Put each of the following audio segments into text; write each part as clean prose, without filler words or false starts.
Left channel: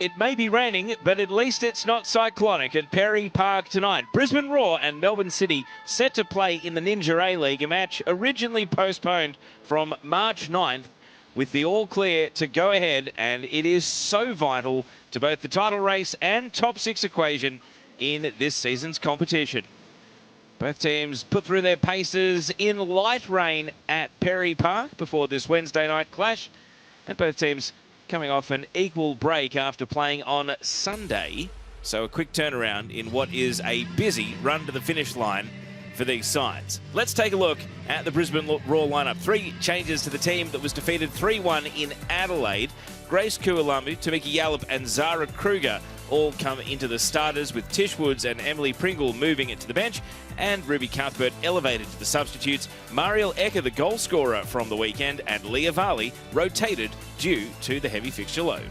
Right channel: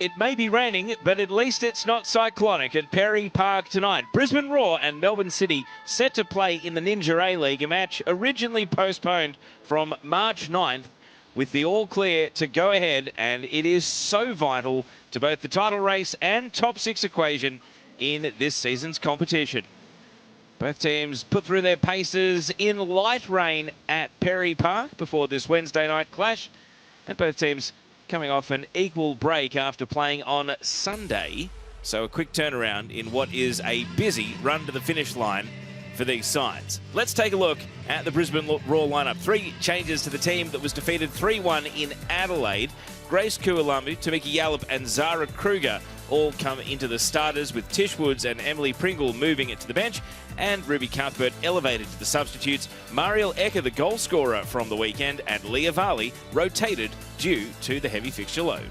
It may be raining, but at least it's not cyclonic at Perry Park tonight. Brisbane Roar and Melbourne City set to play in the Ninja A-League, a match originally postponed from March 9th with the all clear to go ahead, and it is so vital to both the title race and top six equation in this season's competition. Both teams put through their paces in light rain at Perry Park before this Wednesday night clash, and both teams coming off an equal break after playing on Sunday. So a quick turnaround in what is a busy run to the finish line for these sides. Let's take a look at the Brisbane Roar lineup. 3 changes to the team that was defeated 3-1 in Adelaide. Grace Kualamu, Tamiki Yallop and Zara Kruger all come into the starters, with Tish Woods and Emily Pringle moving it to the bench, and Ruby Cuthbert elevated to the substitutes. Mariel Ecker, the goal scorer from the weekend, and Leah Varley rotated due to the heavy fixture load.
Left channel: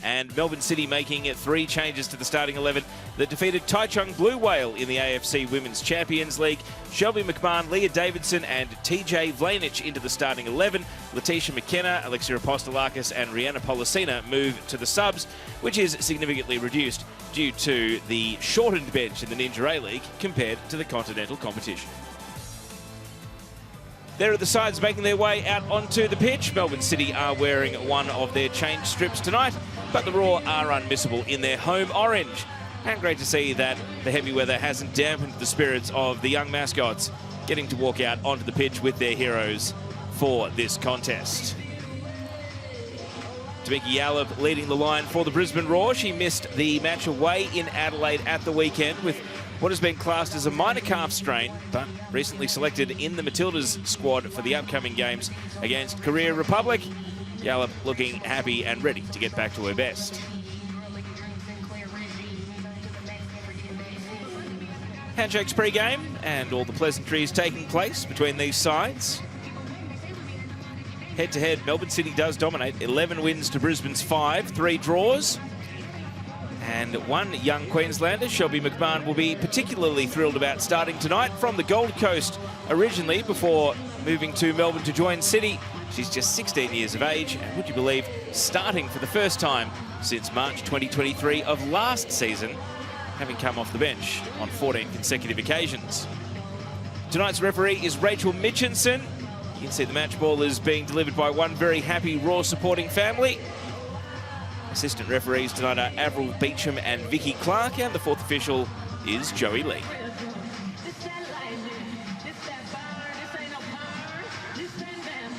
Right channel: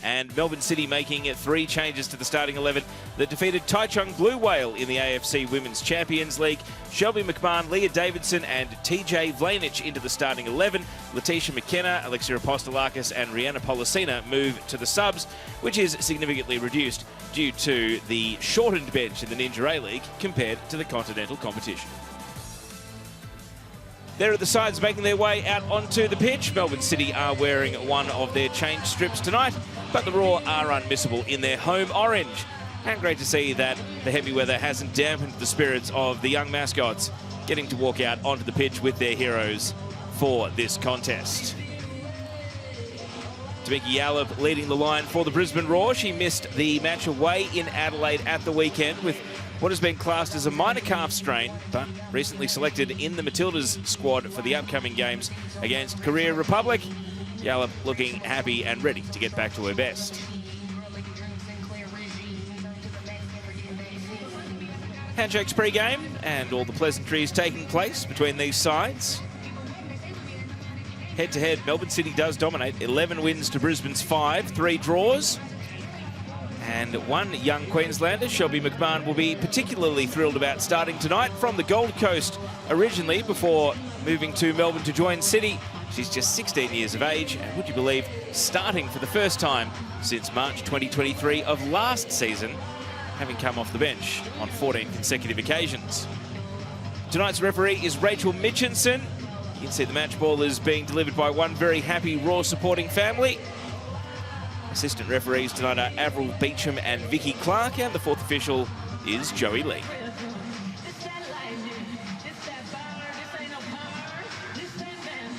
And Melbourne City making 3 changes to the starting 11 that defeated Taichung Blue Whale in the AFC Women's Champions League. Shelby McMahon, Leah Davidson and TJ Vlanich into the starting 11. Letitia McKenna, Alexia Apostolakis and Rihanna Policina move to the subs, which is significantly reduced due to the shortened bench in the Ninja A-League compared to the continental competition. There are the sides making their way out onto the pitch. Melbourne City are wearing one of their change strips tonight, but the Roar are unmissable in their home orange. And great to see that the heavy weather hasn't dampened the spirits of the young mascots getting to walk out onto the pitch with their heroes for this contest. Tamiki Yallop leading the line for the Brisbane Roar. She missed the match away in Adelaide at the weekend with what has been classed as a minor calf strain, but recently selected in the Matildas squad for the upcoming games against Korea Republic. Yallop looking happy and ready to get back to her best. Handshakes pre-game and all the pleasantries taking place between these sides. Head-to-head, Melbourne City does dominate. 11 wins to Brisbane's 5, 3 draws. And one young Queenslander, Shelby McMahon, will be particularly thrilled about starting tonight from the Gold Coast originally before moving to Melbourne to join City. She's just 16 years of age and, would you believe, starting for the first time since March 2023 of last season, having come off the bench on 14 consecutive occasions. Tonight's referee is Rachel Mitchinson. You can see the match ball is being delivered by one very happy Roar supporting family. Assistant referees tonight are Avril Beecham and Vicky Clark, and the 4th official is Joey Lee.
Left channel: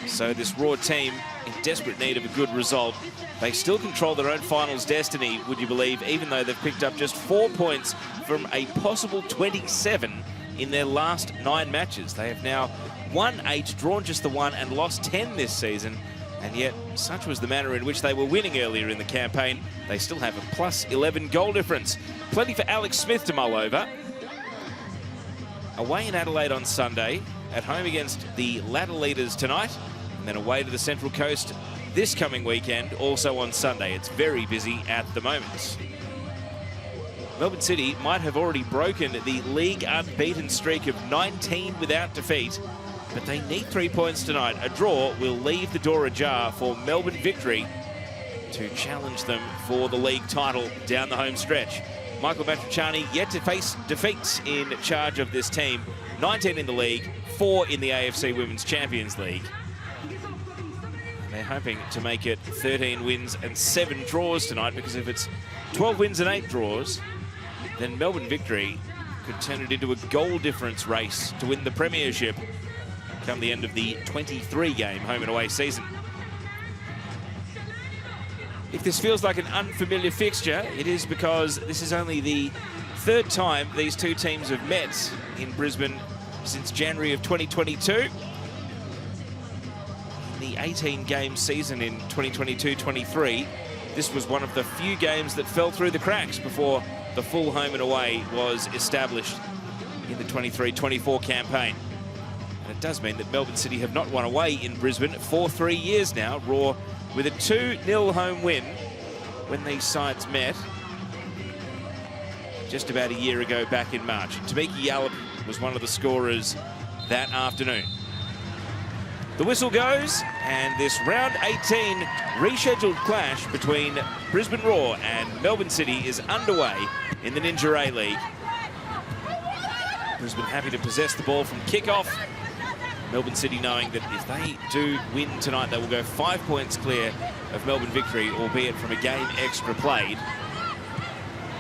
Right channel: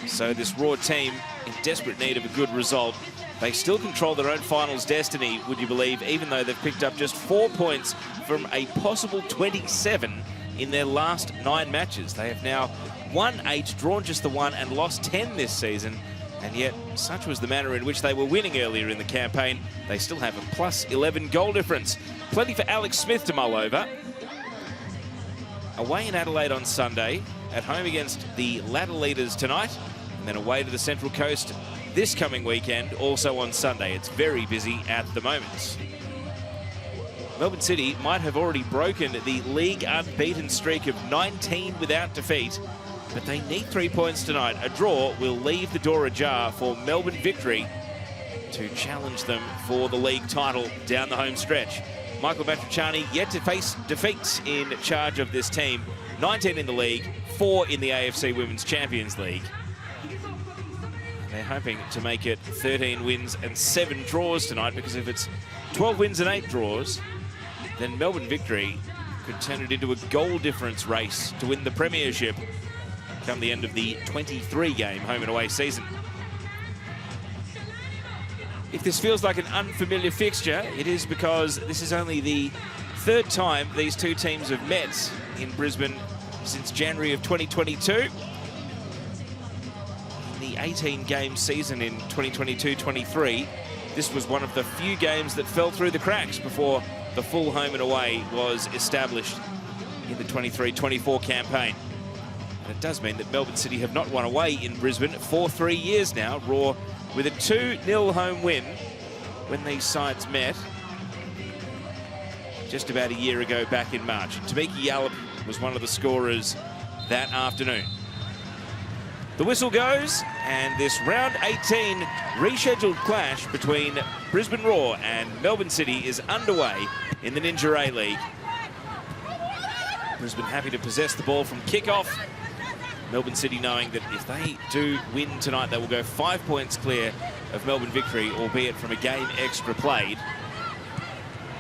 So this Roar team in desperate need of a good result. They still control their own finals destiny, would you believe, even though they've picked up just 4 points from a possible 27 in their last 9 matches. They have now won 8, drawn just the 1, and lost 10 this season. And yet, such was the manner in which they were winning earlier in the campaign, they still have a plus 11 goal difference. Plenty for Alex Smith to mull over. Away in Adelaide on Sunday, at home against the ladder leaders tonight, and then away to the Central Coast this coming weekend, also on Sunday. It's very busy at the moment. Melbourne City might have already broken the league unbeaten streak of 19 without defeat, but they need 3 points tonight. A draw will leave the door ajar for Melbourne Victory to challenge them for the league title down the home stretch. Michael Matriciani yet to face defeats in charge of this team. 19 in the league, 4 in the AFC Women's Champions League. They're hoping to make it 13 wins and 7 draws tonight, because if it's 12 wins and 8 draws, then Melbourne Victory could turn it into a goal difference race to win the premiership come the end of the 23-game home and away season. If this feels like an unfamiliar fixture, it is because this is only the 3rd time these two teams have met in Brisbane since January of 2022. In the 18-game season in 2022-23, this was one of the few games that fell through the cracks before the full home and away was established in the 23-24 campaign. And it does mean that Melbourne City have not won away in Brisbane for 3 years now. Roar with a 2-0 home win when these sides met just about a year ago back in March. Tamiki Yallop was one of the scorers that afternoon. The whistle goes, and this round 18 rescheduled clash between Brisbane Roar and Melbourne City is underway in the Ninja A-League. Brisbane happy to possess the ball from kickoff. Melbourne City knowing that if they do win tonight, they will go 5 points clear of Melbourne victory, albeit from a game extra played.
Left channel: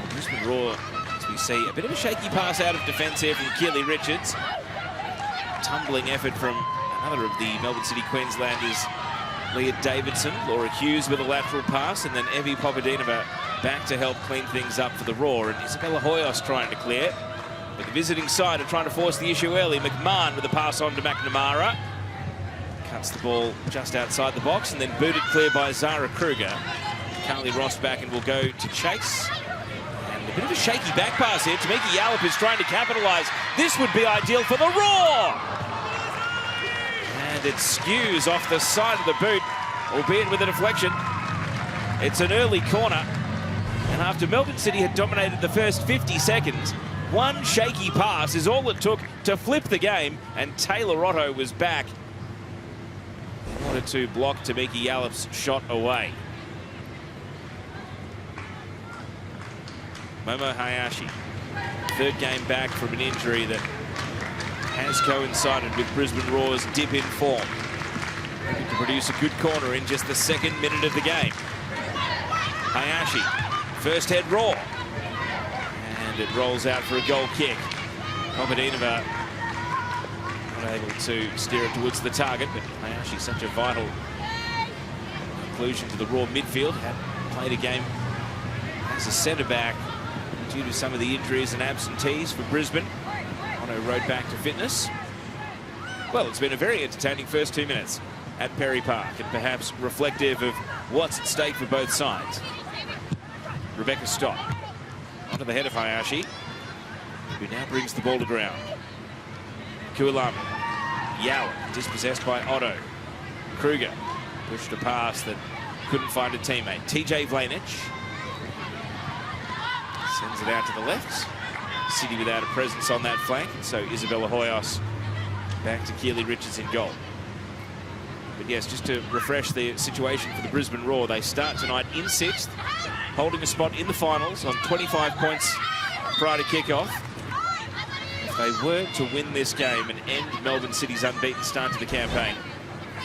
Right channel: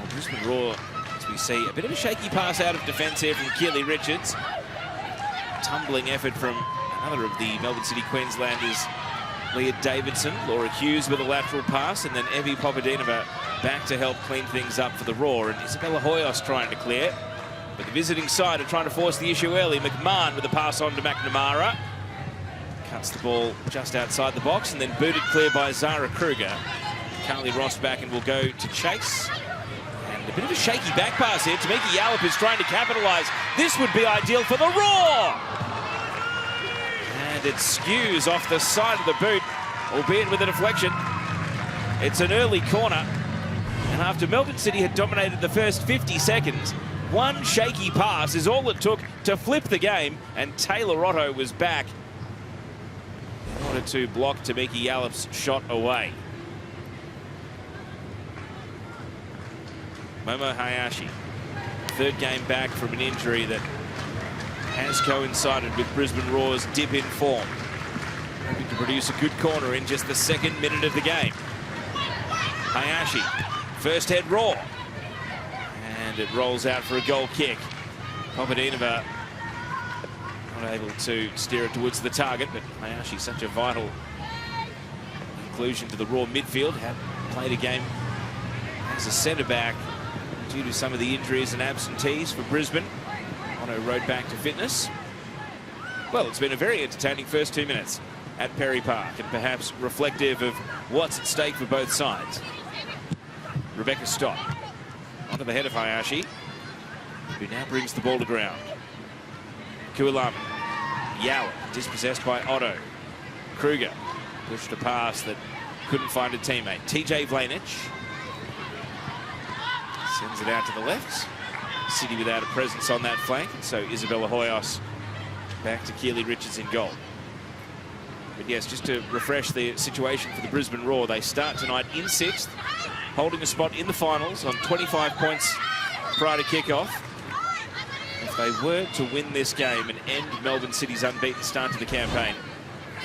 Brisbane Roar, as we see, a bit of a shaky pass out of defence here from Keely Richards. Tumbling effort from another of the Melbourne City Queenslanders, Leah Davidson. Laura Hughes with a lateral pass, and then Evie Popadinova back to help clean things up for the Roar. And Isabella Hoyos trying to clear. But the visiting side are trying to force the issue early. McMahon with a pass on to McNamara. Cuts the ball just outside the box and then booted clear by Zara Kruger. Carly Rossbacken will go to chase. And a bit of a shaky back pass here. Tamika Yallop is trying to capitalise. This would be ideal for the Roar. And it skews off the side of the boot, albeit with a deflection. It's an early corner. And after Melbourne City had dominated the first 50 seconds, one shaky pass is all it took to flip the game, and Taylor Otto was back in order to block Tamika Yallop's shot away. Momo Hayashi, third game back from an injury that has coincided with Brisbane Roar's dip in form. Hoping to produce a good corner in just the second minute of the game. Hayashi, first head Roar. And it rolls out for a goal kick. Popadinova unable to steer it towards the target, but Hayashi, such a vital inclusion to the Roar midfield. Had played a game as a centre-back due to some of the injuries and absentees for Brisbane. On her road back to fitness. Well, it's been a very entertaining first 2 minutes at Perry Park, and perhaps reflective of what's at stake for both sides. Rebecca Stott onto the head of Hayashi, who now brings the ball to ground. Kualama, Yao dispossessed by Otto. Kruger pushed a pass that couldn't find a teammate. TJ Vlanich sends it out to the left. City without a presence on that flank, and so Isabella Hoyos back to Keely Richards in goal. But yes, just to refresh the situation for the Brisbane Roar, they start tonight in 6th, holding a spot in the finals on 25 points prior to kickoff. If they were to win this game and end Melbourne City's unbeaten start to the campaign,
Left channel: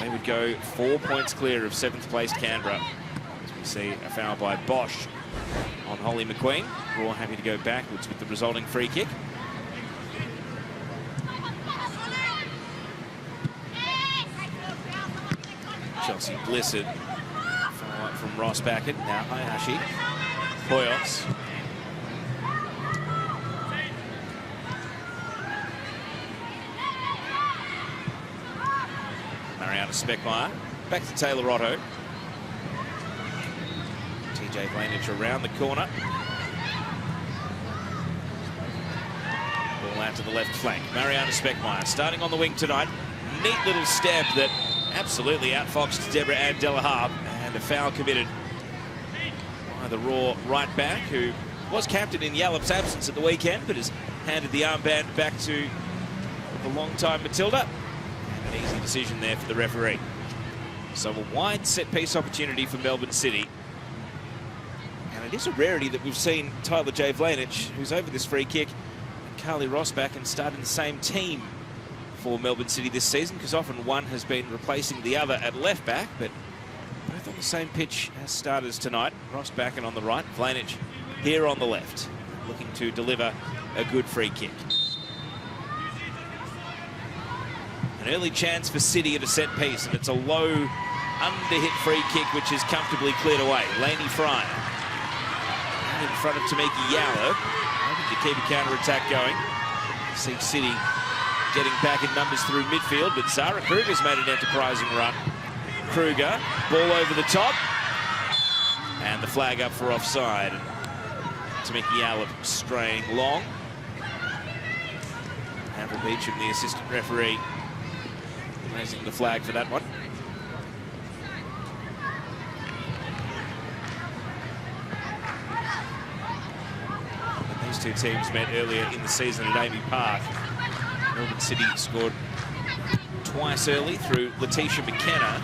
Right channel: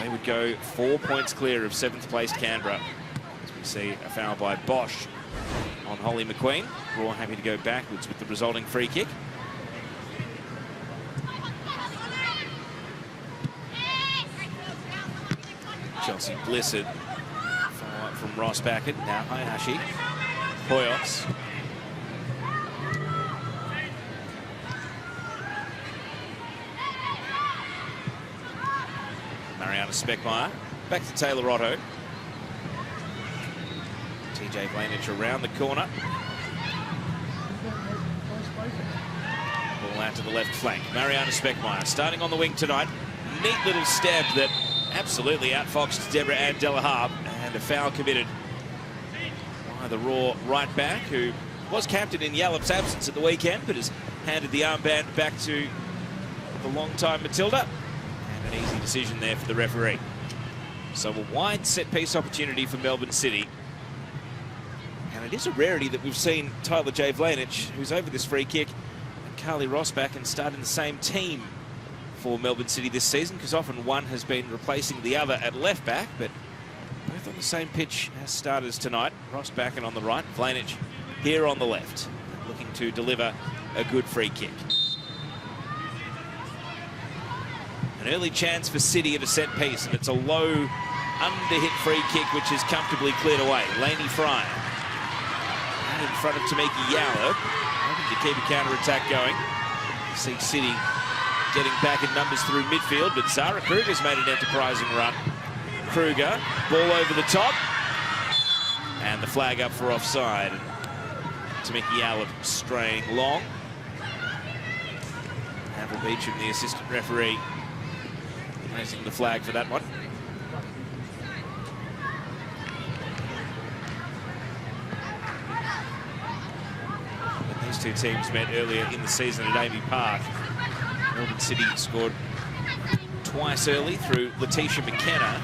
they would go 4 points clear of 7th placed Canberra. As we see a foul by Bosch on Holly McQueen. Roar happy to go backwards with the resulting free kick. Chelsea Blissett from Rossbacken. Now Hayashi. Hoyos. Mariana Speckmeyer. Back to Taylor Otto. TJ Vlanich around the corner. Ball out to the left flank. Mariana Speckmeyer starting on the wing tonight. Neat little step that absolutely outfoxed Deborah Ann Delahaye, and a foul committed by the Roar right back, who was captain in Yallop's absence at the weekend, but has handed the armband back to the long-time Matilda. And an easy decision there for the referee. So a wide set-piece opportunity for Melbourne City. And it is a rarity that we've seen Tyler J. Vlanich, who's over this free kick, and Carly Rossbacken start in the same team for Melbourne City this season, because often one has been replacing the other at left back, but both on the same pitch as starters tonight. Rossbacken on the right, Vlanich here on the left, looking to deliver a good free kick. An early chance for City at a set piece, and it's a low under-hit free kick which is comfortably cleared away. Lainey Fryer in front of Tamika Yallop, hoping to keep a counter-attack going. See City getting back in numbers through midfield, but Zara Kruger's made an enterprising run. Kruger, ball over the top, and the flag up for offside. Tamika Yallop straying long. Amber Beecham, the assistant referee, raising the flag for that one. And these two teams met earlier in the season at Amy Park. Melbourne City scored twice early through Letitia McKenna.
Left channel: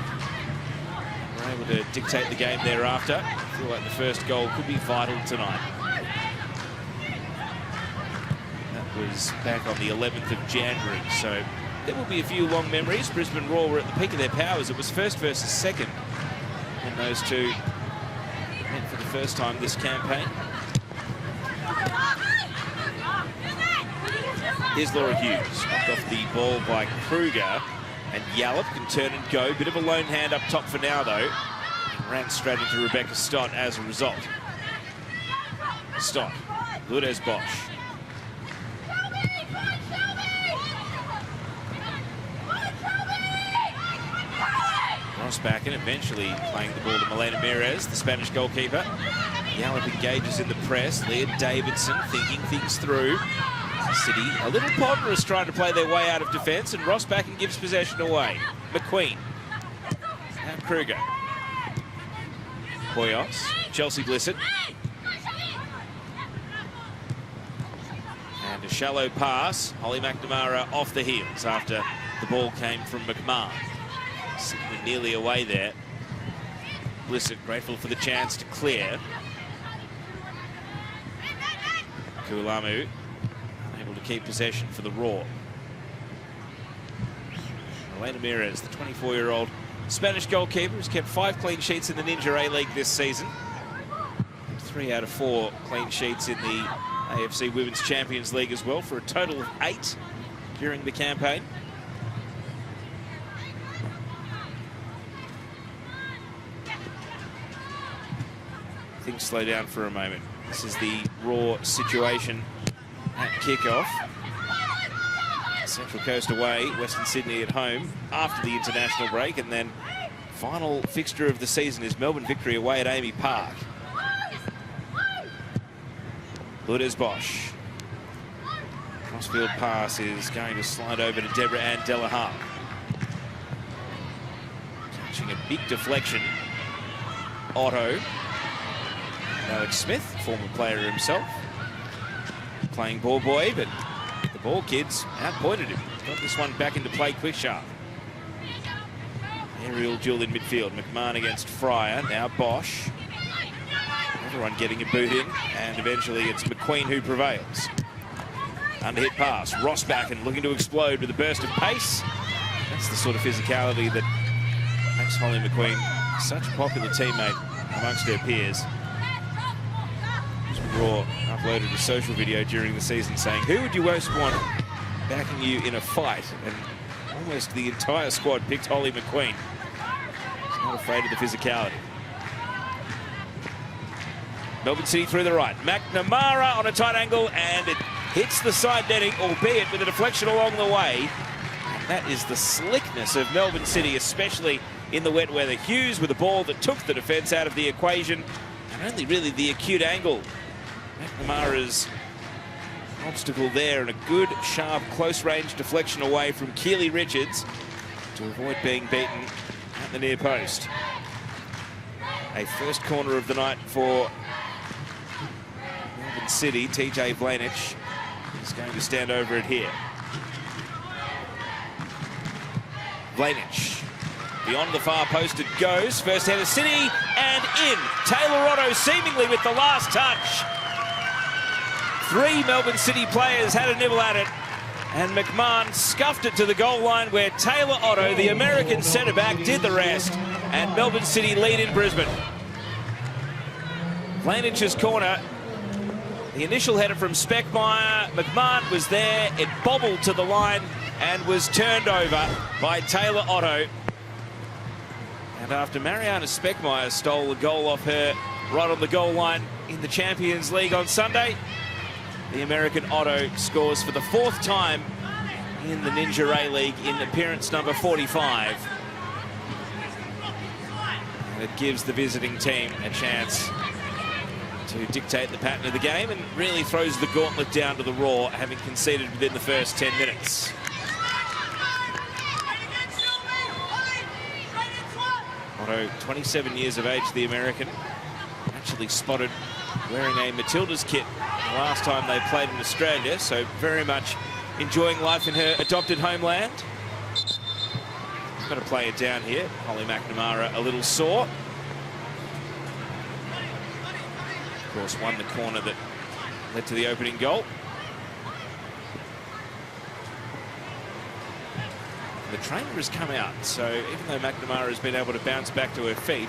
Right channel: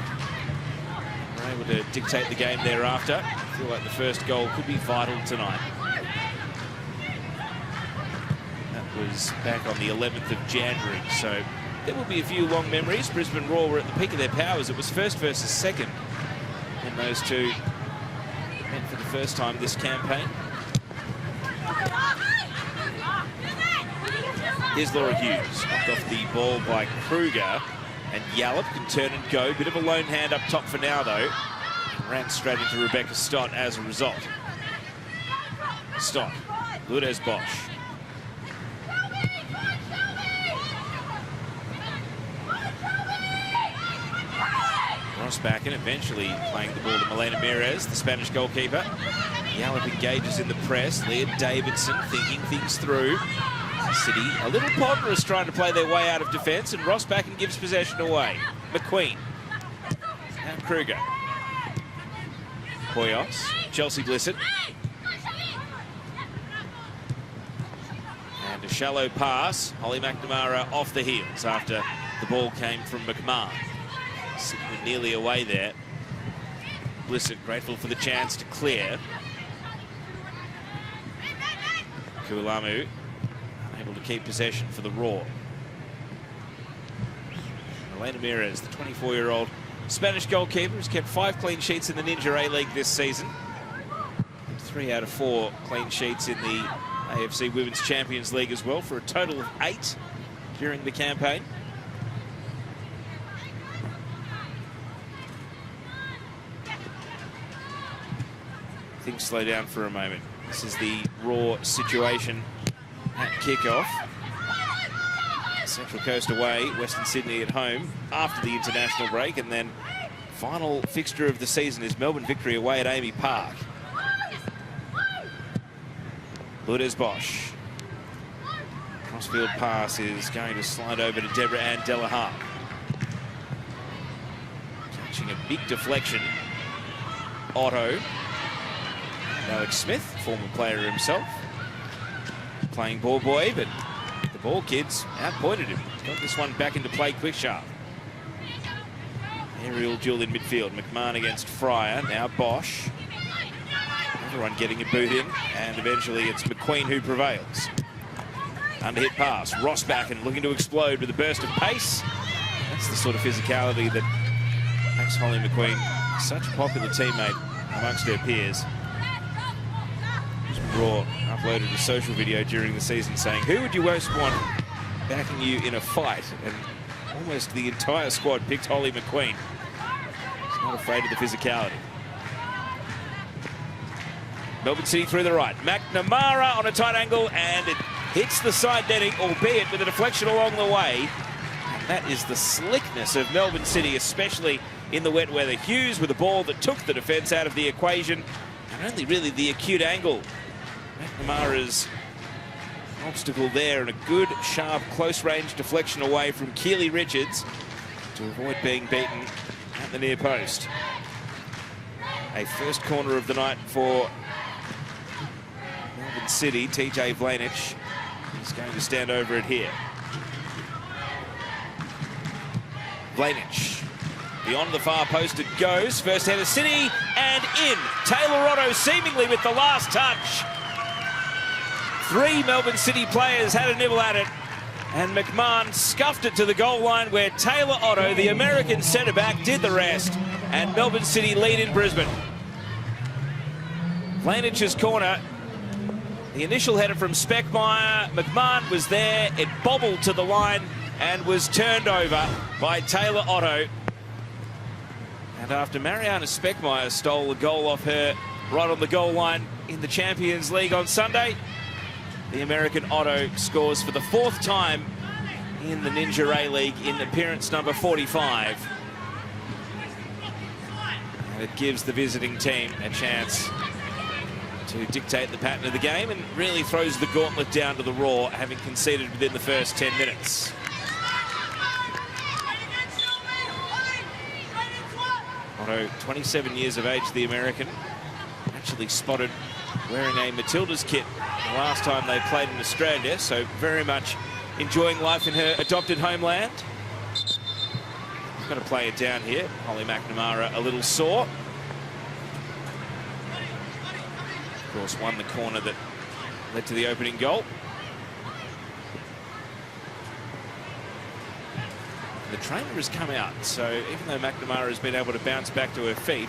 Were able to dictate the game thereafter. I feel like the first goal could be vital tonight. That was back on the 11th of January, so there will be a few long memories. Brisbane Roar were at the peak of their powers. It was first versus second, and those two met for the first time this campaign. Here's Laura Hughes, knocked off the ball by Kruger, and Yallop can turn and go. Bit of a lone hand up top for now, though. Ran straight into Rebecca Stott as a result. Stott, Lourdes Bosch. Ross back in, eventually playing the ball to Melena Mires, the Spanish goalkeeper. Yallop engages in the press. Leah Davidson thinking things through. City a little ponderous trying to play their way out of defence, and Ross back and gives possession away. McQueen. And Kruger. Poyos. Chelsea Blissett. And a shallow pass. Holly McNamara off the heels after the ball came from McMahon. City were nearly away there. Blissett grateful for the chance to clear. Kualamu able to keep possession for the Roar. Elena Mires, the 24-year-old Spanish goalkeeper, has kept 5 clean sheets in the Ninja A-League this season. 3 out of 4 clean sheets in the AFC Women's Champions League as well, for a total of 8 during the campaign. Things slow down for a moment. This is the Roar situation at kickoff. Central Coast away, Western Sydney at home after the international break, and then final fixture of the season is Melbourne Victory away at Amy Park. Lourdes Bosch. Crossfield pass is going to slide over to Deborah Ann Delahaye. Catching a big deflection. Otto. Alex Smith, former player himself. Playing ball boy, but the ball kids outpointed him. Got this one back into play quick sharp. Aerial duel in midfield. McMahon against Fryer. Now Bosch. Everyone getting a boot in, and eventually it's McQueen who prevails. Underhit pass. Ross back and looking to explode with a burst of pace. That's the sort of physicality that makes Holly McQueen such a popular teammate amongst her peers. Raw uploaded a social video during the season saying, who would you most want backing you in a fight? And almost the entire squad picked Holly McQueen. She's not afraid of the physicality. Melbourne City through the right. McNamara on a tight angle, and it hits the side netting, albeit with a deflection along the way. And that is the slickness of Melbourne City, especially in the wet weather. Hughes with a ball that took the defence out of the equation, and only really the acute angle. McNamara's obstacle there, and a good, sharp, close-range deflection away from Keely Richards to avoid being beaten at the near post. A first corner of the night for Melbourne City. TJ Blanich is going to stand over it here. Blanich beyond the far post it goes. First header City and in. Taylor Otto seemingly with the last touch. 3 Melbourne City players had a nibble at it, and McMahon scuffed it to the goal line, where Taylor Otto, the American centre-back, did the rest, and Melbourne City lead in Brisbane. Blanich's corner. The initial header from Speckmeyer. McMahon was there. It bobbled to the line and was turned over by Taylor Otto. And after Mariana Speckmeyer stole a goal off her right on the goal line in the Champions League on Sunday, the American Otto scores for the 4th time in the Ninja A-League in appearance number 45. And it gives the visiting team a chance to dictate the pattern of the game, and really throws the gauntlet down to the Roar, having conceded within the first 10 minutes. Otto, 27 years of age, the American, actually spotted wearing a Matildas kit the last time they played in Australia, so very much enjoying life in her adopted homeland. got to play it down here. Holly McNamara a little sore. Of course, won the corner that led to the opening goal. The trainer has come out, so even though McNamara has been able to bounce back to her feet,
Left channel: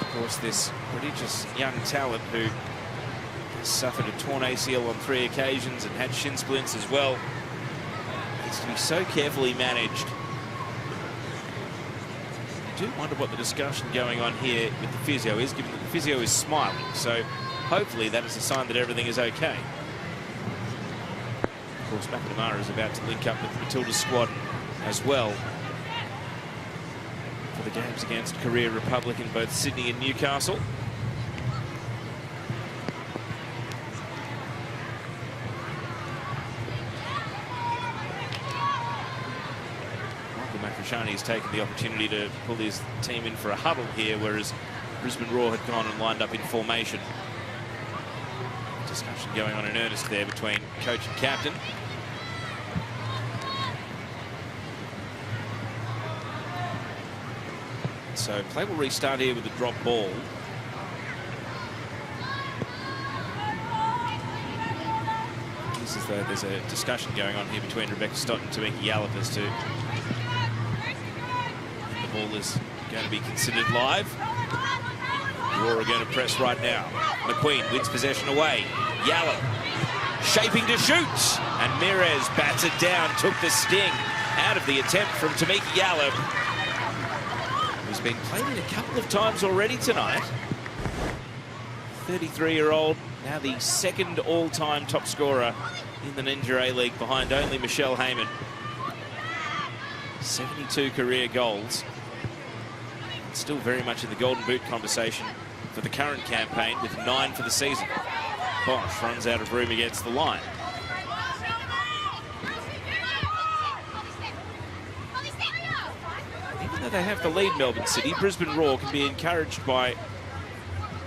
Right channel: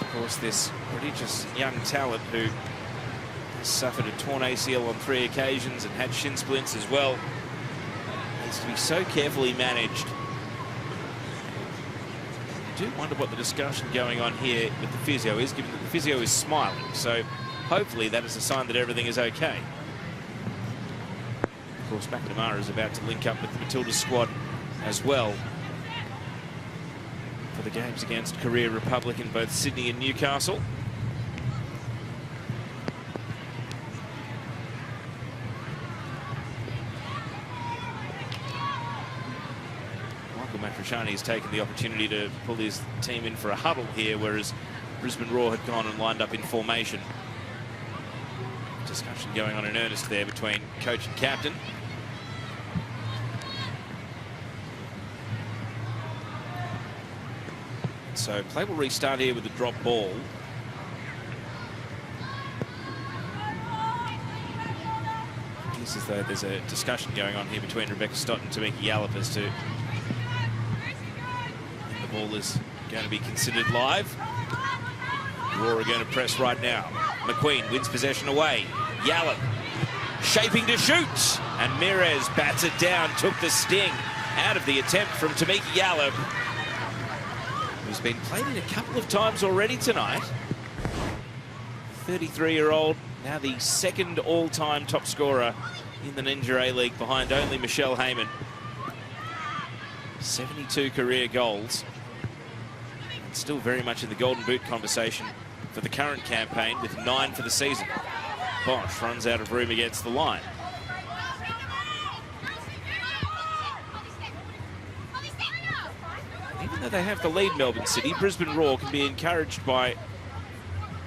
of course, this prodigious young talent who has suffered a torn ACL on 3 occasions and had shin splints as well, needs to be so carefully managed. I do wonder what the discussion going on here with the physio is, given that the physio is smiling, so hopefully that is a sign that everything is okay. Of course, McNamara is about to link up with the Matilda squad as well for the games against Korea Republic in both Sydney and Newcastle. Michael Matriciani has taken the opportunity to pull his team in for a huddle here, whereas Brisbane Roar had gone and lined up in formation. Discussion going on in earnest there between coach and captain. So play will restart here with the drop ball. This is there's a discussion going on here between Rebecca Stott and Tamika Yallop as to the ball is going to be considered live. Roar are going to press right now. McQueen wins possession away. Yallop shaping to shoot, and Mirez bats it down, took the sting out of the attempt from Tamika Yallop, who's been played a couple of times already tonight. 33-year-old, now the second all-time top scorer in the Ninja A-League, behind only Michelle Heyman. 72 career goals. Still very much in the Golden Boot conversation for the current campaign, with 9 for the season. Bosch runs out of room against the line. Even though they have the lead, Melbourne City, Brisbane Roar can be encouraged by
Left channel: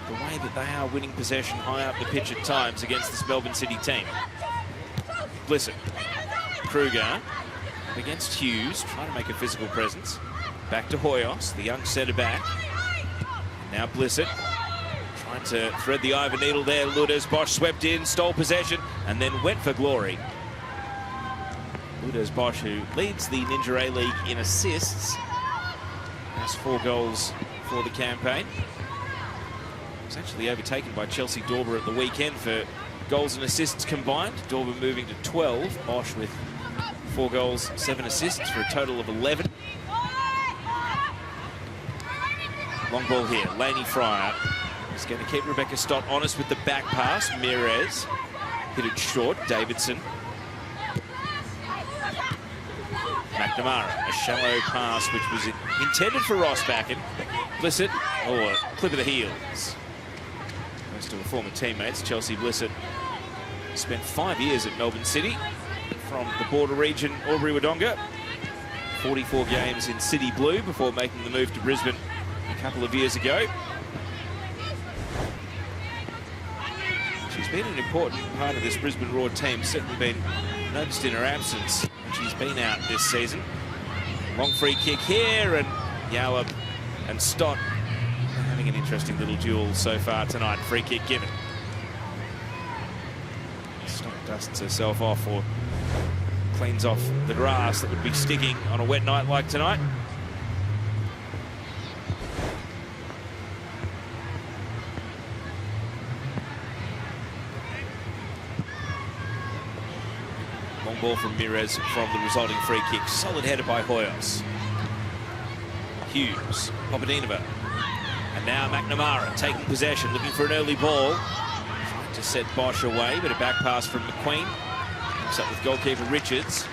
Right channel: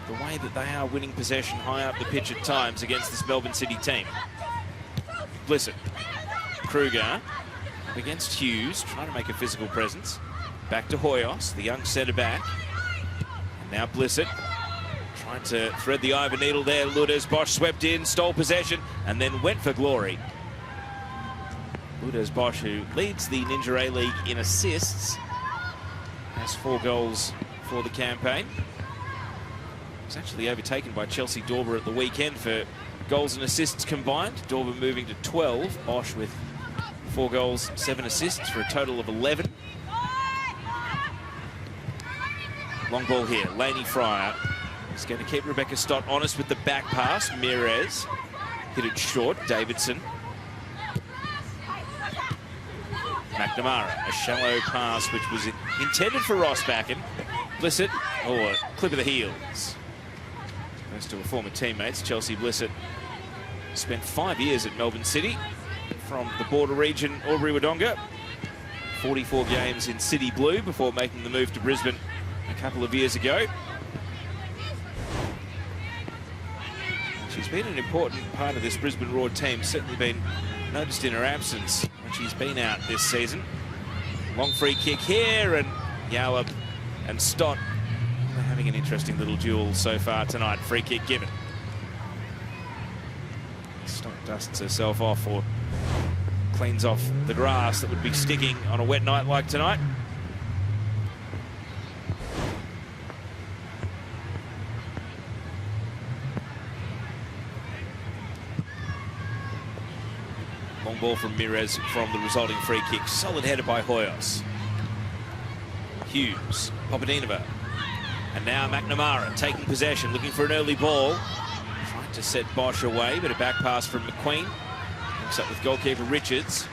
the way that they are winning possession high up the pitch at times against this Melbourne City team. Blissett, Kruger against Hughes, trying to make a physical presence. Back to Hoyos, the young centre back. Now Blissett trying to thread the eye of a needle there. Lourdes Bosch swept in, stole possession, and then went for glory. Lourdes Bosch, who leads the Ninja A-League in assists, has 4 goals for the campaign. Was actually overtaken by Chelsea Dorber at the weekend for goals and assists combined. Dorber moving to 12. Bosch with 4 goals, 7 assists for a total of 11. Long ball here. Lainey Fryer is going to keep Rebecca Stott honest with the back pass. Mirez hit it short. Davidson. McNamara, a shallow pass which was intended for Rossbacken. Blissett, or clip of the heels. Most of her former teammates. Chelsea Blissett spent 5 years at Melbourne City from the border region, Albury-Wodonga. 44 games in City Blue before making the move to Brisbane a couple of years ago. She's been an important part of this Brisbane Roar team, certainly been noticed in her absence when she's been out this season. Long free kick here, and Yallop and Stott having an interesting little duel so far tonight. Free kick given. Stott dusts herself off or cleans off the grass that would be sticking on a wet night like tonight. Long ball from Mirez from the resulting free kick. Solid header by Hoyos. Hughes, Papadinova, and now McNamara taking possession, looking for an early ball. Trying to set Bosch away, but a back pass from McQueen. Comes up with goalkeeper Richards.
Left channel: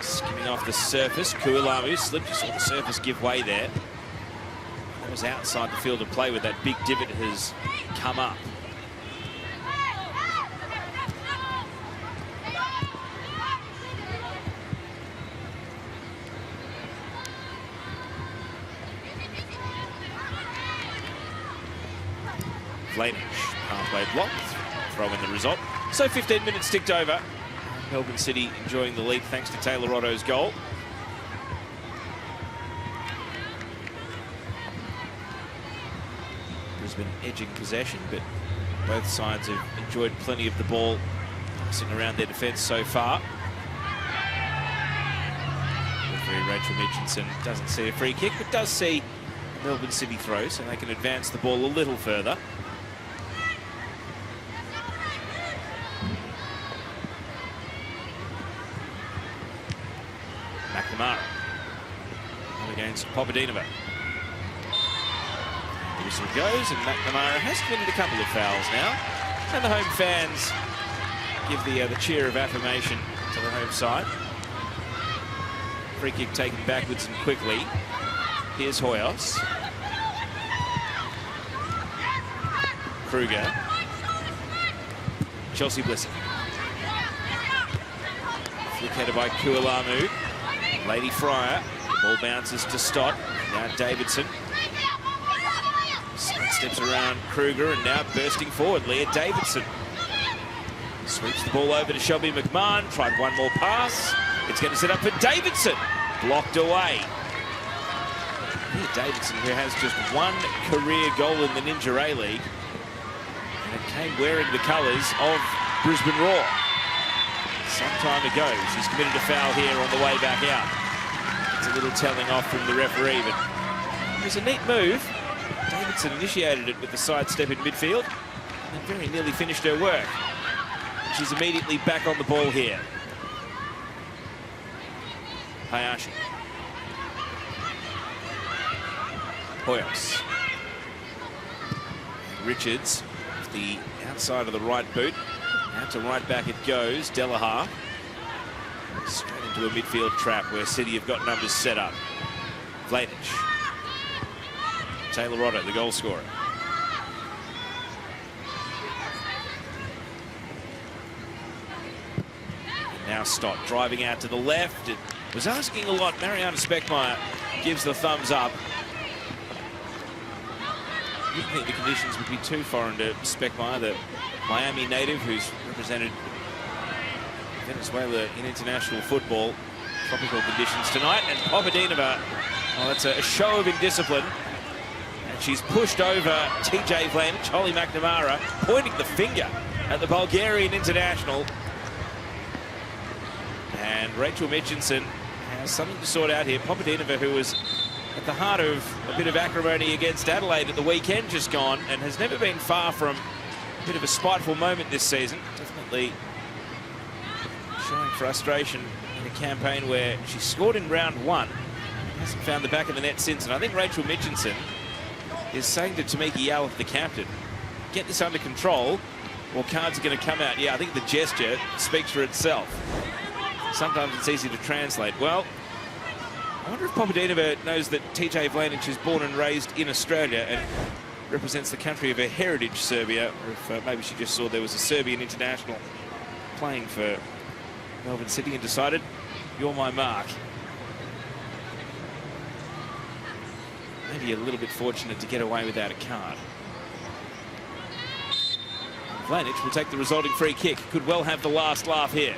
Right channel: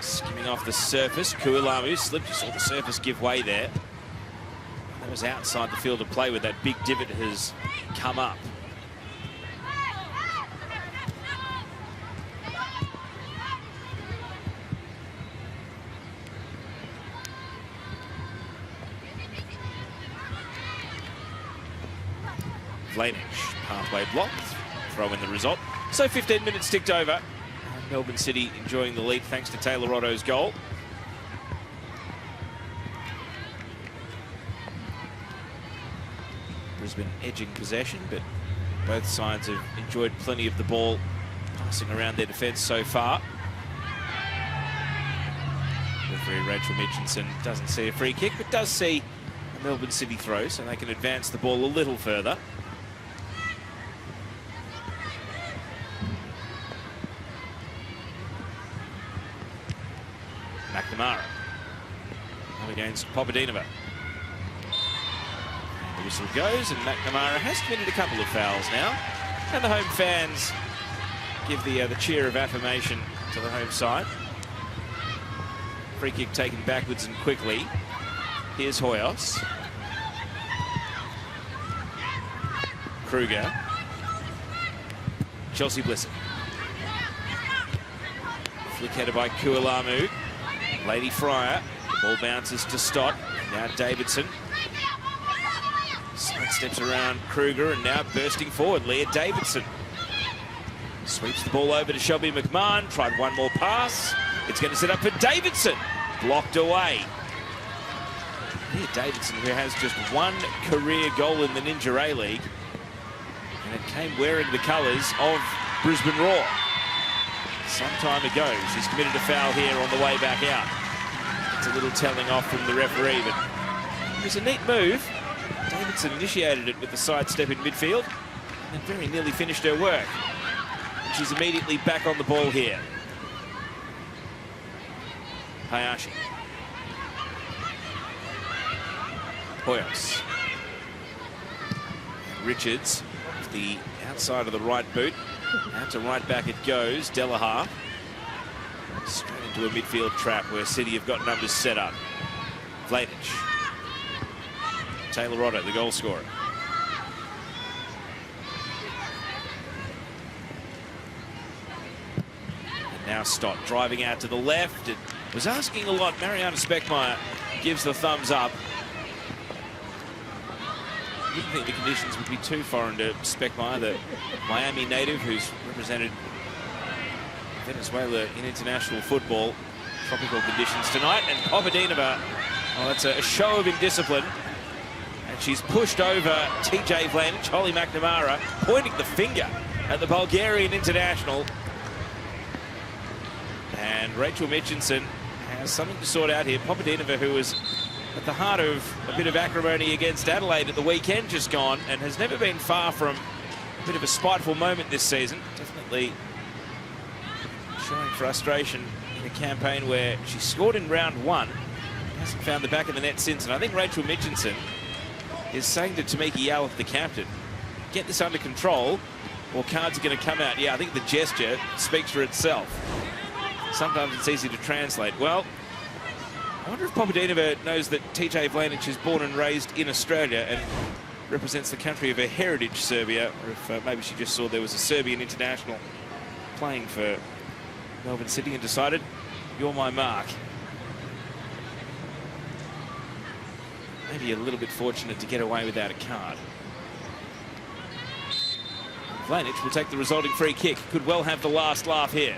Skimming off the surface. Kualamu slipped. You saw the surface give way there. That was outside the field of play where that big divot has come up. Flamage, halfway block, throw in the result. So 15 minutes ticked over. Melbourne City enjoying the lead thanks to Taylor Otto's goal. Brisbane edging possession, but both sides have enjoyed plenty of the ball passing around their defence so far. Referee Rachel Mitchinson doesn't see a free kick, but does see a Melbourne City throw, so they can advance the ball a little further. McNamara against Papadinova. The whistle goes, and McNamara has committed a couple of fouls now. And the home fans give the cheer of affirmation to the home side. Free kick taken backwards and quickly. Here's Hoyos. Kruger. Chelsea Blissett. Flick header by Kualamu. Lady Fryer. The ball bounces to Stott. Now Davidson. Steps around Kruger and now bursting forward. Leah Davidson. Sweeps the ball over to Shelby McMahon. Tried one more pass. It's going to set up for Davidson. Blocked away. Leah Davidson, who has just one career goal in the Ninja A-League. And it came wearing the colours of Brisbane Roar. Some time ago, she's committed a foul here on the way back out. It's a little telling off from the referee, but it was a neat move. Davidson initiated it with the sidestep in midfield and very nearly finished her work. She's immediately back on the ball here. Hayashi. Hoyos. Richards, the outside of the right boot. Out to right back it goes. Delahar. Straight into a midfield trap where City have got numbers set up. Vladich. Taylor Rodder, the goal scorer. And now Stott driving out to the left. It was asking a lot. Mariana Speckmeyer gives the thumbs up. I didn't think the conditions would be too foreign to Speckmeyer, the Miami native who's represented Venezuela in international football. Tropical conditions tonight. And Papadinova, well, that's a show of indiscipline. And she's pushed over TJ Vlanich, Holly McNamara, pointing the finger at the Bulgarian international. And Rachel Mitchinson has something to sort out here. Papadinova, who was at the heart of a bit of acrimony against Adelaide at the weekend just gone, and has never been far from a bit of a spiteful moment this season. Definitely showing frustration in a campaign where she scored in round one, hasn't found the back of the net since. And I think Rachel Mitchinson is saying to Tamika Yallop, the captain, get this under control or cards are going to come out. Yeah, I think the gesture speaks for itself. Sometimes it's easy to translate. Well, I wonder if Papadinova knows that TJ Vlanich is born and raised in Australia and represents the country of her heritage, Serbia, or if maybe she just saw there was a Serbian international playing for Melbourne City and decided, you're my mark. Maybe a little bit fortunate to get away without a card. Vlanich will take the resulting free kick. Could well have the last laugh here.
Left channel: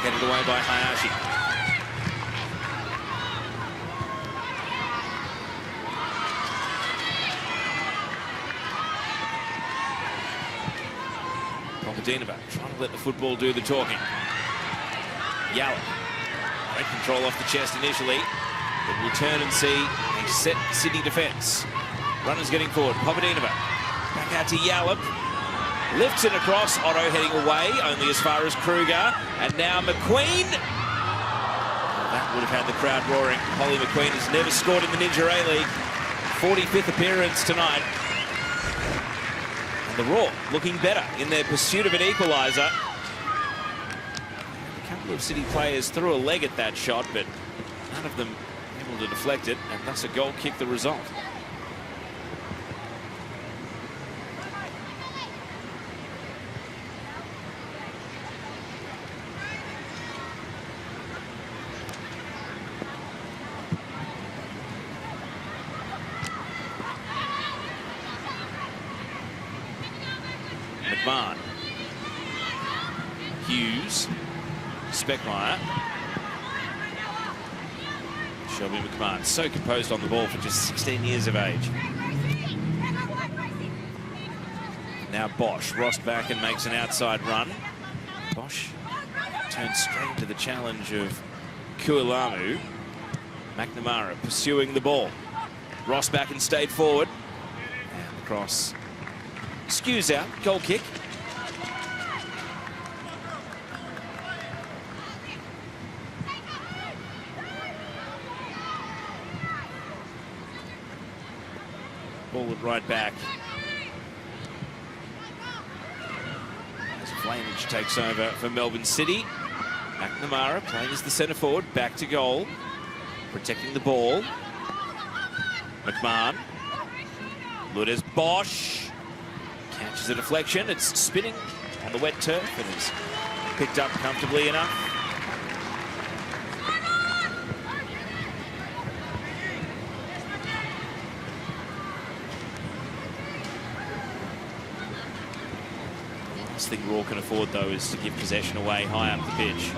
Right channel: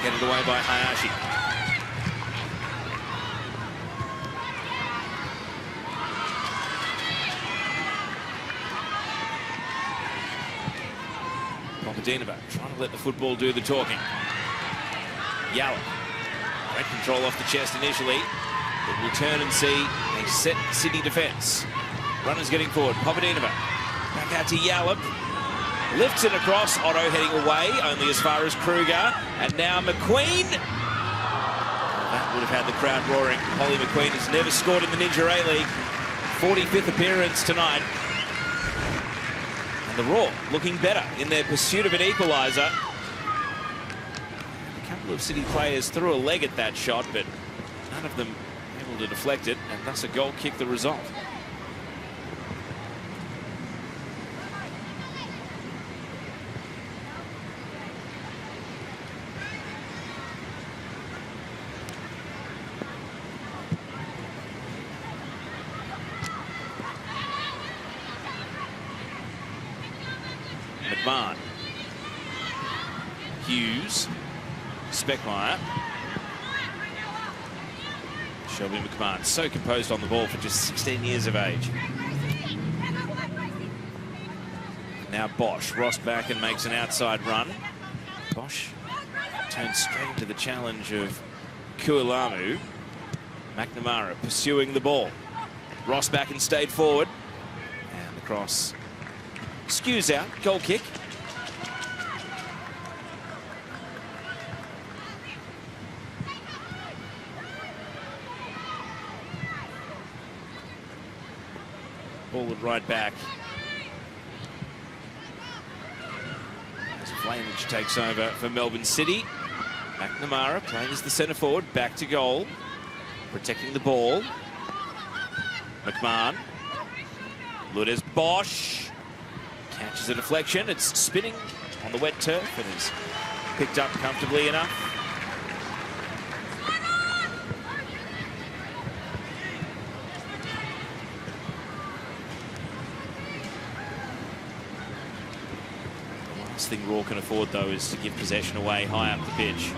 Headed away by Hayashi. Papadinova trying to let the football do the talking. Yallop. Great control off the chest initially, but we'll turn and see a set City defence. Runners getting forward. Papadinova back out to Yallop. Lifts it across. Otto heading away, only as far as Kruger. And now McQueen. That would have had the crowd roaring. Holly McQueen has never scored in the Ninja A-League. 45th appearance tonight. And the Raw looking better in their pursuit of an equaliser. A couple of City players threw a leg at that shot, but none of them able to deflect it, and thus a goal kick the result. McMahon. Hughes. Speckmeyer. Shelby McMahon, so composed on the ball for just 16 years of age. Now Bosch, Ross back and makes an outside run. Bosch turns straight into the challenge of Kualamu. McNamara pursuing the ball. Ross back and stayed forward. And the cross skews out, goal kick. Ball right back. As Flamage takes over for Melbourne City. McNamara playing as the centre forward, back to goal. Protecting the ball. McMahon. Lourdes Bosch. Catches a deflection. It's spinning on the wet turf and is picked up comfortably enough. Last thing Raw can afford, though, is to give possession away high up the pitch.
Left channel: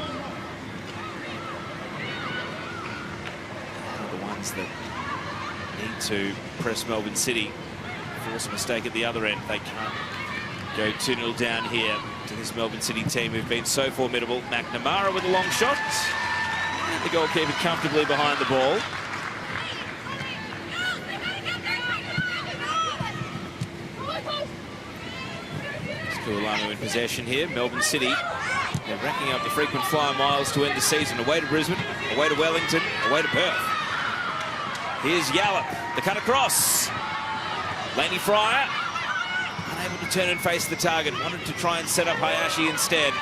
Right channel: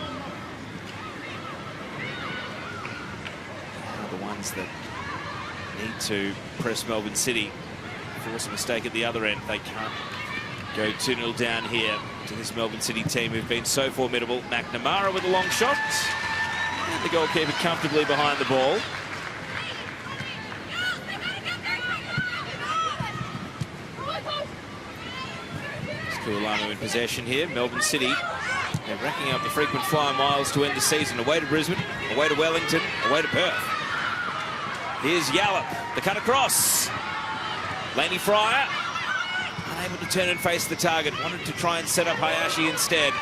The ones that need to press Melbourne City, force a mistake at the other end. They can't go 2-0 down here to this Melbourne City team who've been so formidable. McNamara with a long shot. And the goalkeeper comfortably behind the ball. Kualamu in possession here. Melbourne City, they're racking up the frequent flyer miles to end the season. Away to Brisbane, away to Wellington, away to Perth. Here's Yallop, the cut across. Laney Fryer, unable to turn and face the target. Wanted to try and set up Hayashi instead.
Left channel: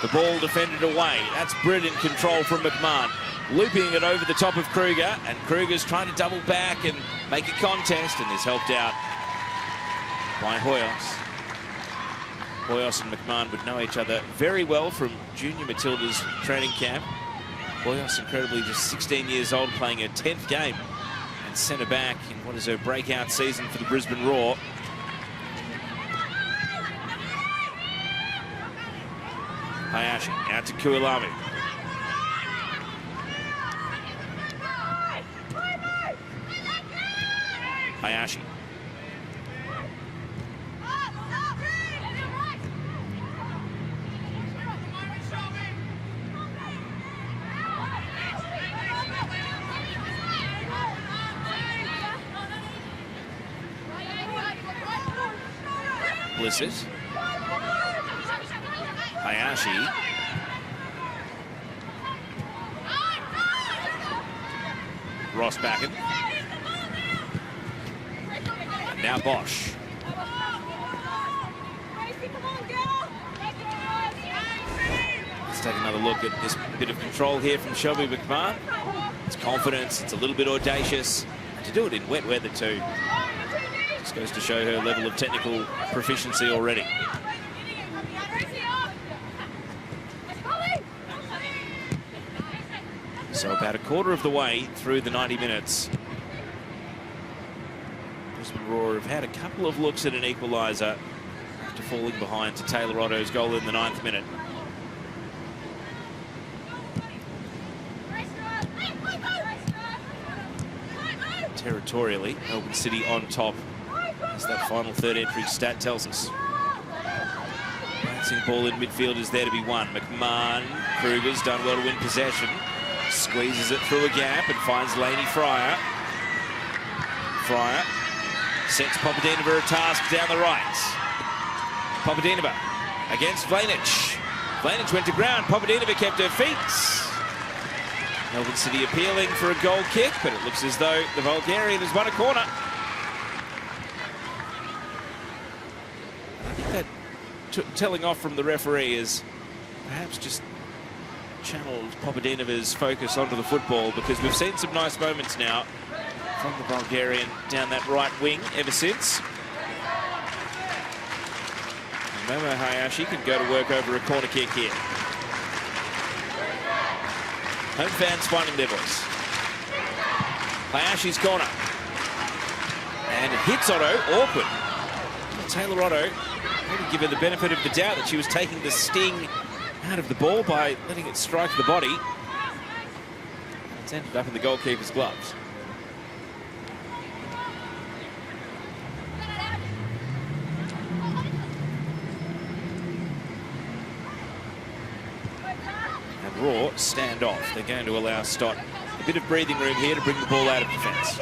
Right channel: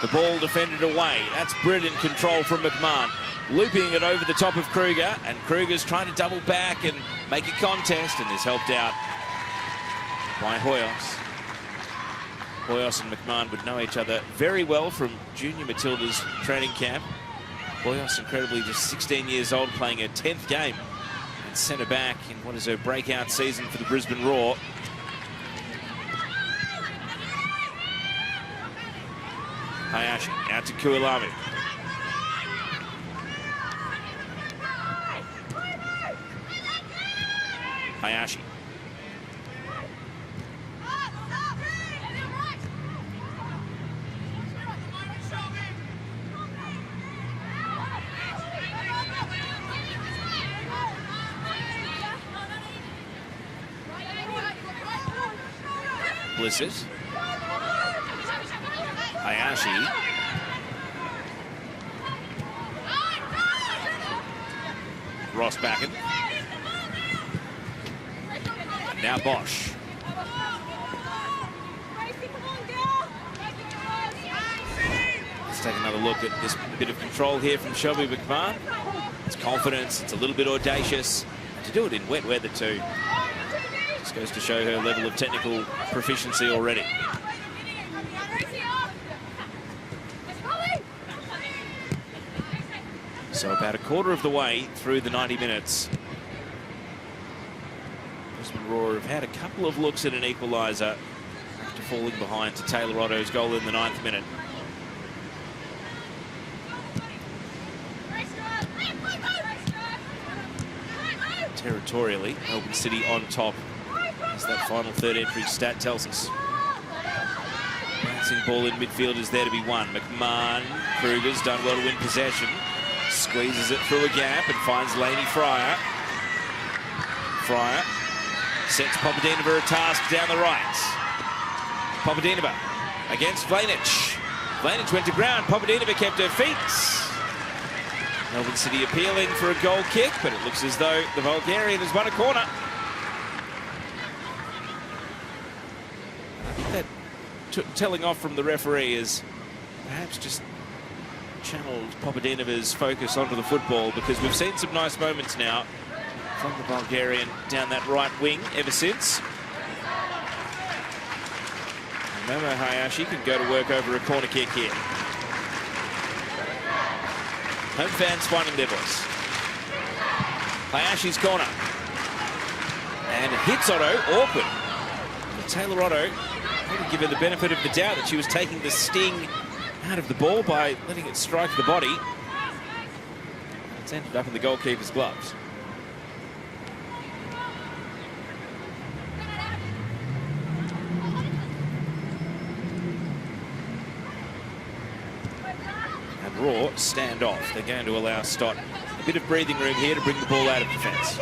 The ball defended away. That's brilliant control from McMahon. Looping it over the top of Kruger, and Kruger's trying to double back and make a contest, and is helped out by Hoyos. Hoyos and McMahon would know each other very well from Junior Matilda's training camp. Hoyos, incredibly, just 16 years old, playing her 10th game at centre back in what is her breakout season for the Brisbane Roar. Hayashi out to Kualamu. Hayashi. Blizzard. Hayashi. Ross back in. Now Bosch. Let's take another look at this bit of control here from Shelby McMahon. It's confidence, it's a little bit audacious. To do it in wet weather too. Just goes to show her level of technical proficiency already. So about a quarter of the way through the 90 minutes. Brisbane Roar have had a couple of looks at an equaliser after falling behind to Taylor Otto's goal in the 9th minute. Territorially, Melbourne City on top, as that final third entry stat tells us. Bouncing ball in midfield is there to be won. McMahon, Kruger's done well to win possession. Squeezes it through a gap and finds Laney Fryer. Fryer sets Papadinova a task down the right. Papadinova against Vlanich. Vlanich went to ground. Papadinova kept her feet. Melbourne City appealing for a goal kick, but it looks as though the Bulgarian has won a corner. I think that telling off from the referee is perhaps just channeled Papadinova's focus onto the football, because we've seen some nice moments now from the Bulgarian down that right wing ever since. Momo Hayashi could go to work over a corner kick here. Home fans finding their voice. Hayashi's corner. And it hits Otto, awkward. Taylor Otto, to give her the benefit of the doubt that she was taking the sting out of the ball by letting it strike the body. It's ended up in the goalkeeper's gloves. And Raw stand off. They're going to allow Stott a bit of breathing room here to bring the ball out of defence.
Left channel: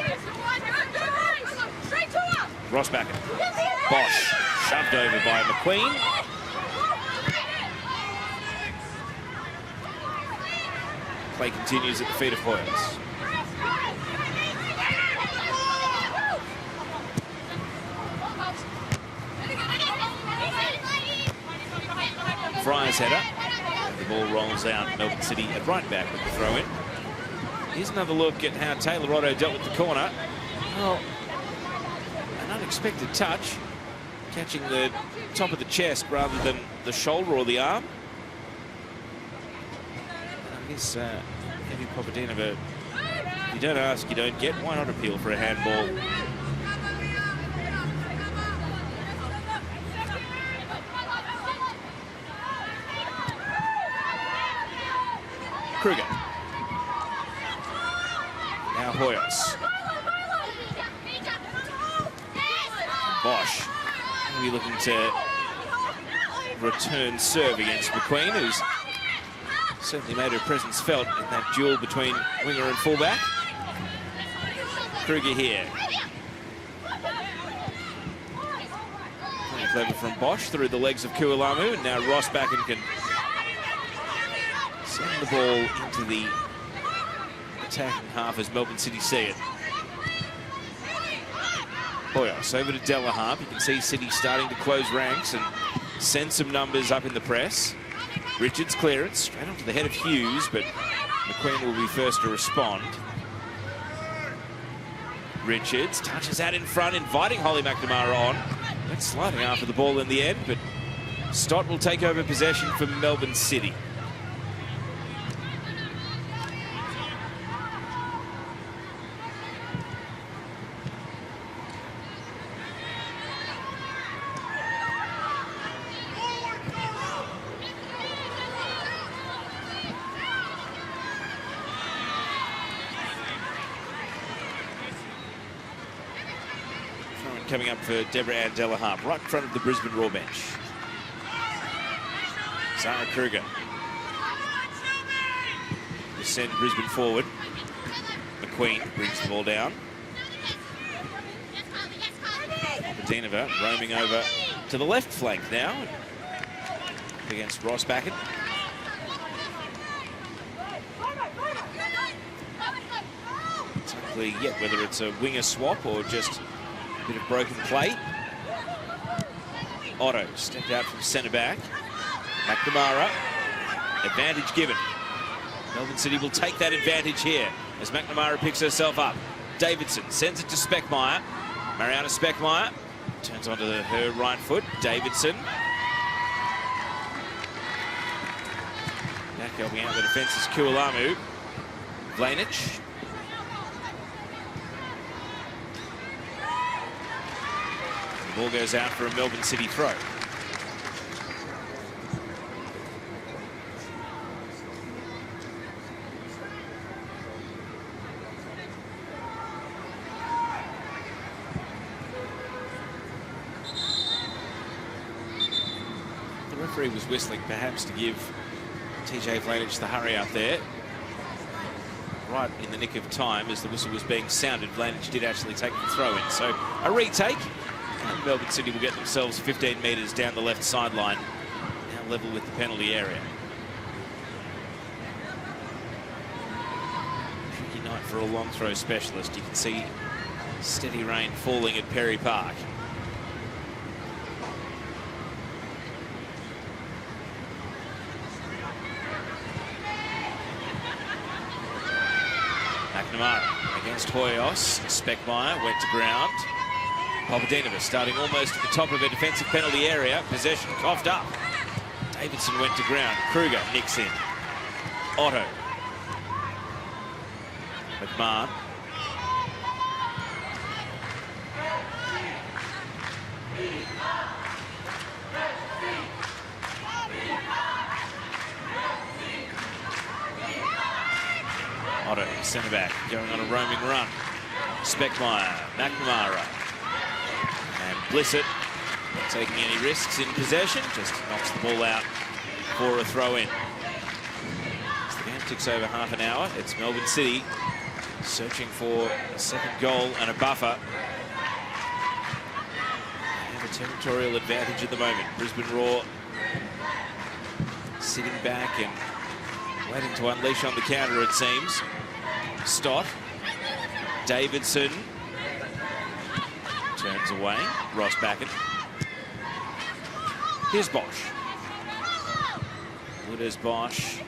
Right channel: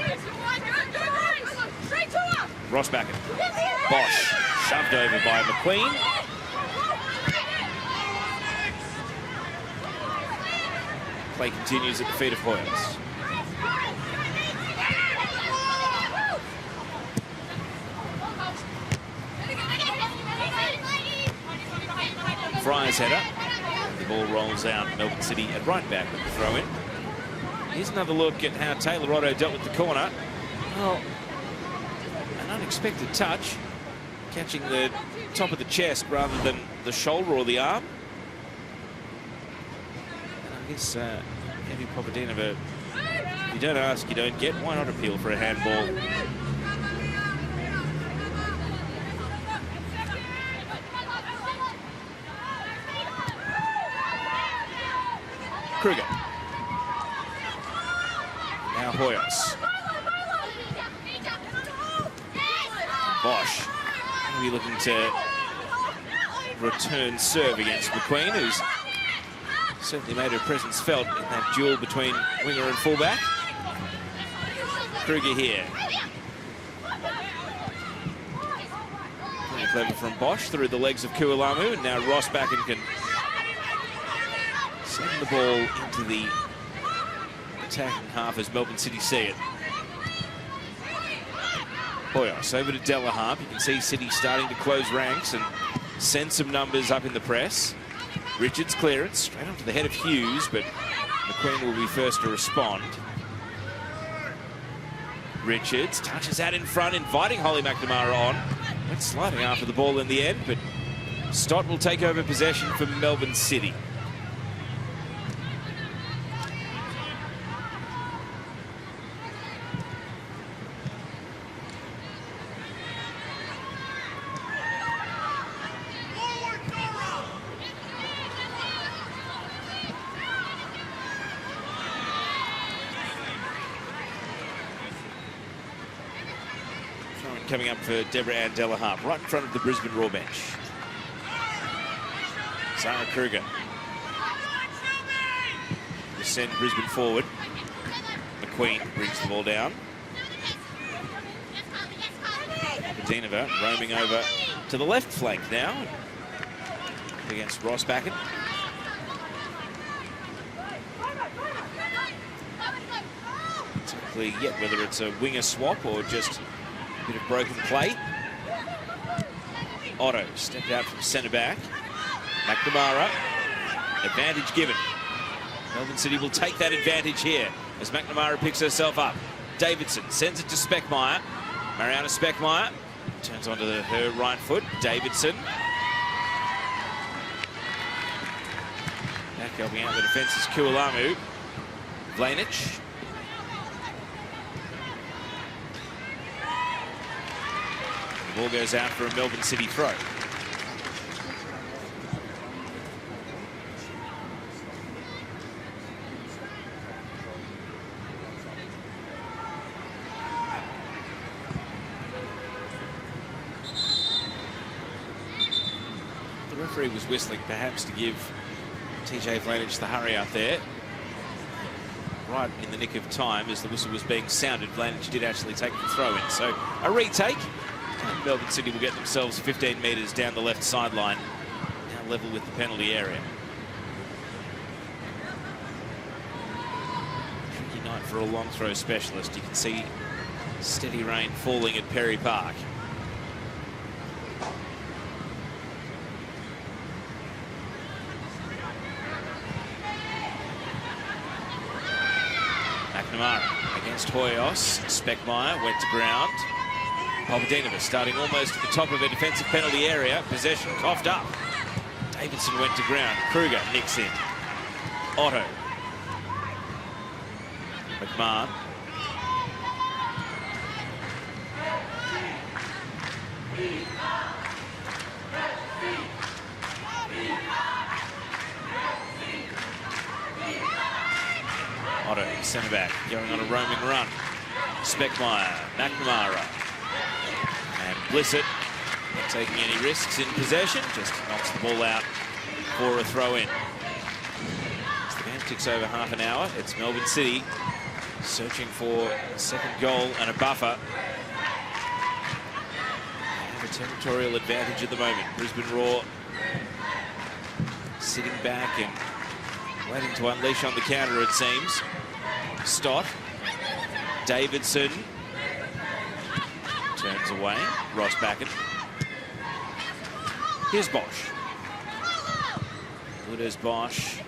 Rossbacken. Bosch shoved over by McQueen. Play continues at the feet of Hoyles. Fryer's header. The ball rolls out. Melbourne City at right back with the throw in. Here's another look at how Taylor Otto dealt with the corner. Well, an unexpected touch, catching the top of the chest rather than the shoulder or the arm. I guess Eddie Papadenova, if you don't ask, you don't get. Why not appeal for a handball? Kruger. Now Hoyles. Bosch. We're looking to return serve against McQueen, who's certainly made her presence felt in that duel between winger and fullback. Kruger here. Pretty clever from Bosch through the legs of Kualamu, and now Rossbacken can send the ball into the attacking half as Melbourne City see it. Hoyles over to Delaharp. You can see City starting to close ranks and send some numbers up in the press. Richards clearance straight onto the head of Hughes, but McQueen will be first to respond. Richards touches out in front, inviting Holly McNamara on. Went sliding after the ball in the end, but Stott will take over possession for Melbourne City. Coming up for Deborah Ann Delaharp, right in front of the Brisbane Raw bench. Sarah Kruger will send Brisbane forward. McQueen brings the ball down. Papadenova roaming over to the left flank now against Rossbacken. It's not clear yet whether it's a winger swap or just bit of broken play. Otto stepped out from centre back. McNamara, advantage given. Melbourne City will take that advantage here as McNamara picks herself up. Davidson sends it to Speckmeyer. Mariana Speckmeyer turns onto her right foot. Davidson. Back going out the defence is Kualamu. Vlanich. The ball goes out for a Melbourne City throw. The referee was whistling perhaps to give TJ Vlanich the hurry up there. Right in the nick of time as the whistle was being sounded, Vlanich did actually take the throw in. So a retake. And Melbourne City will get themselves 15 metres down the left sideline, now level with the penalty area. Tricky night for a long throw specialist. You can see steady rain falling at Perry Park. McNamara against Hoyos. Speckmeyer went to ground. Papadenova starting almost at the top of the defensive penalty area. Possession coughed up. Davidson went to ground. Kruger nicks in. Otto. McMahon. Otto centre back, going on a roaming run. Speckmeyer, McNamara, and Blissett, not taking any risks in possession, just knocks the ball out for a throw-in. As the game ticks over half an hour, it's Melbourne City searching for a second goal and a buffer. They have a territorial advantage at the moment. Brisbane Roar sitting back and waiting to unleash on the counter, it seems. Stott. Davidson turns away. Ross Backen. Here's Bosch. Good as Bosch.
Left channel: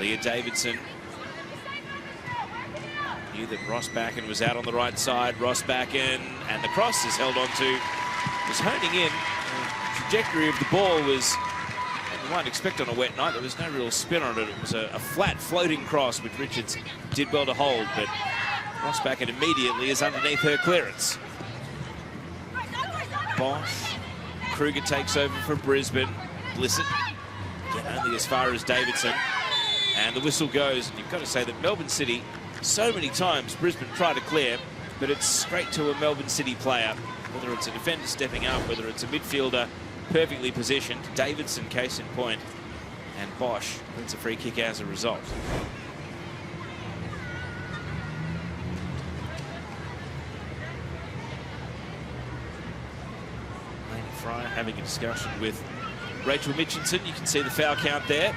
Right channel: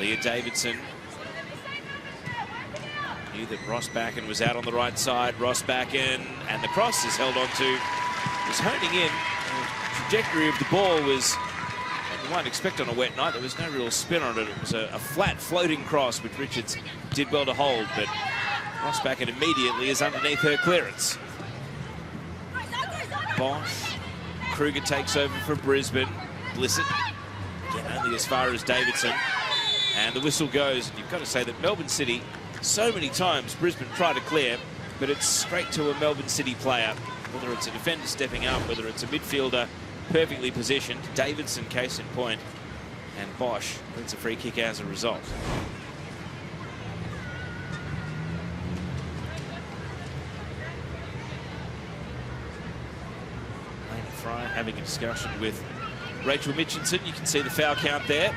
Leah Davidson. Knew that Ross Backen was out on the right side. Ross Backen, and the cross is held on to. Was honing in. The trajectory of the ball was, you might expect on a wet night, there was no real spin on it. It was a flat floating cross, which Richards did well to hold, but Ross Backen immediately is underneath her clearance. Bosch. Kruger takes over for Brisbane. Blissett, only as far as Davidson. And the whistle goes. And you've got to say that Melbourne City, so many times Brisbane try to clear, but it's straight to a Melbourne City player, whether it's a defender stepping up, whether it's a midfielder perfectly positioned. Davidson, case in point, and Bosch gets a free kick as a result. Having a discussion with Rachel Mitchinson. You can see the foul count there.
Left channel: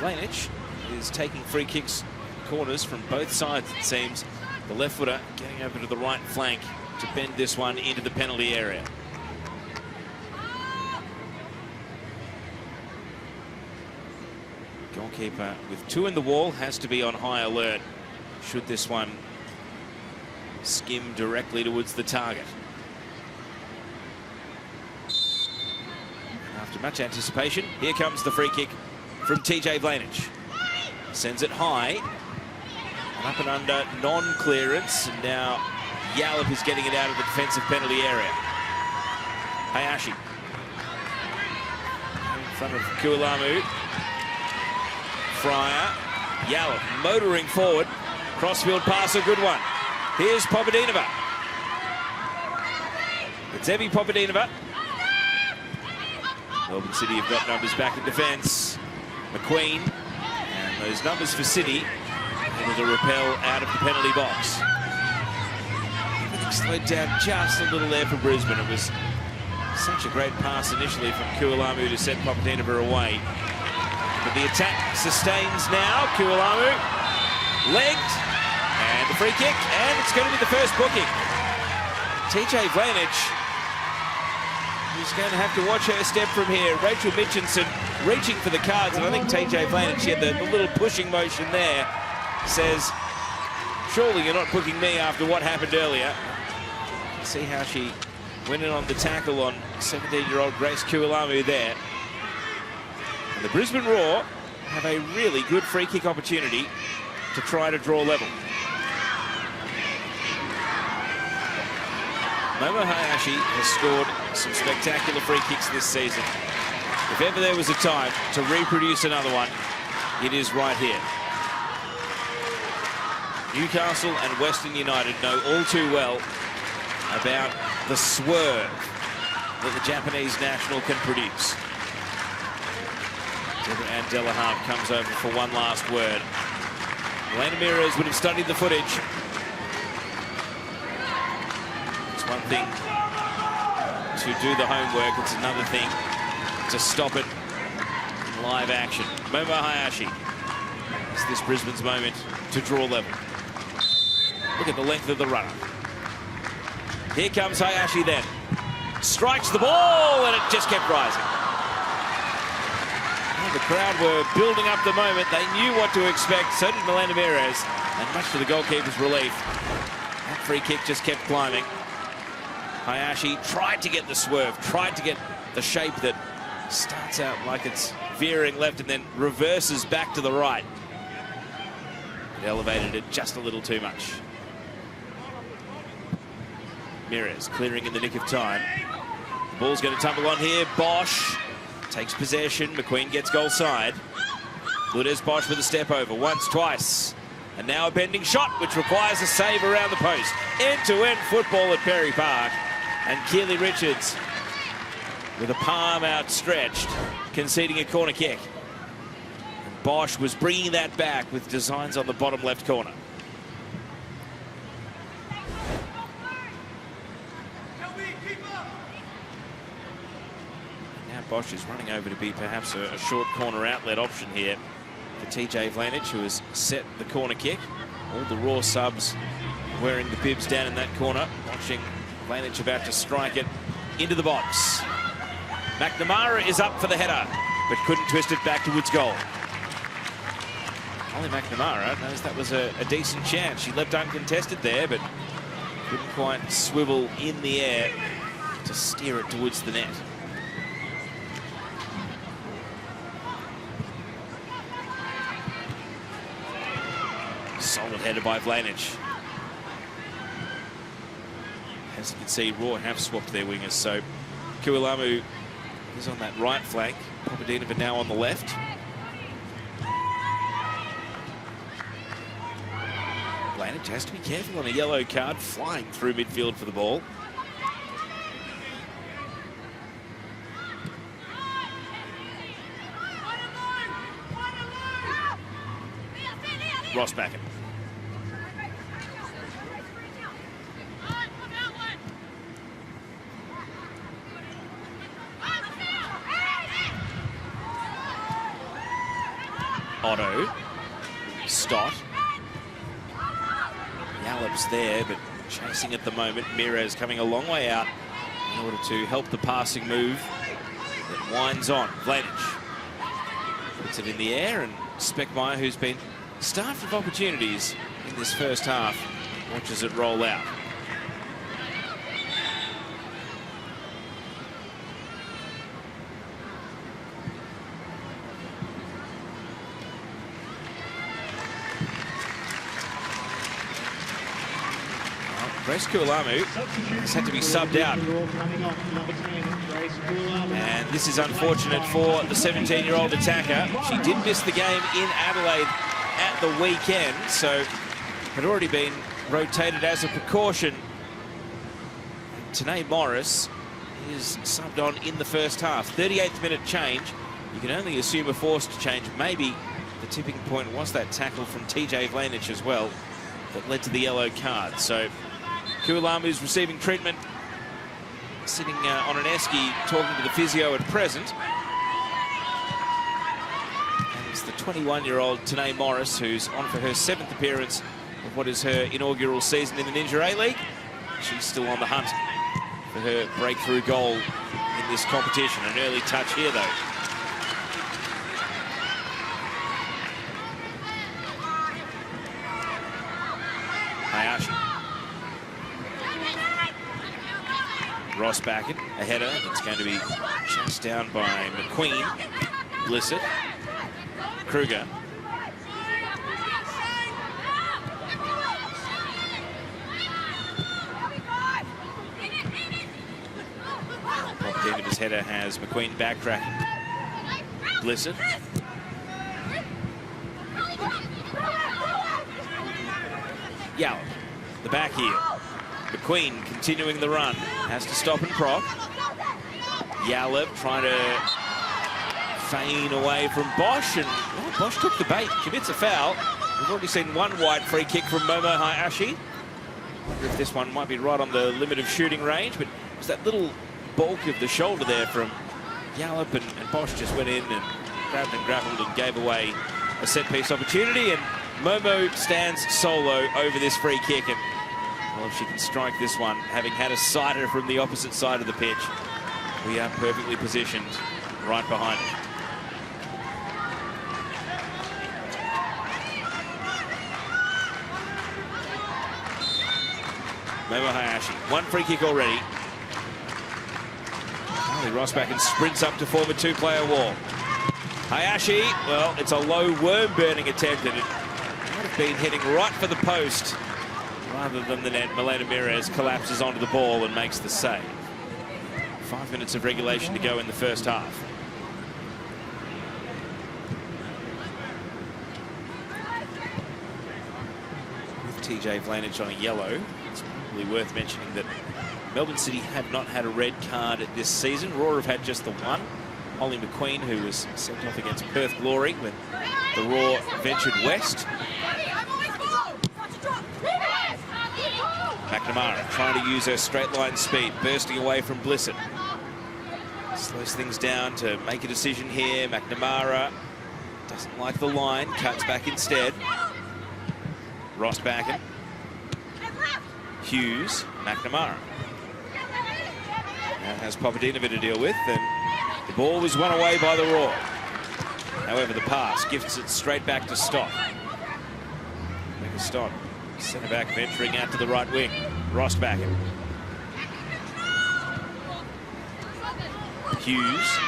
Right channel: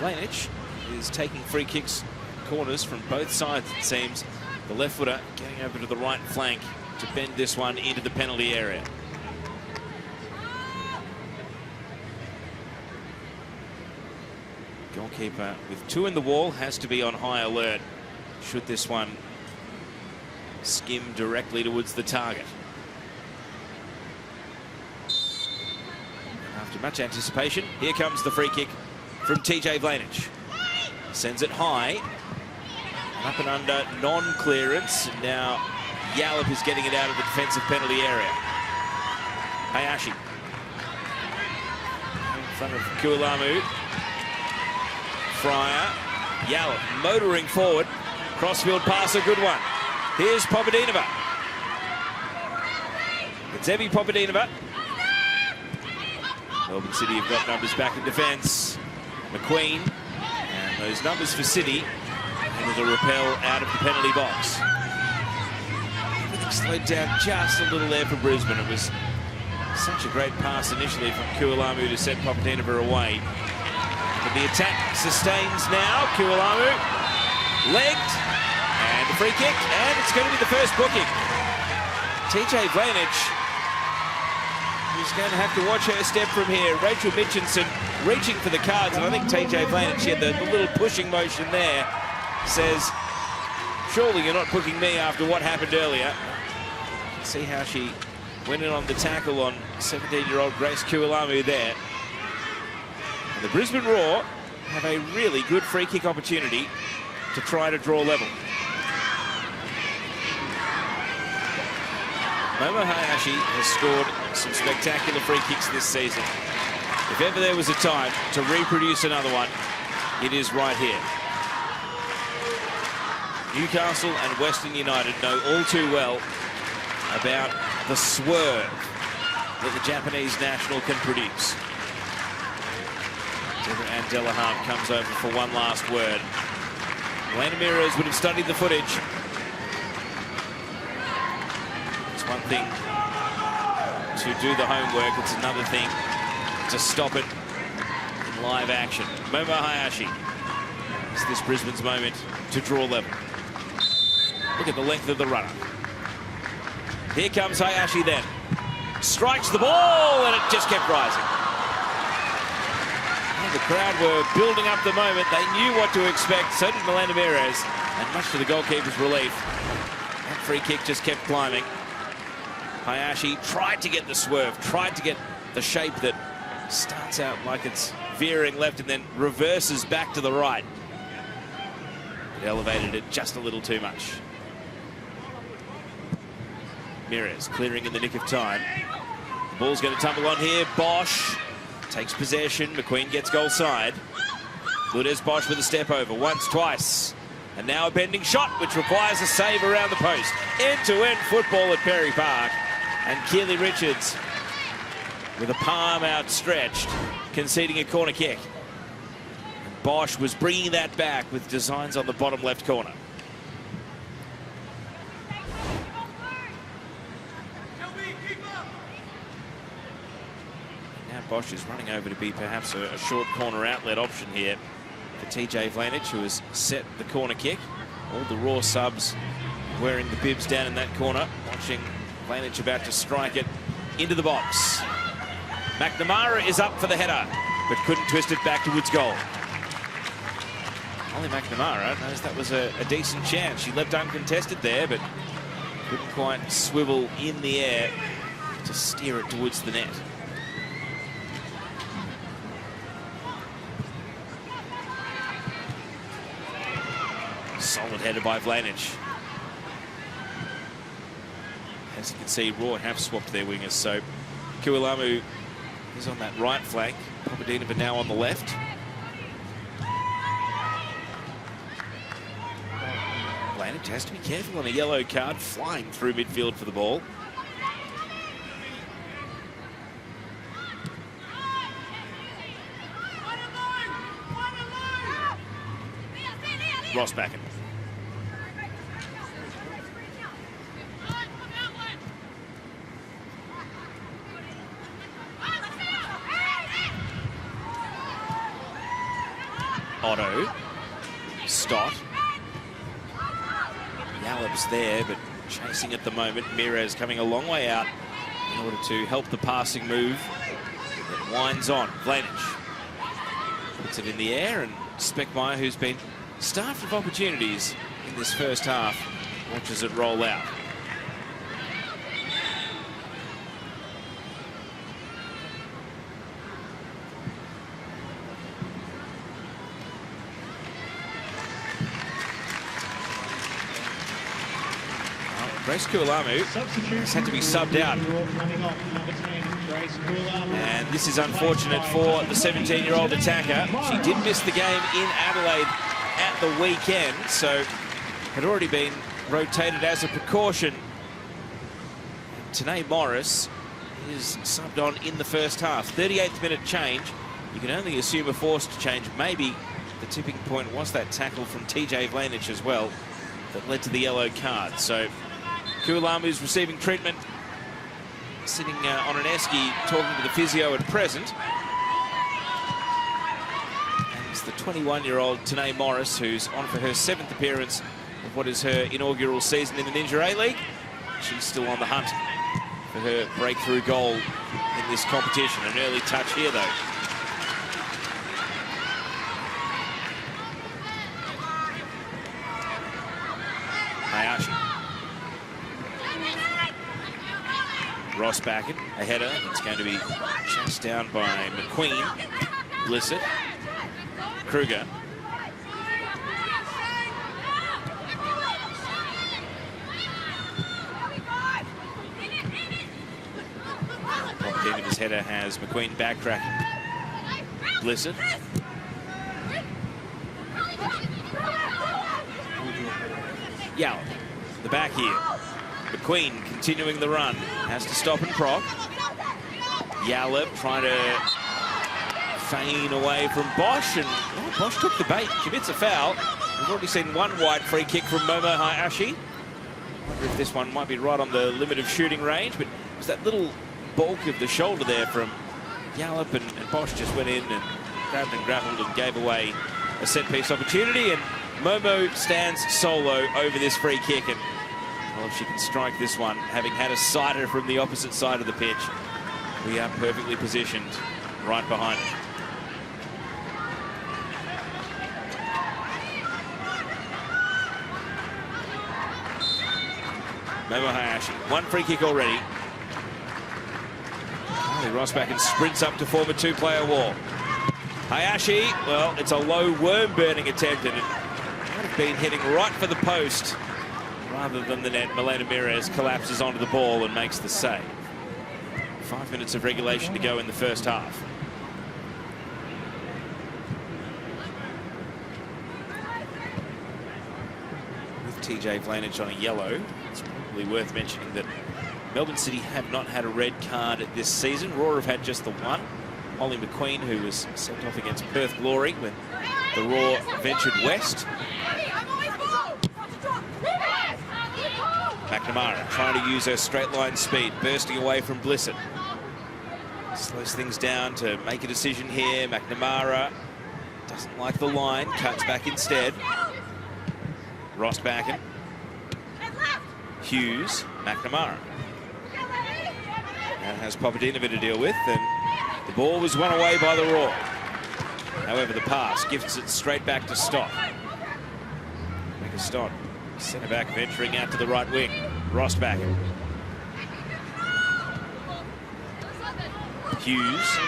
Vlanich is taking free kicks, corners from both sides, it seems. The left footer getting over to the right flank to bend this one into the penalty area. Goalkeeper with two in the wall has to be on high alert should this one skim directly towards the target. After much anticipation, here comes the free kick from TJ Vlanich. Sends it high, up and under, non-clearance, and now Yallop is getting it out of the defensive penalty area. Hayashi in front of Kualamu. Fryer, Yallop motoring forward, crossfield pass, a good one. Here's Popadinova. It's Evie Popadinova. Melbourne City have got numbers back in defence. McQueen, and those numbers for City, able to repel out of the penalty box. Everything slowed down just a little there for Brisbane. It was such a great pass initially from Kualamu to send Popadinova away. But the attack sustains now. Kualamu legged, and the free kick, and it's going to be the first booking. TJ Vlanich is going to have to watch her step from here. Rachel Mitchinson reaching for the cards, and I think TJ Vlanich, she had the little pushing motion there, says, surely you're not booking me after what happened earlier. See how she went in on the tackle on 17-year-old Grace Kualamu there. And the Brisbane Roar have a really good free kick opportunity to try to draw level. Momo Hayashi has scored some spectacular free kicks this season. If ever there was a time to reproduce another one, it is right here. Newcastle and Western United know all too well about the swerve that the Japanese national can produce. And Delahan comes over for one last word. Melanie Meares would have studied the footage. It's one thing to do the homework, it's another thing to stop it in live action. Momo Hayashi. Is this Brisbane's moment to draw level? Look at the length of the runner. Here comes Hayashi then. Strikes the ball, and it just kept rising. The crowd were building up the moment. They knew what to expect. So did Melanie Meares, and much to the goalkeeper's relief, that free kick just kept climbing. Hayashi tried to get the swerve, tried to get the shape that starts out like it's veering left and then reverses back to the right. It elevated it just a little too much. Mirez clearing in the nick of time. The ball's going to tumble on here. Bosch takes possession. McQueen gets goal side. Lourdes Bosch with a step over. Once, twice. And now a bending shot, which requires a save around the post. End-to-end football at Perry Park. And Keely Richards, with a palm outstretched, conceding a corner kick. Bosch was bringing that back with designs on the bottom left corner. Now Bosch is running over to be perhaps a short corner outlet option here for TJ Vlanich, who has set the corner kick. All the Raw subs wearing the bibs down in that corner, watching Vlanich about to strike it into the box. McNamara is up for the header, but couldn't twist it back towards goal. Only McNamara knows that was a decent chance. She leapt uncontested there, but couldn't quite swivel in the air to steer it towards the net. Solid header by Vlanich. As you can see, Raw have swapped their wingers, so Kualamu is on that right flank. Papadinova now on the left. Vlanich has to be careful on a yellow card, flying through midfield for the ball. Rossbacken. Otto. Stott. Yallop's there, but chasing at the moment. Mirez coming a long way out in order to help the passing move. It winds on. Vlanich puts it in the air, and Speckmeyer, who's been starved of opportunities in this first half, watches it roll out. Grace Kualamu has had to be subbed out. And this is unfortunate for the 17-year-old attacker. She did miss the game in Adelaide at the weekend, so had already been rotated as a precaution. Tanae Morris is subbed on in the first half. 38th minute change. You can only assume a forced change. Maybe the tipping point was that tackle from TJ Vlanich as well that led to the yellow card. So Kualamu's receiving treatment, sitting on an esky talking to the physio at present. And it's the 21-year-old Tanae Morris, who's on for her 7th appearance of what is her inaugural season in the Ninja A-League. She's still on the hunt for her breakthrough goal in this competition. An early touch here, though. Hayashi. Rossbacken, a header that's going to be chased down by McQueen. Blissett. Kruger. His header has McQueen backtracking. Blissett. Yallop, the back heel. McQueen continuing the run. Has to stop and prop. Yallop trying to feign away from Bosch, and Bosch took the bait, commits a foul. We've already seen one wide free kick from Momo Hayashi. Wonder if this one might be right on the limit of shooting range, but it was that little bulk of the shoulder there from Yallop, and Bosch just went in and grabbed and grappled and gave away a set-piece opportunity, and Momo stands solo over this free kick, and well, if she can strike this one, having had a sighter from the opposite side of the pitch, we are perfectly positioned right behind it. Momo Hayashi, one free kick already. Rossbacken sprints up to form a two-player wall. Hayashi, well, it's a low worm-burning attempt, and it might have been hitting right for the post Farther than the net, Milena Mires collapses onto the ball and makes the save. 5 minutes of regulation to go in the first half. With TJ Vlanich on a yellow, it's probably worth mentioning that Melbourne City have not had a red card this season. Raw have had just the one. Ollie McQueen, who was sent off against Perth Glory when the Raw ventured west. McNamara trying to use her straight line speed, bursting away from Blissett. Slows things down to make a decision here. McNamara doesn't like the line, cuts back instead. Rostbacken. Hughes, McNamara. Now has Papadinovic to deal with, and the ball was won away by the Raw. However, the pass gifts it straight back to Stott. Make a Stott. Centre back venturing out to the right wing. Rostbacken. Hughes.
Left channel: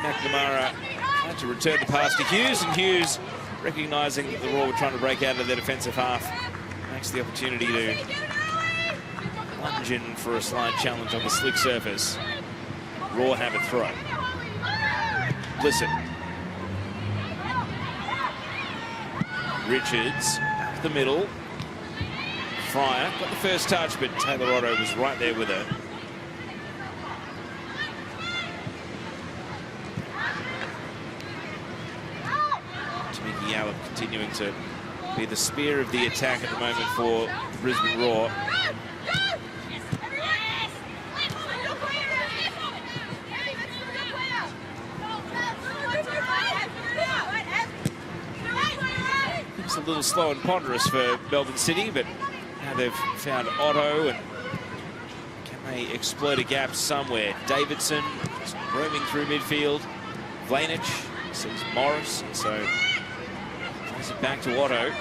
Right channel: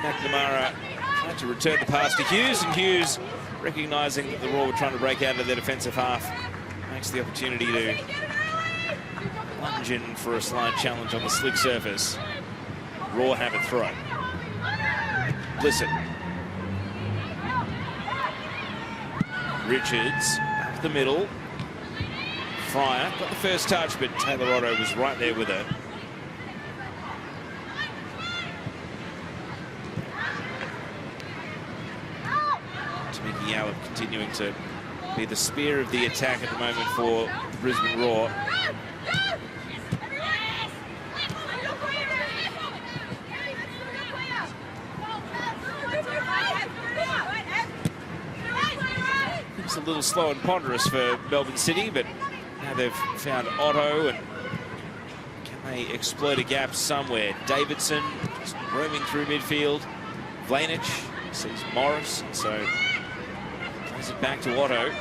McNamara tried to return the pass to Hughes, and Hughes, recognising that the Raw were trying to break out of their defensive half, makes the opportunity to lunge in for a slight challenge on the slick surface. Raw have it throw. Blissett. Richards up the middle. Fryer got the first touch, but Taylor Otto was right there with her. Tamiki Howard continuing to be the spear of the attack at the moment for the Brisbane Raw. It's a little slow and ponderous for Melbourne City, but now they've found Otto, and can they exploit a gap somewhere? Davidson just roaming through midfield. Vlanich sees Morris, and so plays it back to Otto.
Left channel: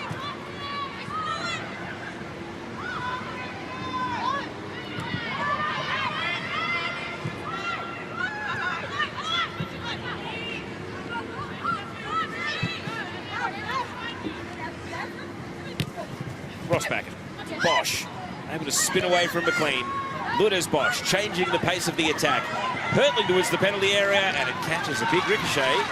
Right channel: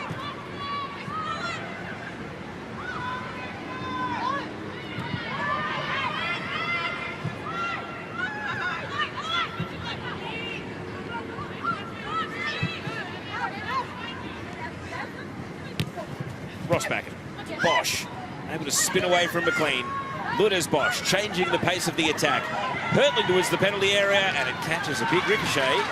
Rostbacken. Bosch able to spin away from McLean. Ludas Bosch changing the pace of the attack. Hurtling towards the penalty area, and it catches a big ricochet.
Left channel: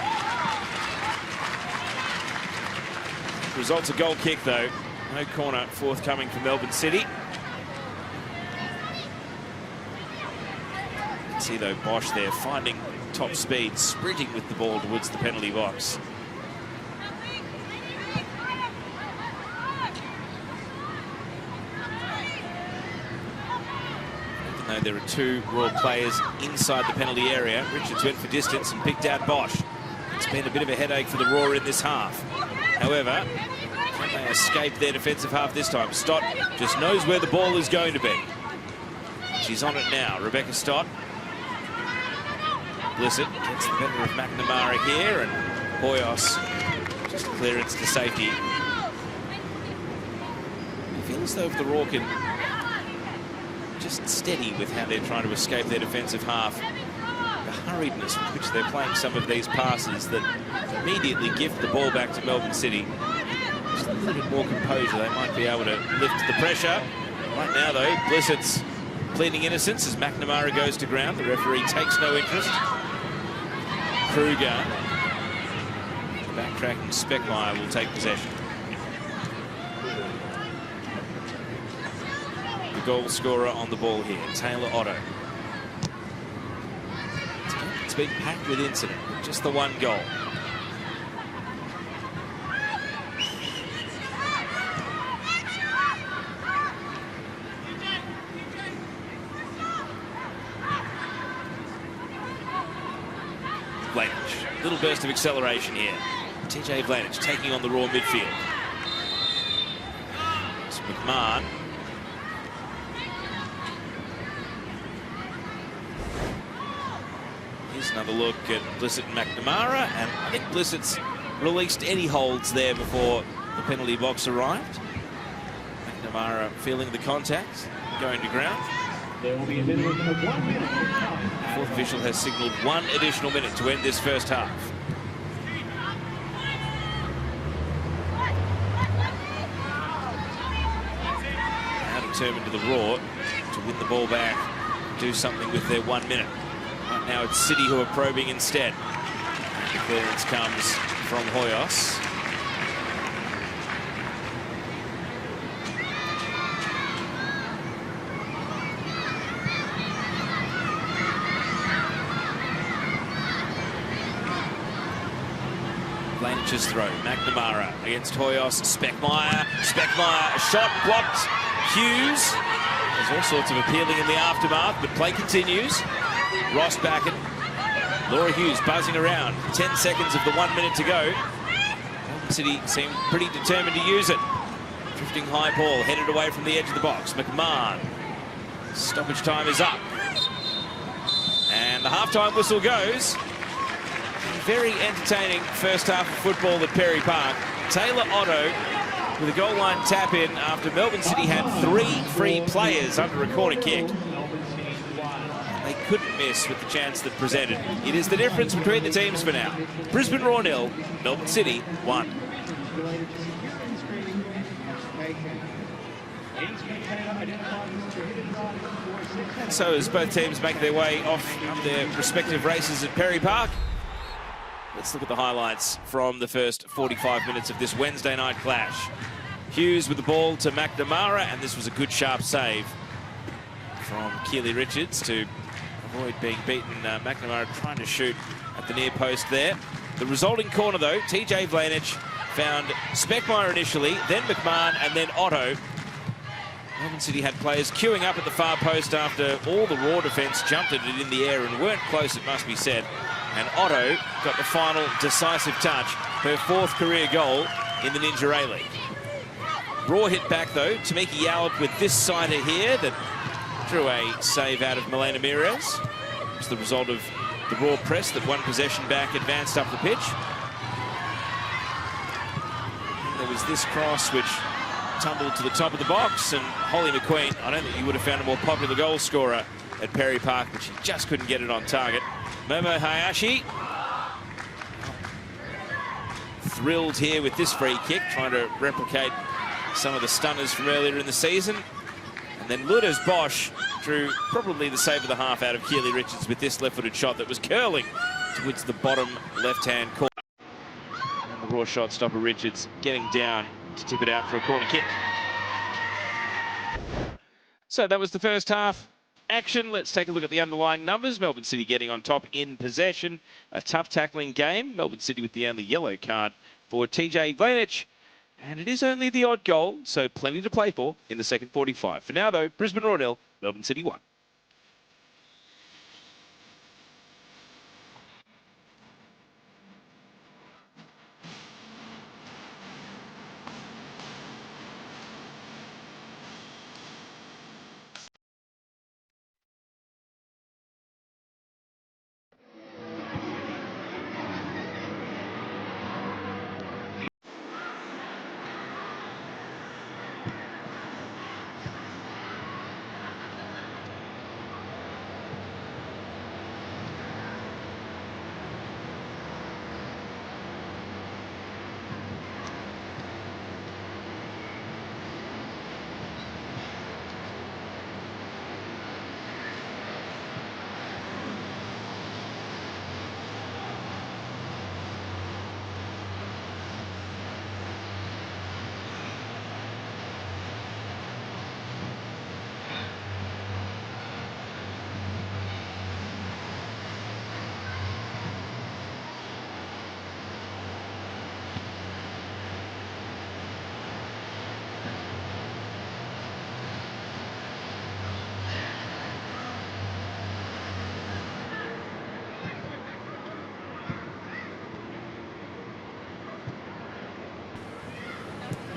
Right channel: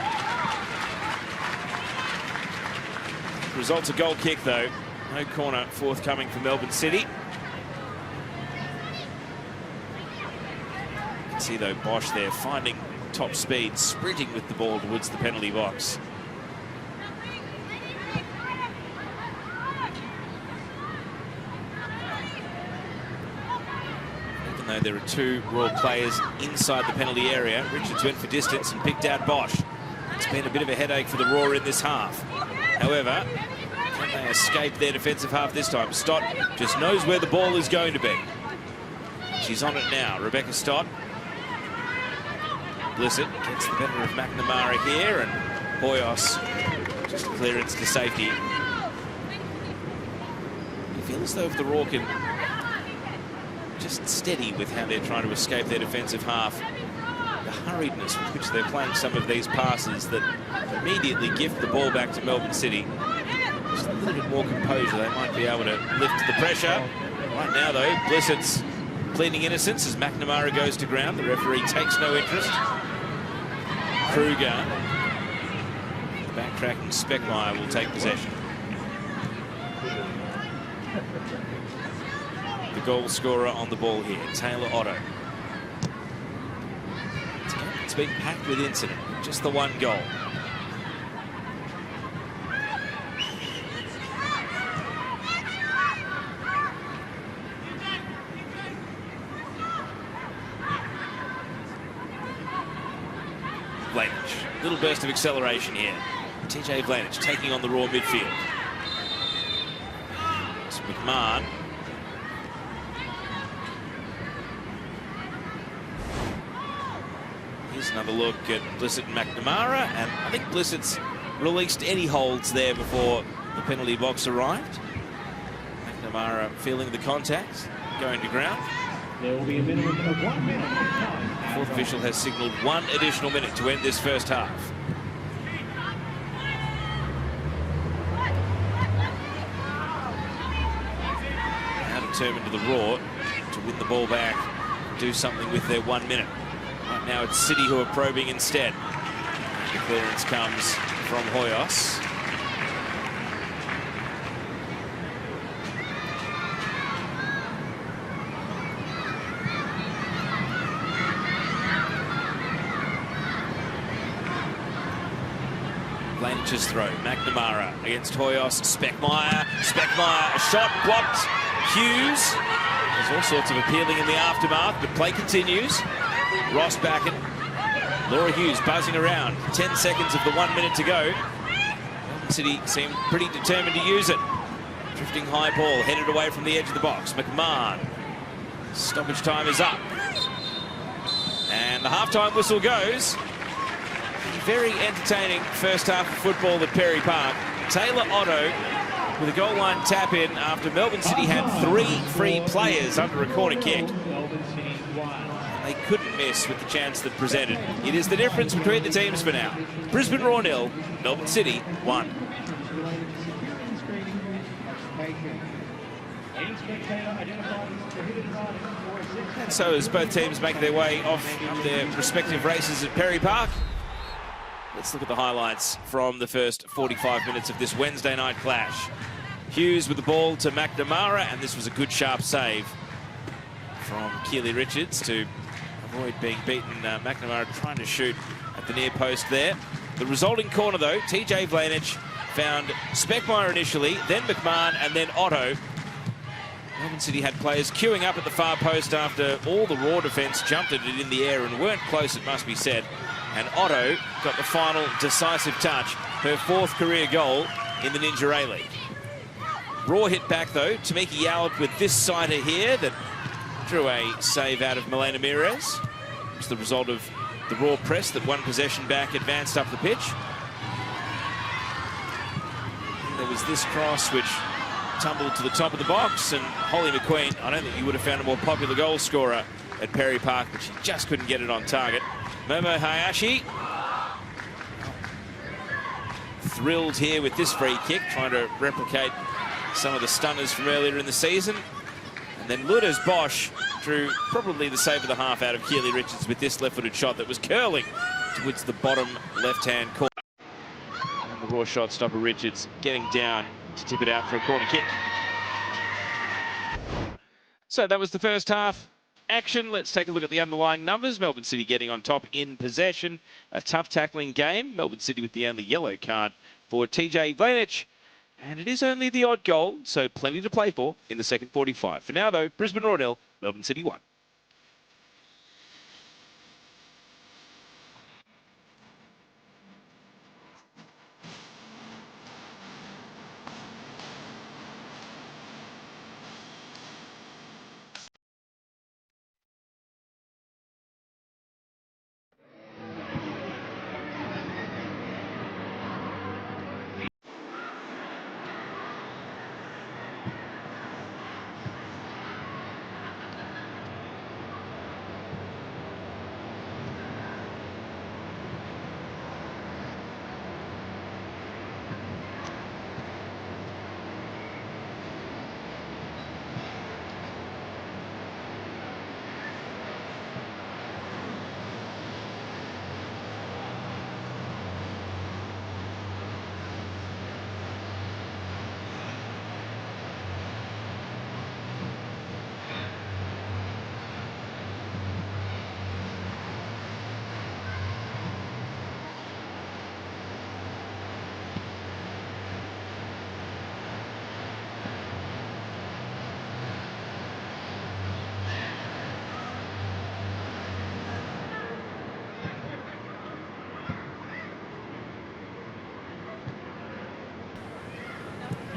Results a goal kick though. No corner forthcoming for Melbourne City. You can see though Bosch there finding top speed, sprinting with the ball towards the penalty box. Though there are two Raw players inside the penalty area, Richards went for distance and picked out Bosch. It's been a bit of a headache for the Raw in this half. However, can they escape their defensive half this time? Stott just knows where the ball is going to be. She's on it now, Rebecca Stott. Blissett gets the better of McNamara here, and Boyos just a clearance to safety. I feel as though if the Raw can just steady with how they're trying to escape their defensive half, the hurriedness with which they're playing some of these passes that immediately gift the ball back to Melbourne City. Just a little bit more composure, they might be able to lift the pressure. Right now though, Blissett's pleading innocence as McNamara goes to ground. The referee takes no interest. Kruger, backtracking Speckmeyer, will take possession. Goal scorer on the ball here, Taylor Otto. It's been packed with incident, just the one goal. Vlanich, little burst of acceleration here. TJ Vlanich taking on the Raw midfield. It's McMahon. Here's another look at Blissett and McNamara, and I think Blissett's released any holds there before the penalty box arrived. McNamara feeling the contact, going to ground. There will be a minimum of 1 minute of time. Fourth official has signalled 1 additional minute to end this first half. Now determined to the Raw to win the ball back, do something with their 1 minute. Right now it's City who are probing instead. The clearance comes from Hoyos. Blanch's throw, McNamara against Hoyos, Speckmeyer, a shot blocked, Hughes. There's all sorts of appealing in the aftermath, but play continues. Ross Backen, Laura Hughes buzzing around, 10 seconds of the 1 minute to go. Melbourne City seemed pretty determined to use it. Drifting high ball, headed away from the edge of the box, McMahon. Stoppage time is up. And the half-time whistle goes. Very entertaining first half of football at Perry Park. Taylor Otto with a goal line tap in after Melbourne City had 3 free players under a corner kick. They couldn't miss with the chance that presented. It is the difference between the teams for now. Brisbane Roar 0, Melbourne City 1. So as both teams make their way off their respective races at Perry Park, let's look at the highlights from the first 45 minutes of this Wednesday night clash. Hughes with the ball to McNamara, and this was a good sharp save from Keely Richards to avoid being beaten. McNamara trying to shoot at the near post there. The resulting corner though, TJ Vlanich found Speckmeyer initially, then McMahon, and then Otto. Melbourne City had players queuing up at the far post after all the Raw defence jumped at it in the air and weren't close, it must be said. And Otto got the final decisive touch, her 4th career goal in the Ninja A-League. Raw hit back though, Tamiki Yallop with this sider here that drew a save out of Milena Mires. It was the result of the Raw press that one possession back advanced up the pitch. And there was this cross which tumbled to the top of the box, and Holly McQueen, I don't think you would have found a more popular goal scorer at Perry Park, but she just couldn't get it on target. Momo Hayashi thrilled here with this free kick, trying to replicate some of the stunners from earlier in the season. And then Lourdes Bosch drew probably the save of the half out of Keely Richards with this left-footed shot that was curling towards the bottom left-hand corner. The Raw shot stopper Richards getting down to tip it out for a corner kick. So that was the first half action. Let's take a look at the underlying numbers. Melbourne City getting on top in possession. A tough tackling game. Melbourne City with the only yellow card for TJ Vlanich. And it is only the odd goal, so plenty to play for in the second 45. For now, though, Brisbane Roar 0, Melbourne City 1.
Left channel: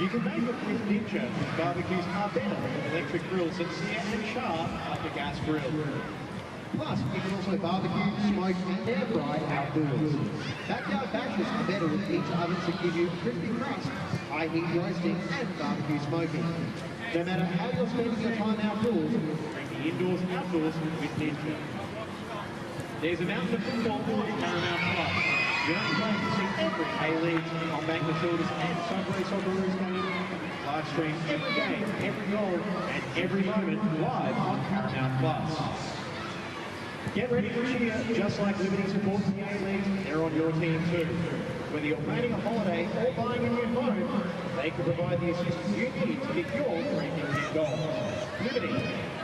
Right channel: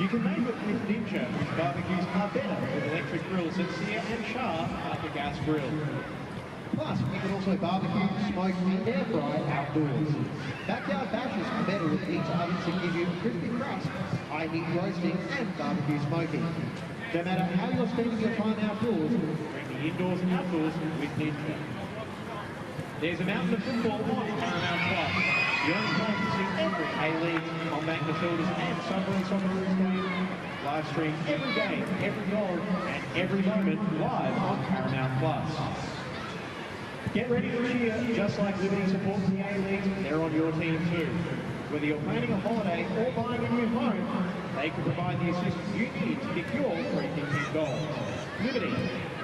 You can make it with Ninja, barbecues half hour with electric grills at Sear and Char after gas grill. Plus, you can also barbecue, smoke and air fry outdoors. Backyard bashes are better with pizza ovens that give you crispy crust, high heat roasting and barbecue smoking. No matter how you're spending your time outdoors, bring the indoors and outdoors with Ninja. There's a mountain of football on Paramount Plus. The only place to see every A-League, combat midfielders and Socceroos game. Live stream every game, every goal, and every moment live on Paramount Plus. Get ready to cheer, just like Liberty supports the A-League, they're on your team too. Whether you're planning a holiday or buying a new home, they can provide the assistance you need to get your dream team goal. Liberty,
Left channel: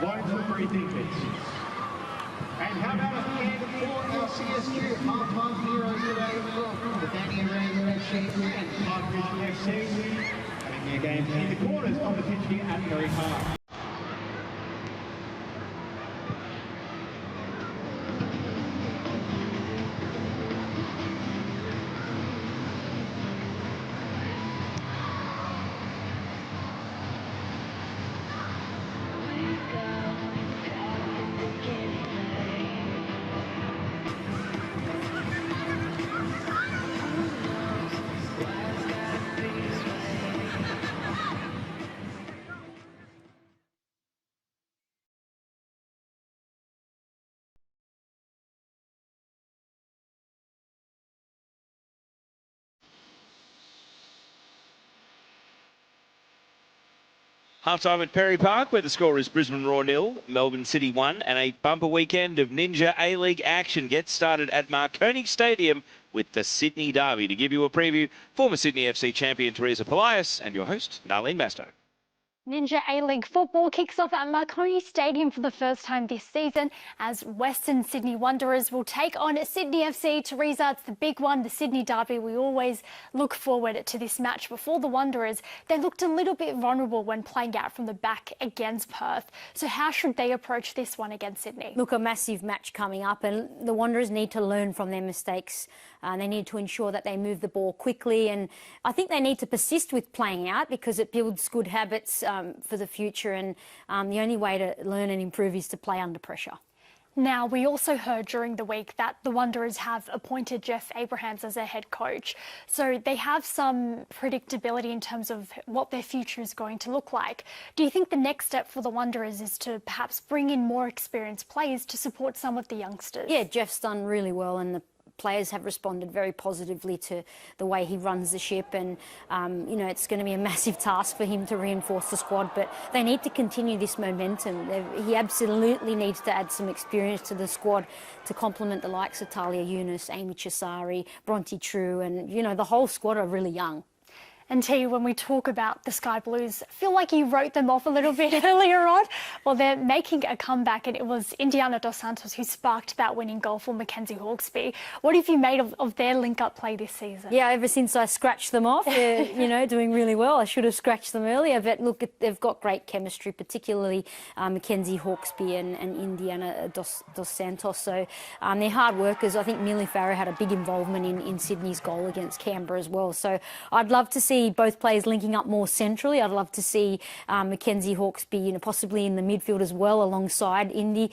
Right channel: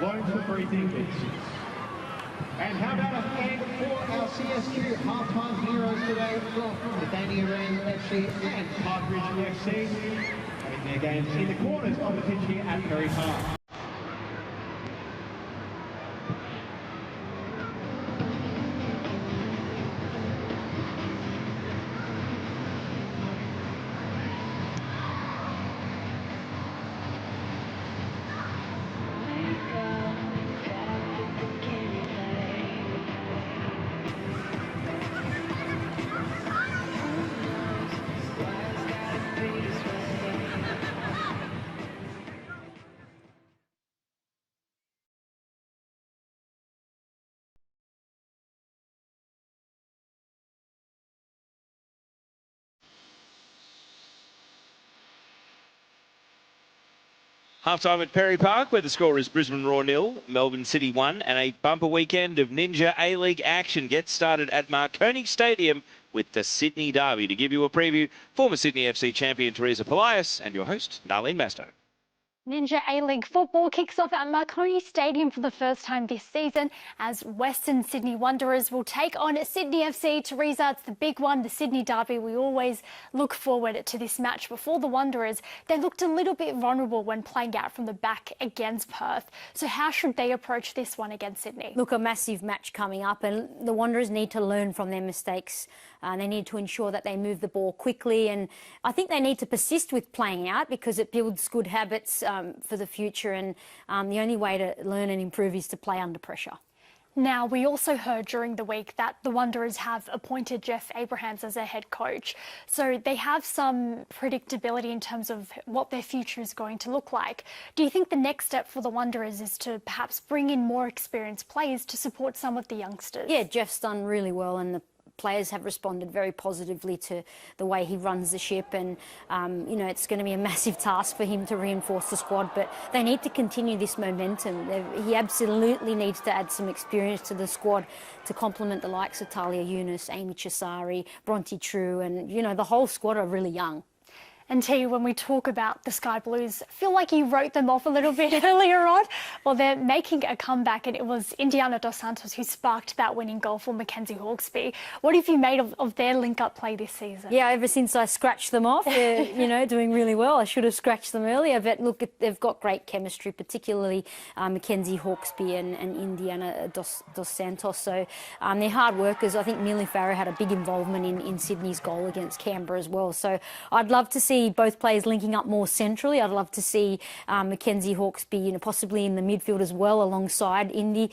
loans for free tickets. And how about a hand for our CSQ half-time heroes today from the Danny Arena FC and Parkrun FC, having their games in the corners on the pitch here at Murray Park. Half-time at Perry Park, where the score is Brisbane Roar 0, Melbourne City 1, and a bumper weekend of Ninja A-League action gets started at Marconi Stadium with the Sydney Derby. To give you a preview, former Sydney FC champion Teresa Polias and your host, Narlene Masto. Ninja A-League football kicks off at Marconi Stadium for the first time this season as Western Sydney Wanderers will take on Sydney FC. Teresa, it's the big one, the Sydney Derby. We always look forward to this match. Before the Wanderers, they looked a little bit vulnerable when playing out from the back against Perth. So how should they approach this one against Sydney? Look, a massive match coming up, and the Wanderers need to learn from their mistakes. They need to ensure that they move the ball quickly, and I think they need to persist with playing out because it builds good habits for the future, and the only way to learn and improve is to play under pressure. Now, we also heard during the week that the Wanderers have appointed Jeff Abrahams as their head coach. So they have some predictability in terms of what their future is going to look like. Do you think the next step for the Wanderers is to perhaps bring in more experienced players to support some of the youngsters? Yeah, Jeff's done really well, and the players have responded very positively to the way he runs the ship, and it's going to be a massive task for him to reinforce the squad, but they need to continue this momentum. He absolutely needs to add some experience to the squad to complement the likes of Talia Yunus, Amy Chisari, Bronte True, and the whole squad are really young. And T, when we talk about the Sky Blues, I feel like you wrote them off a little bit earlier on. Well, they're making a comeback, and it was Indiana Dos Santos who sparked that winning goal for Mackenzie Hawkesby. What have you made of their link-up play this season? Yeah, ever since I scratched them off, they're doing really well. I should have scratched them earlier, but look, they've got great chemistry, particularly Mackenzie Hawkesby and Indiana Dos Santos. So they're hard workers. I think Millie Farrow had a big involvement in Sydney's goal against Canberra as well. So I'd love to see both players linking up more centrally. I'd love to see Mackenzie Hawkesby, possibly in the midfield as well, alongside Indy,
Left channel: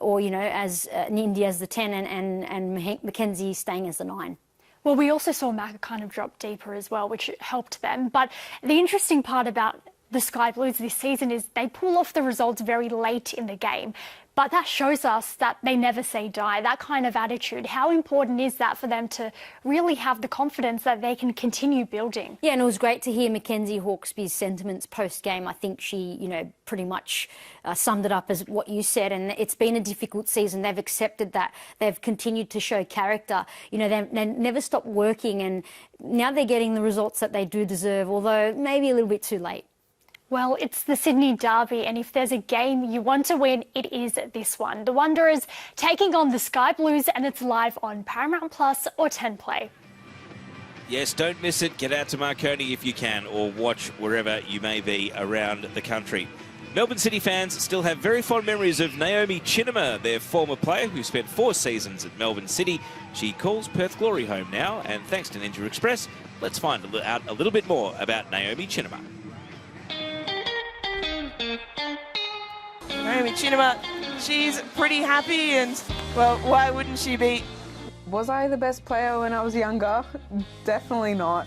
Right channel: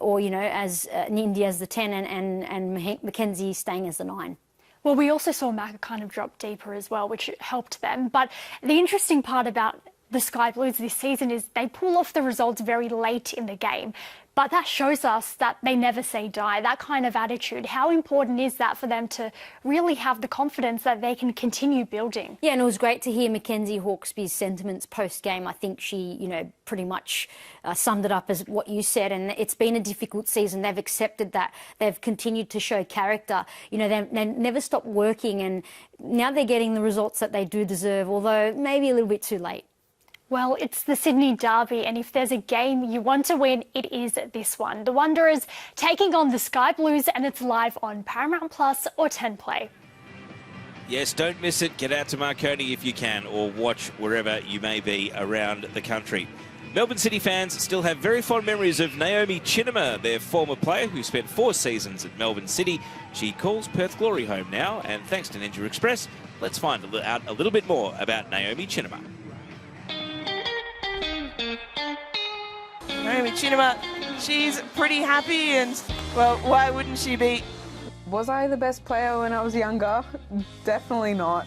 or as Indy as the 10 and Mackenzie staying as the 9. Well, we also saw Macca kind of drop deeper as well, which helped them. But the interesting part about the Sky Blues this season is they pull off the results very late in the game. But that shows us that they never say die, that kind of attitude. How important is that for them to really have the confidence that they can continue building? Yeah, and it was great to hear Mackenzie Hawkesby's sentiments post-game. I think she, pretty much summed it up as what you said, and it's been a difficult season. They've accepted that. They've continued to show character. They never stopped working, and now they're getting the results that they do deserve, although maybe a little bit too late. Well, it's the Sydney Derby, and if there's a game you want to win, it is this one. The Wanderers taking on the Sky Blues, and it's live on Paramount Plus or 10 Play. Yes, don't miss it. Get out to Marconi if you can, or watch wherever you may be around the country. Melbourne City fans still have very fond memories of Naomi Chinema, their former player who spent 4 seasons at Melbourne City. She calls Perth Glory home now, and thanks to Ninja Express, let's find out a little bit more about Naomi Chinema. Naomi Chinema, she's pretty happy, and well, why wouldn't she be? Was I the best player when I was younger? Definitely not.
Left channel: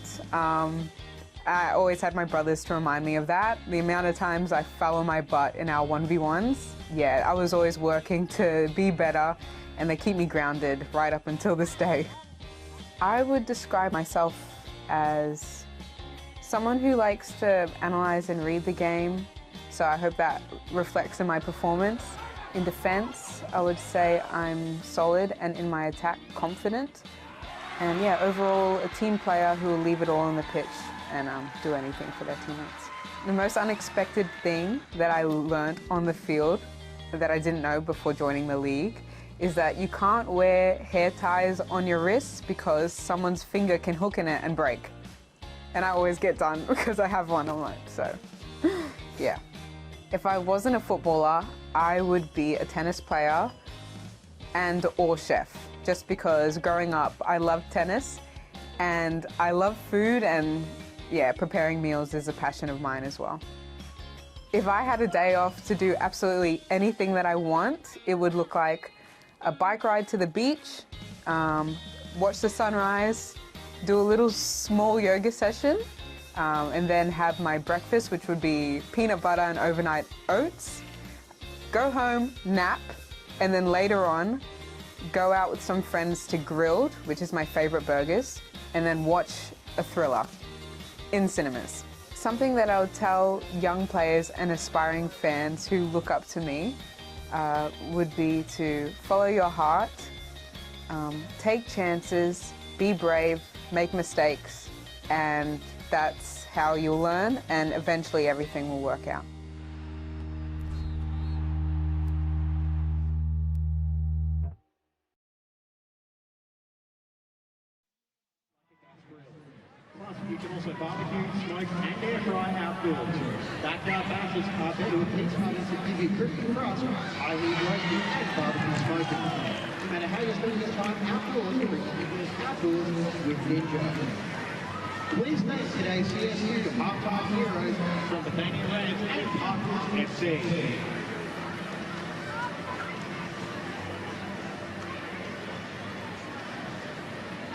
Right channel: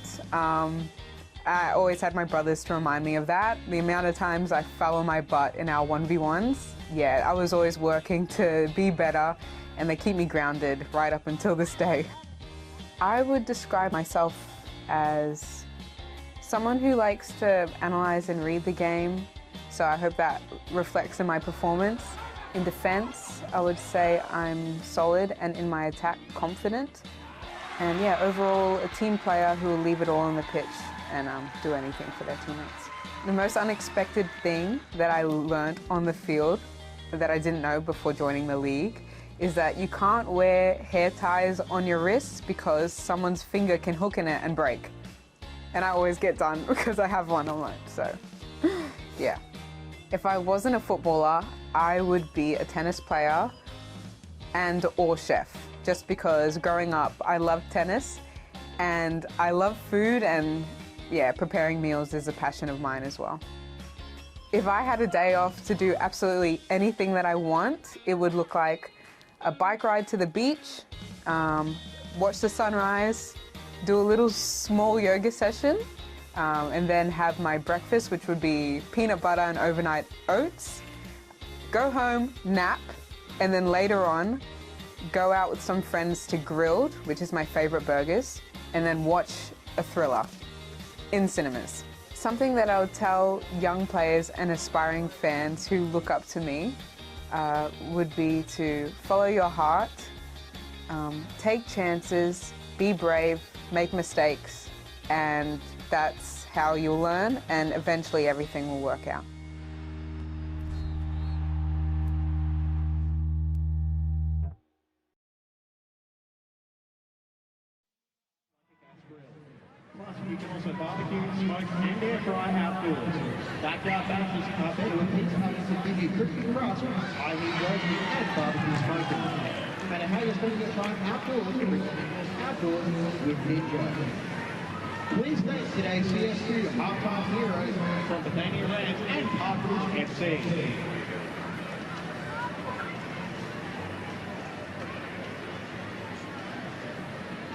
I always had my brothers to remind me of that. The amount of times I fell on my butt in our 1v1s, yeah, I was always working to be better, and they keep me grounded right up until this day. I would describe myself as someone who likes to analyze and read the game, so I hope that reflects in my performance. In defense, I would say I'm solid, and in my attack, confident. And yeah, overall, a team player who will leave it all on the pitch and do anything for their teammates. The most unexpected thing that I learned on the field that I didn't know before joining the league is that you can't wear hair ties on your wrists because someone's finger can hook in it and break. And I always get done because I have one on mine, so yeah. If I wasn't a footballer, I would be a tennis player and or chef, just because growing up I loved tennis and I love food, and yeah, preparing meals is a passion of mine as well. If I had a day off to do absolutely anything that I want, it would look like a bike ride to the beach, watch the sunrise, do a little small yoga session, and then have my breakfast, which would be peanut butter and overnight oats, go home, nap, and then later on, go out with some friends to Grilled, which is my favorite burgers, and then watch a thriller in cinemas. Something that I would tell young players and aspiring fans who look up to me would be to follow your heart, take chances, be brave, make mistakes, and that's how you'll learn, and eventually everything will work out. Plus, you can also barbecue, smoke, and air fry outdoors. Backyard bases are better with pizza ovens that give you crispy crust, highly roasting, and barbecue smoking. No matter how you spend your time outdoors, you can outdoors with Ninja. Please thank today's CSU halftime heroes from Bethania Ranch and Parkridge FC.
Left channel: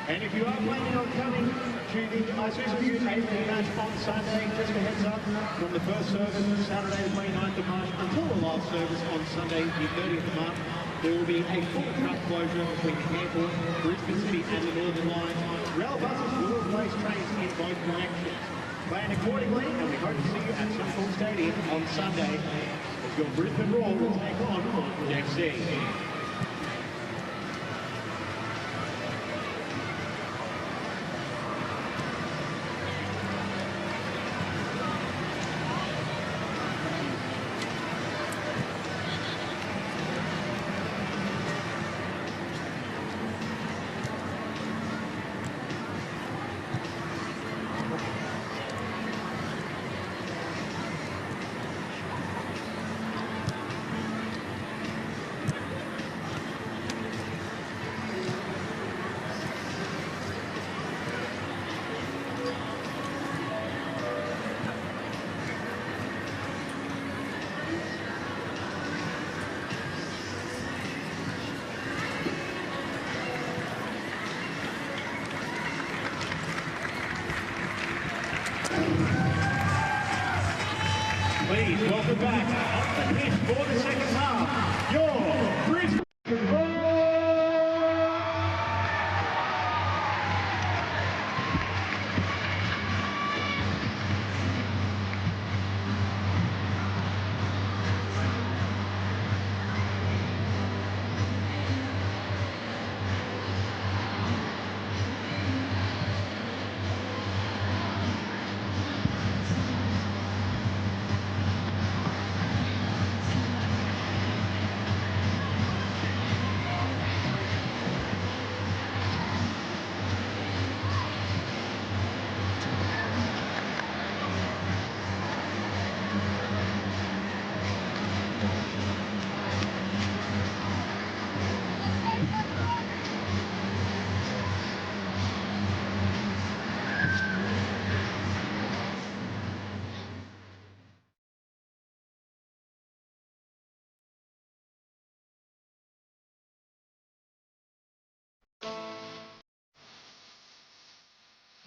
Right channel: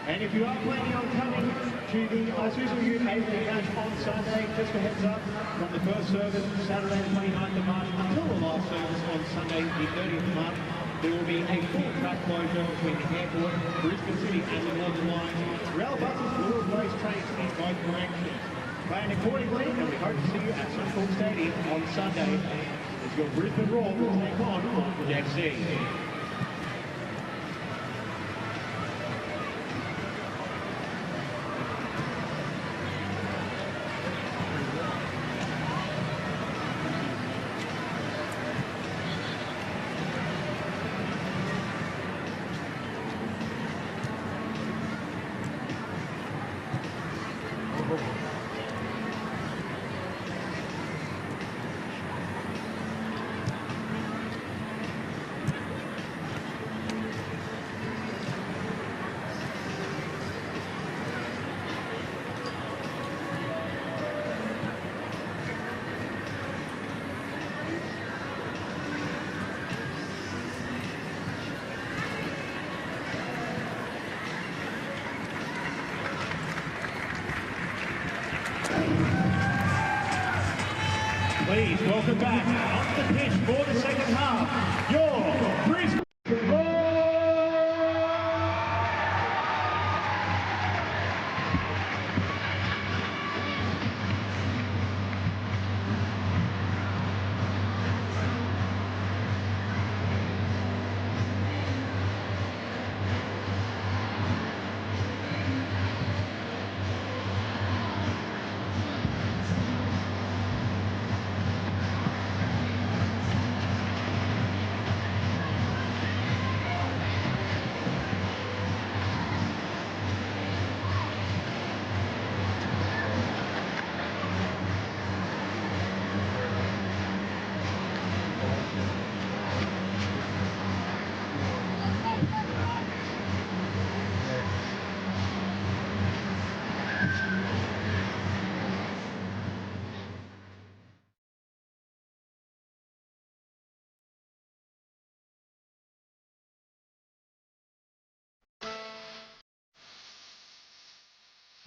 And if you are planning on coming to the Isuzu Youth A-League match on Sunday, just a heads up, from the first service Saturday the 29th of March until the last service on Sunday the 30th of March, there will be a full track closure between the airport, Brisbane City and the Northern Line. Rail buses will replace trains in both directions. Plan accordingly, and we hope to see you at Suncorp Stadium on Sunday as your Brisbane Roar will take on Parkridge FC.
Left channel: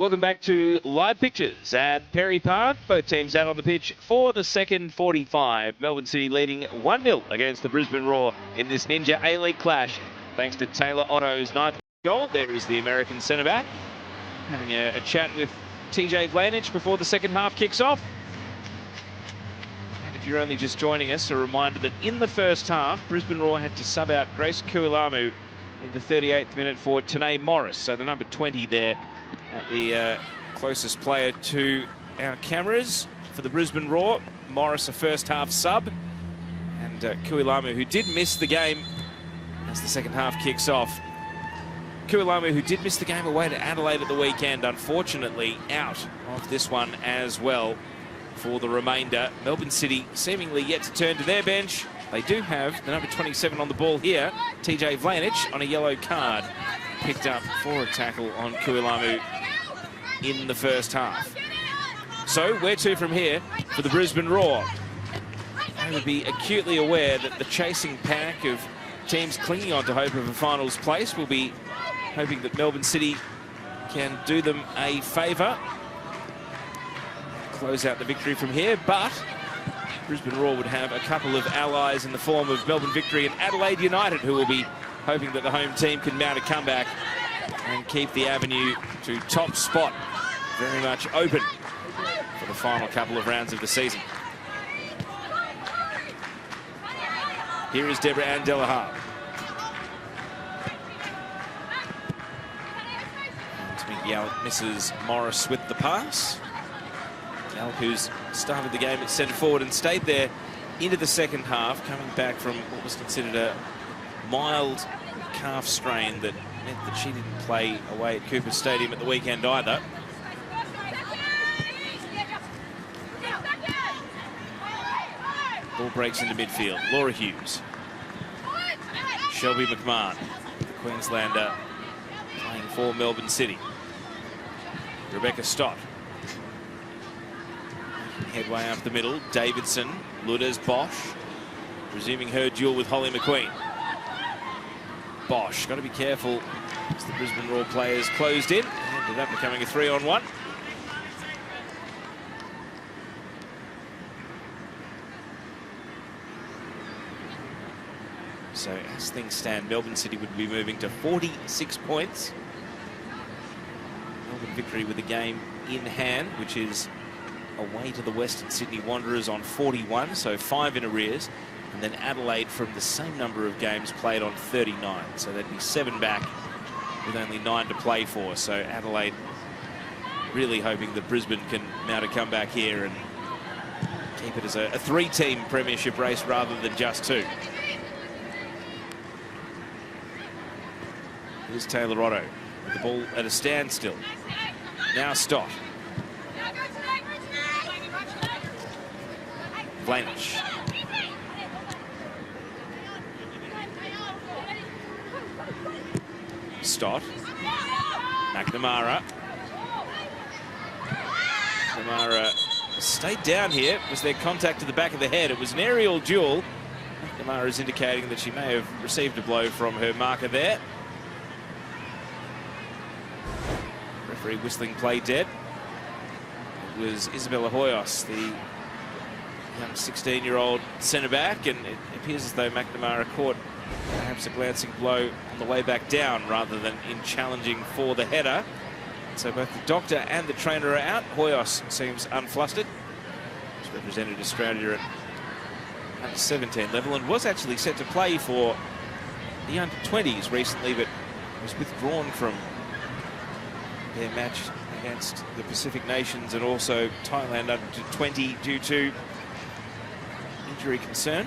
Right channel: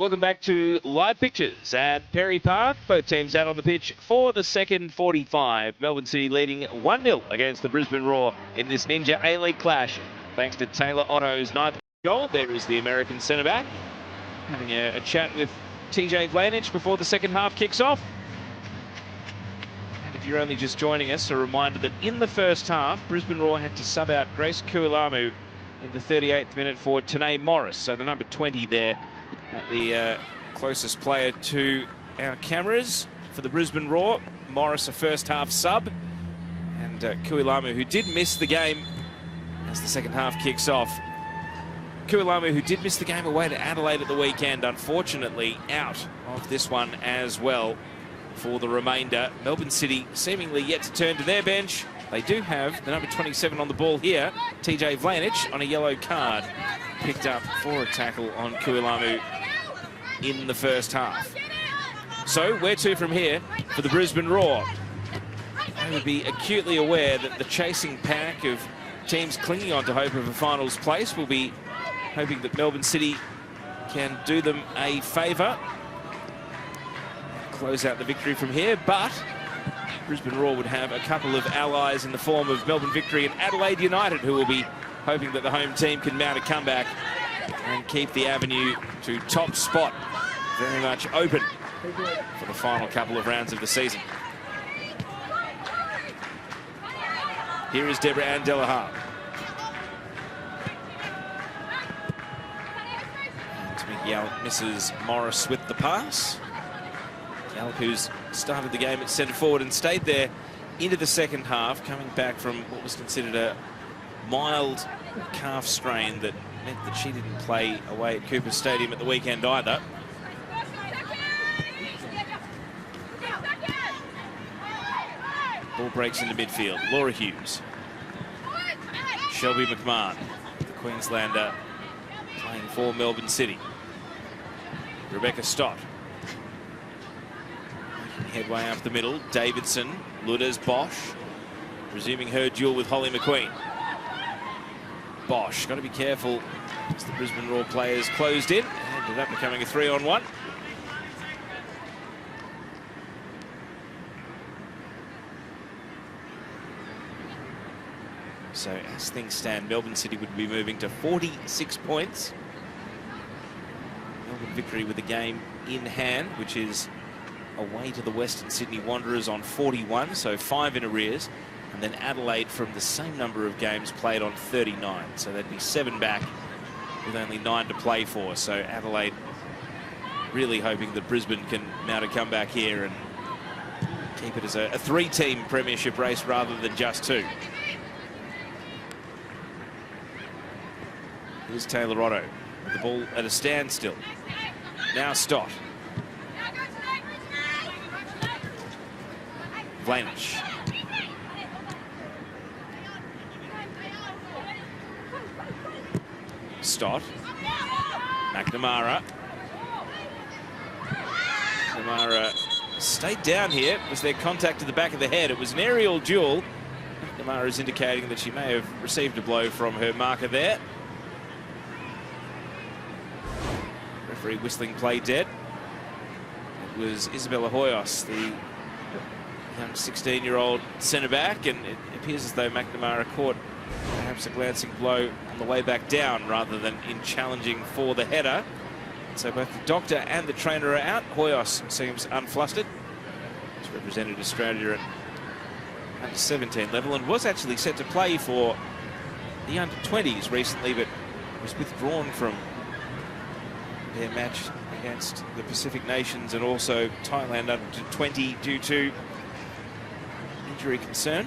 Welcome back to Live Pictures at Perry Park. Both teams out on the pitch for the second 45. Melbourne City leading 1-0 against the Brisbane Roar in this Ninja A-League clash. Thanks to Taylor Otto's 9th goal. There is the American centre-back having a chat with TJ Vlanich before the second half kicks off. And if you're only just joining us, a reminder that in the first half, Brisbane Roar had to sub out Grace Kuilamu in the 38th minute for Tanae Morris. So the number 20 there, the closest player to our cameras for the Brisbane Roar. Morris, a first half sub, and Kuilamu, who did miss the game as the second half kicks off. Kuilamu, who did miss the game away to Adelaide at the weekend, unfortunately out of this one as well for the remainder. Melbourne City seemingly yet to turn to their bench. They do have the number 27 on the ball here, TJ Vlanich, on a yellow card, picked up for a tackle on Kuilamu in the first half. So where to from here for the Brisbane Roar? They would be acutely aware that the chasing pack of teams clinging on to hope of a finals place will be hoping that Melbourne City can do them a favour, close out the victory from here, but Brisbane Roar would have a couple of allies in the form of Melbourne Victory and Adelaide United, who will be hoping that the home team can mount a comeback and keep the avenue to top spot very much open for the final couple of rounds of the season. Here is Deborah Ann Delahar. Yalp misses Morris with the pass. Yalp, who's started the game at centre forward and stayed there into the second half, coming back from what was considered a mild calf strain that meant that she didn't play away at Cooper Stadium at the weekend either. Ball breaks into midfield. Laura Hughes. Shelby McMahon, the Queenslander, playing for Melbourne City. Rebecca Stott. Headway up the middle. Davidson, Lourdes Bosch, resuming her duel with Holly McQueen. Bosch, got to be careful as the Brisbane Roar players closed in. Ended up becoming a 3-on-1. So as things stand, Melbourne City would be moving to 46 points. Melbourne Victory with a game in hand, which is away to the Western Sydney Wanderers on 41, so 5 in arrears. And then Adelaide from the same number of games played on 39. So that'd be 7 back with only 9 to play for. So Adelaide really hoping that Brisbane can mount a comeback here and keep it as a 3-team premiership race rather than just 2. Here's Taylor Otto. The ball at a standstill. Now Stott. Vlanich. Stott. McNamara. McNamara stayed down here. Was there contact to the back of the head? It was an aerial duel. McNamara is indicating that she may have received a blow from her marker there. Referee whistling play dead. It was Isabella Hoyos, the young 16-year-old centre-back, and it appears as though McNamara caught perhaps a glancing blow on the way back down rather than in challenging for the header. So both the doctor and the trainer are out. Hoyos seems unflustered. He's represented Australia at under 17 level and was actually set to play for the under 20s recently, but was withdrawn from their match against the Pacific nations and also Thailand under 20 due to injury concern.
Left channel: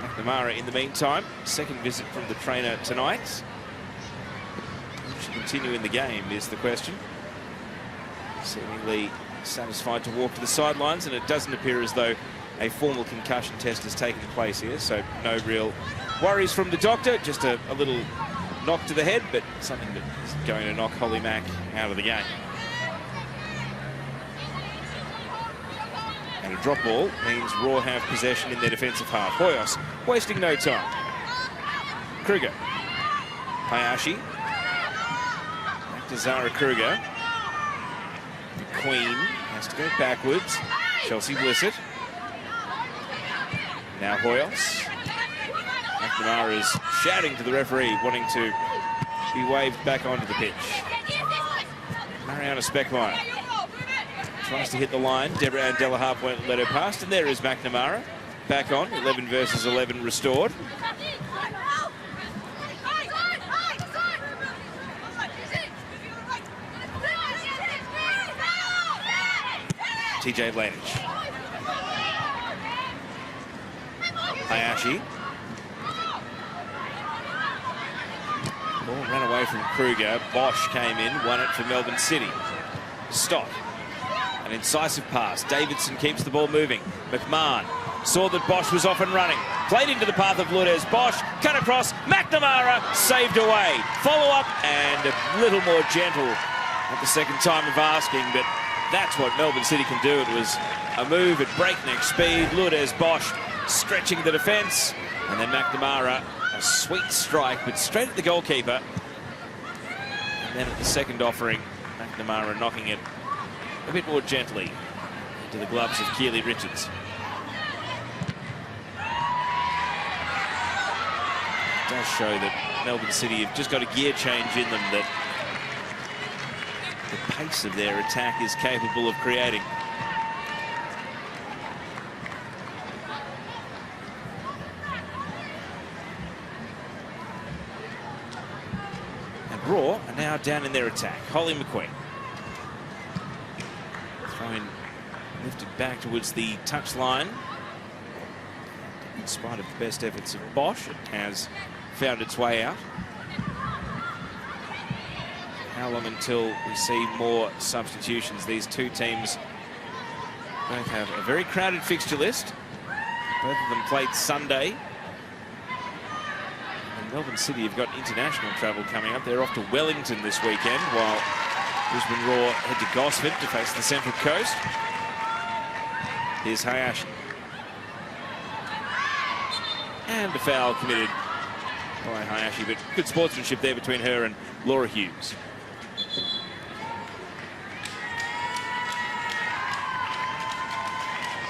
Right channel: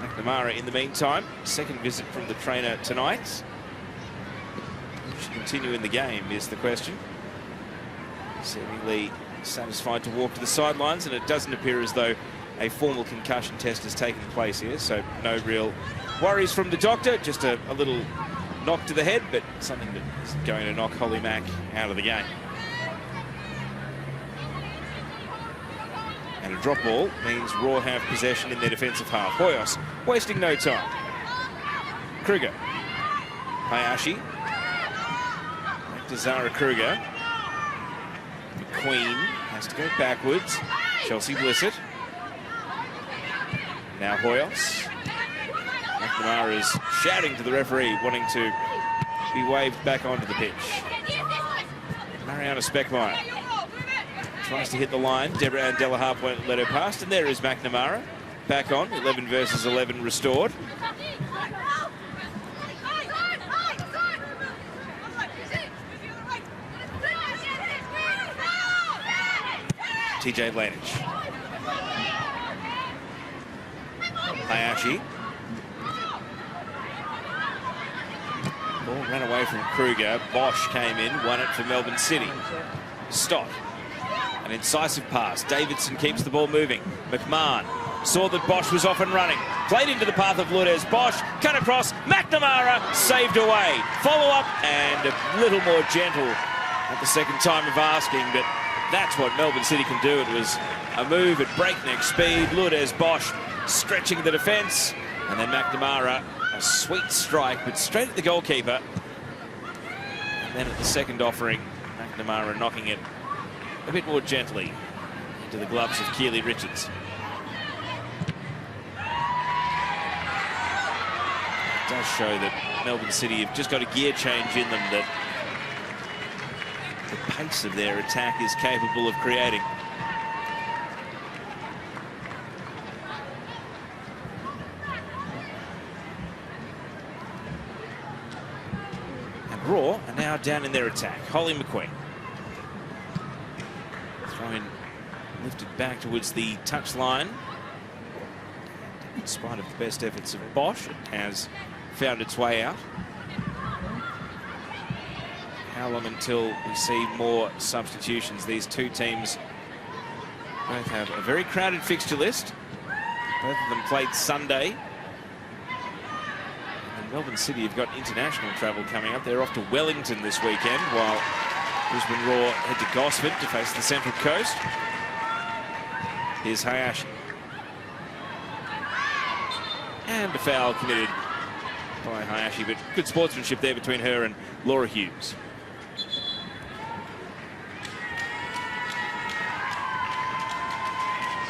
McNamara in the meantime, second visit from the trainer tonight. Should continue in the game is the question. Seemingly satisfied to walk to the sidelines, and it doesn't appear as though a formal concussion test has taken place here, so no real worries from the doctor, just a little knock to the head, but something that is going to knock Holly Mack out of the game. And a drop ball means Raw have possession in their defensive half. Hoyos wasting no time. Kruger. Hayashi. Back to Zara Kruger. Queen has to go backwards. Chelsea Blissett. Now Hoyos. McNamara's shouting to the referee, wanting to be waved back onto the pitch. Mariana Speckmeyer tries to hit the line. Deborah Delaharp won't let her past, and there is McNamara back on. 11 versus 11 restored. TJ Lanich. Hayashi. Ball ran away from Kruger. Bosch came in, won it for Melbourne City. Stop. An incisive pass. Davidson keeps the ball moving. McMahon saw that Bosch was off and running. Played into the path of Lourdes. Bosch cut across. McNamara saved away. Follow up and a little more gentle at the second time of asking, but that's what Melbourne City can do. It was a move at breakneck speed. Lourdes Bosch stretching the defence, and then McNamara, a sweet strike, but straight at the goalkeeper. And then at the second offering, McNamara knocking it a bit more gently into the gloves of Keely Richards. It does show that Melbourne City have just got a gear change in them that the pace of their attack is capable of creating. And Raw are now down in their attack. Holly McQueen. Throw-in lifted back towards the touchline. In spite of the best efforts of Bosch, it has found its way out. How long until we see more substitutions? These two teams both have a very crowded fixture list. Both of them played Sunday. And Melbourne City have got international travel coming up. They're off to Wellington this weekend, while Brisbane Roar head to Gosford to face the Central Coast. Here's Hayashi. And a foul committed by Hayashi, but good sportsmanship there between her and Laura Hughes.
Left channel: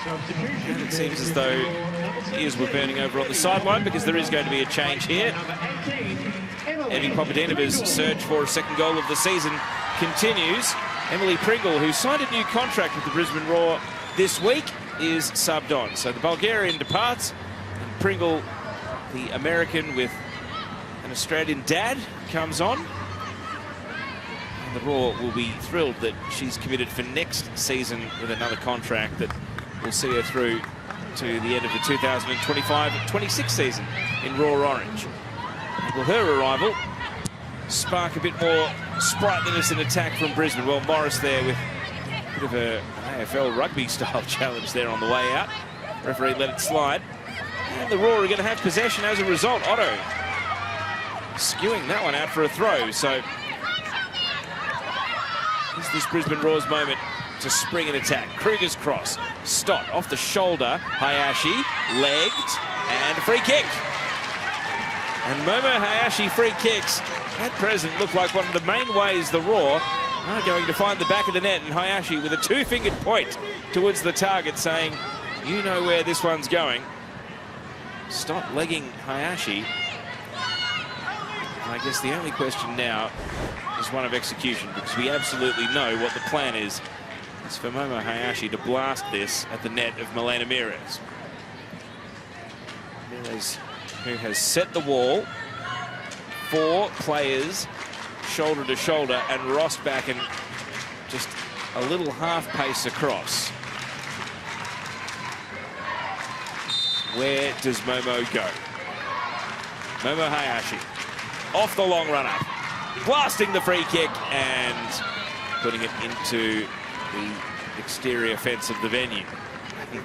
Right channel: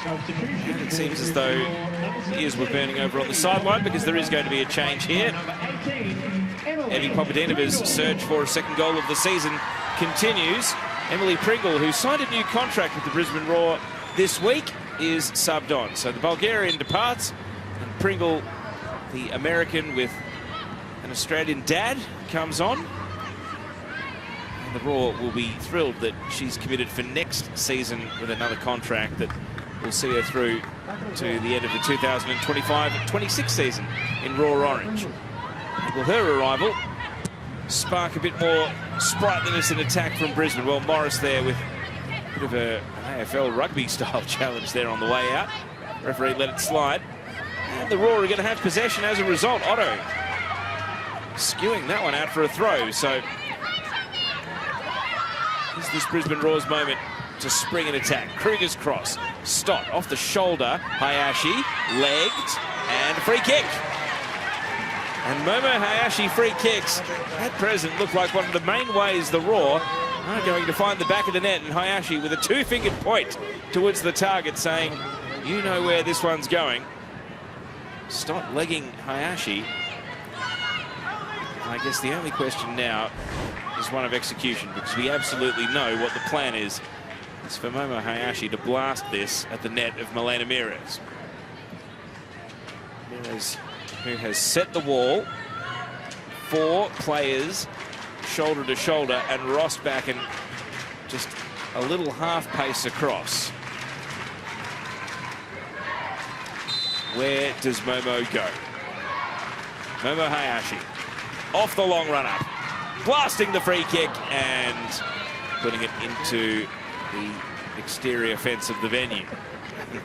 And it seems as though ears were burning over on the sideline, because there is going to be a change here. Evie Popadinova's search for a second goal of the season continues. Emily Pringle, who signed a new contract with the Brisbane Roar this week, is subbed on. So the Bulgarian departs, and Pringle, the American with an Australian dad, comes on. And the Roar will be thrilled that she's committed for next season with another contract that will see her through to the end of the 2025-26 season in Roar Orange. And will her arrival spark a bit more sprightliness in attack from Brisbane? Well, Morris there with a bit of an AFL rugby style challenge there on the way out. Referee let it slide. And the Roar are going to have possession as a result. Otto skewing that one out for a throw. So it's this Brisbane Roar's moment to spring an attack. Kruger's cross. Stott off the shoulder. Hayashi legged and a free kick. And Momo Hayashi free kicks at present look like one of the main ways the Roar are going to find the back of the net, and Hayashi with a two-fingered point towards the target saying, you know where this one's going. Stott legging Hayashi. And I guess the only question now is one of execution, because we absolutely know what the plan is. It's for Momo Hayashi to blast this at the net of Milena Mires. Mires, who has set the wall, 4 players shoulder to shoulder, and Ross back and just a little half pace across. Where does Momo go? Momo Hayashi off the long run up, blasting the free kick and putting it into the exterior fence of the venue.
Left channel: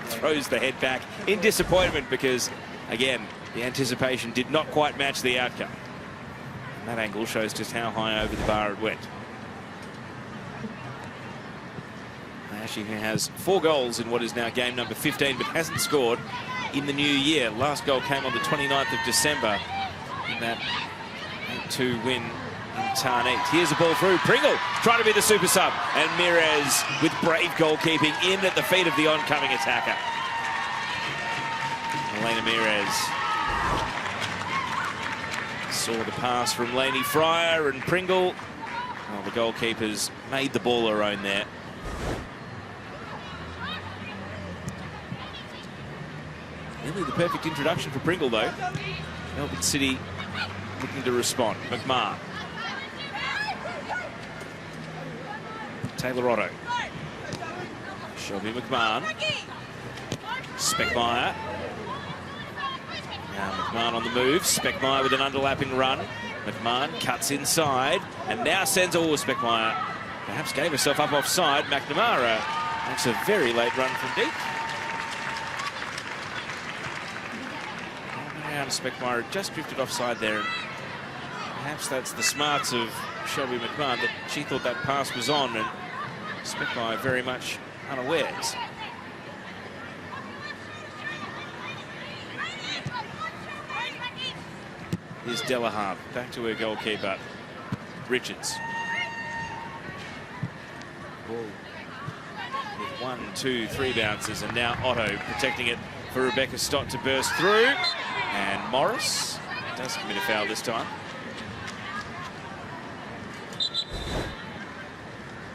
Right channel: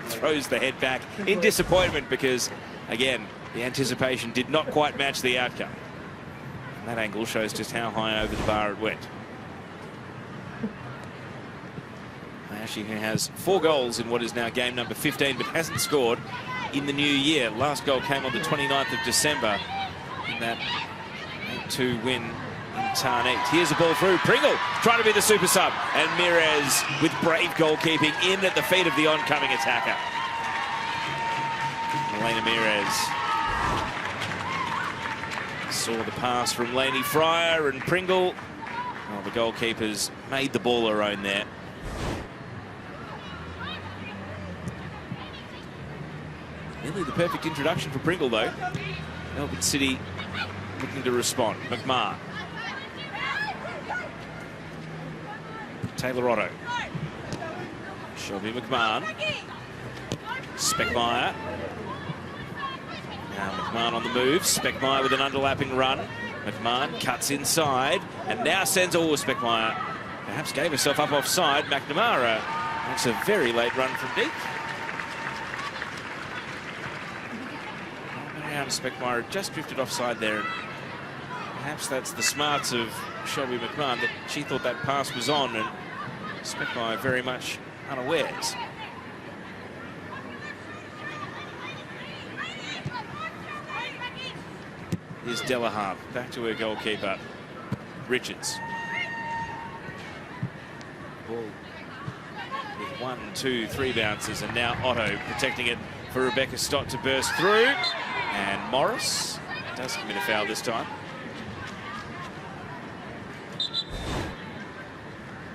Throws the head back in disappointment because, again, the anticipation did not quite match the outcome. That angle shows just how high over the bar it went. Hayashi, who has 4 goals in what is now game number 15, but hasn't scored in the new year. Last goal came on the 29th of December in that 2 win in Tarnit. Here's the ball through. Pringle trying to be the super sub. And Mirez with brave goalkeeping in at the feet of the oncoming attacker. Elena Mirez saw the pass from Lainey Fryer and Pringle. Well, the goalkeepers made the ball her own there. Really the perfect introduction for Pringle, though. Melbourne City looking to respond. McMahon. Taylor Otto. Shelby McMahon. Speckmeyer. Now McMahon on the move. Speckmeyer with an underlapping run. McMahon cuts inside and now sends Speckmeyer. Perhaps gave herself up offside. McNamara makes a very late run from deep. Mariana Speckmeyer had just drifted offside there. Perhaps that's the smarts of Shelby McMahon, that she thought that pass was on and Speckmeyer very much unawares. Here's Delahaye back to her goalkeeper, Richards. Ball with 1, 2, 3 bounces, and now Otto protecting it for Rebecca Stott to burst through. And Morris doesn't commit a foul this time.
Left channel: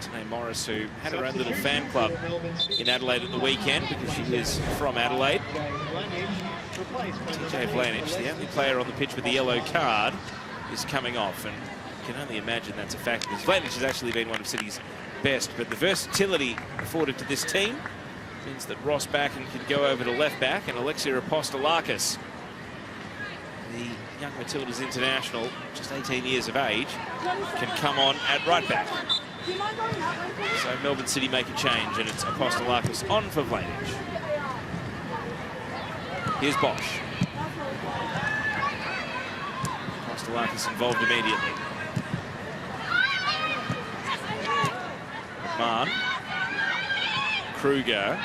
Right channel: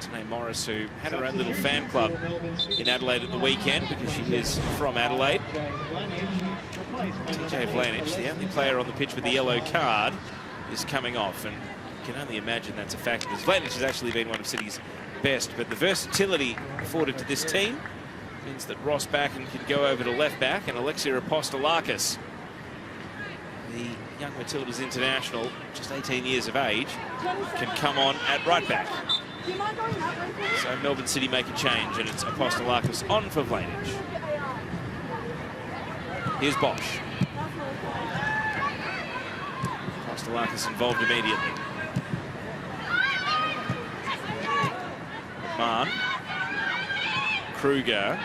Tanae Morris, who had her own little fan club in Adelaide at the weekend because she is from Adelaide. TJ Vlanich, the only player on the pitch with the yellow card, is coming off, and you can only imagine that's a fact because Vlanich has actually been one of City's best, but the versatility afforded to this team means that Ross Backen can go over to left back and Alexia Apostolakis, the young Matildas international, just 18 years of age, can come on at right back. So Melbourne City make a change, and it's Apostolakis on for Vlanich. Here's Bosch. Apostolakis involved immediately. McMahon. Kruger.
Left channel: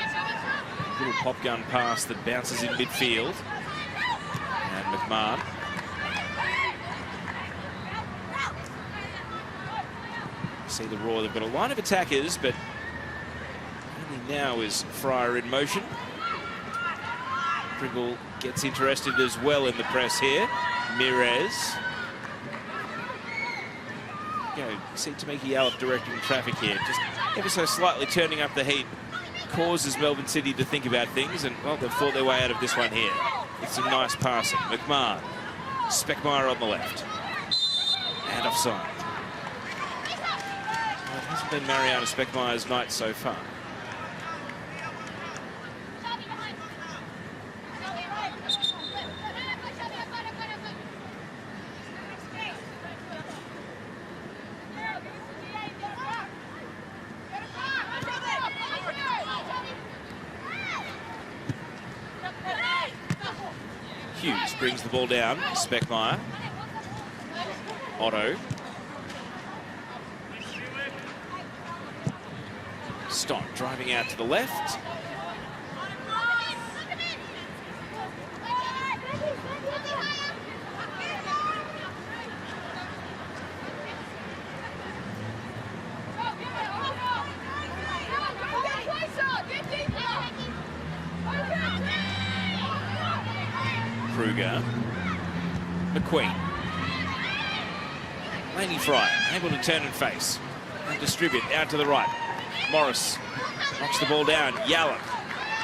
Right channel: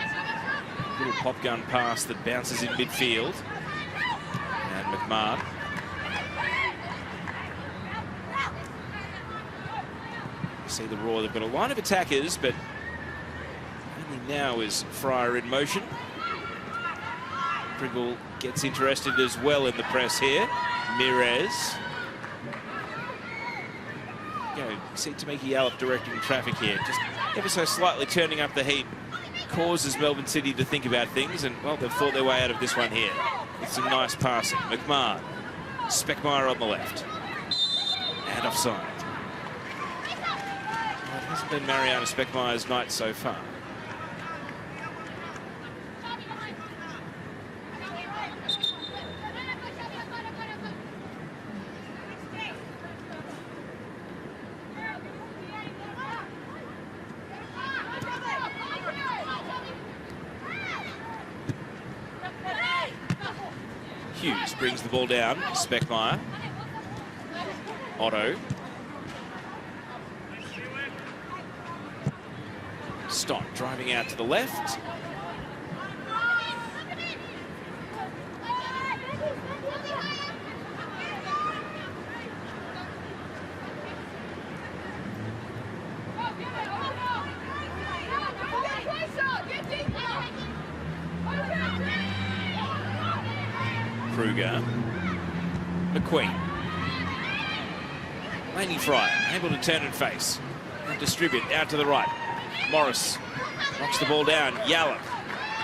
Little pop gun pass that bounces in midfield. And McMahon. See the Raw, they've got a line of attackers, but only now is Fryer in motion. Pringle gets interested as well in the press here. Mirez. See Tamiki Alep directing traffic here. Just ever so slightly turning up the heat causes Melbourne City to think about things, and well, they've fought their way out of this one here with some nice passing. McMahon. Speckmeyer on the left. And offside. Well, it hasn't been Mariana Speckmeyer's night so far. Hughes brings the ball down. Speckmeyer. Otto. Stott driving out to the left. Kruger. McQueen. Lainey Fryer, able to turn and face. And distribute out to the right. Morris knocks the ball down. Yalla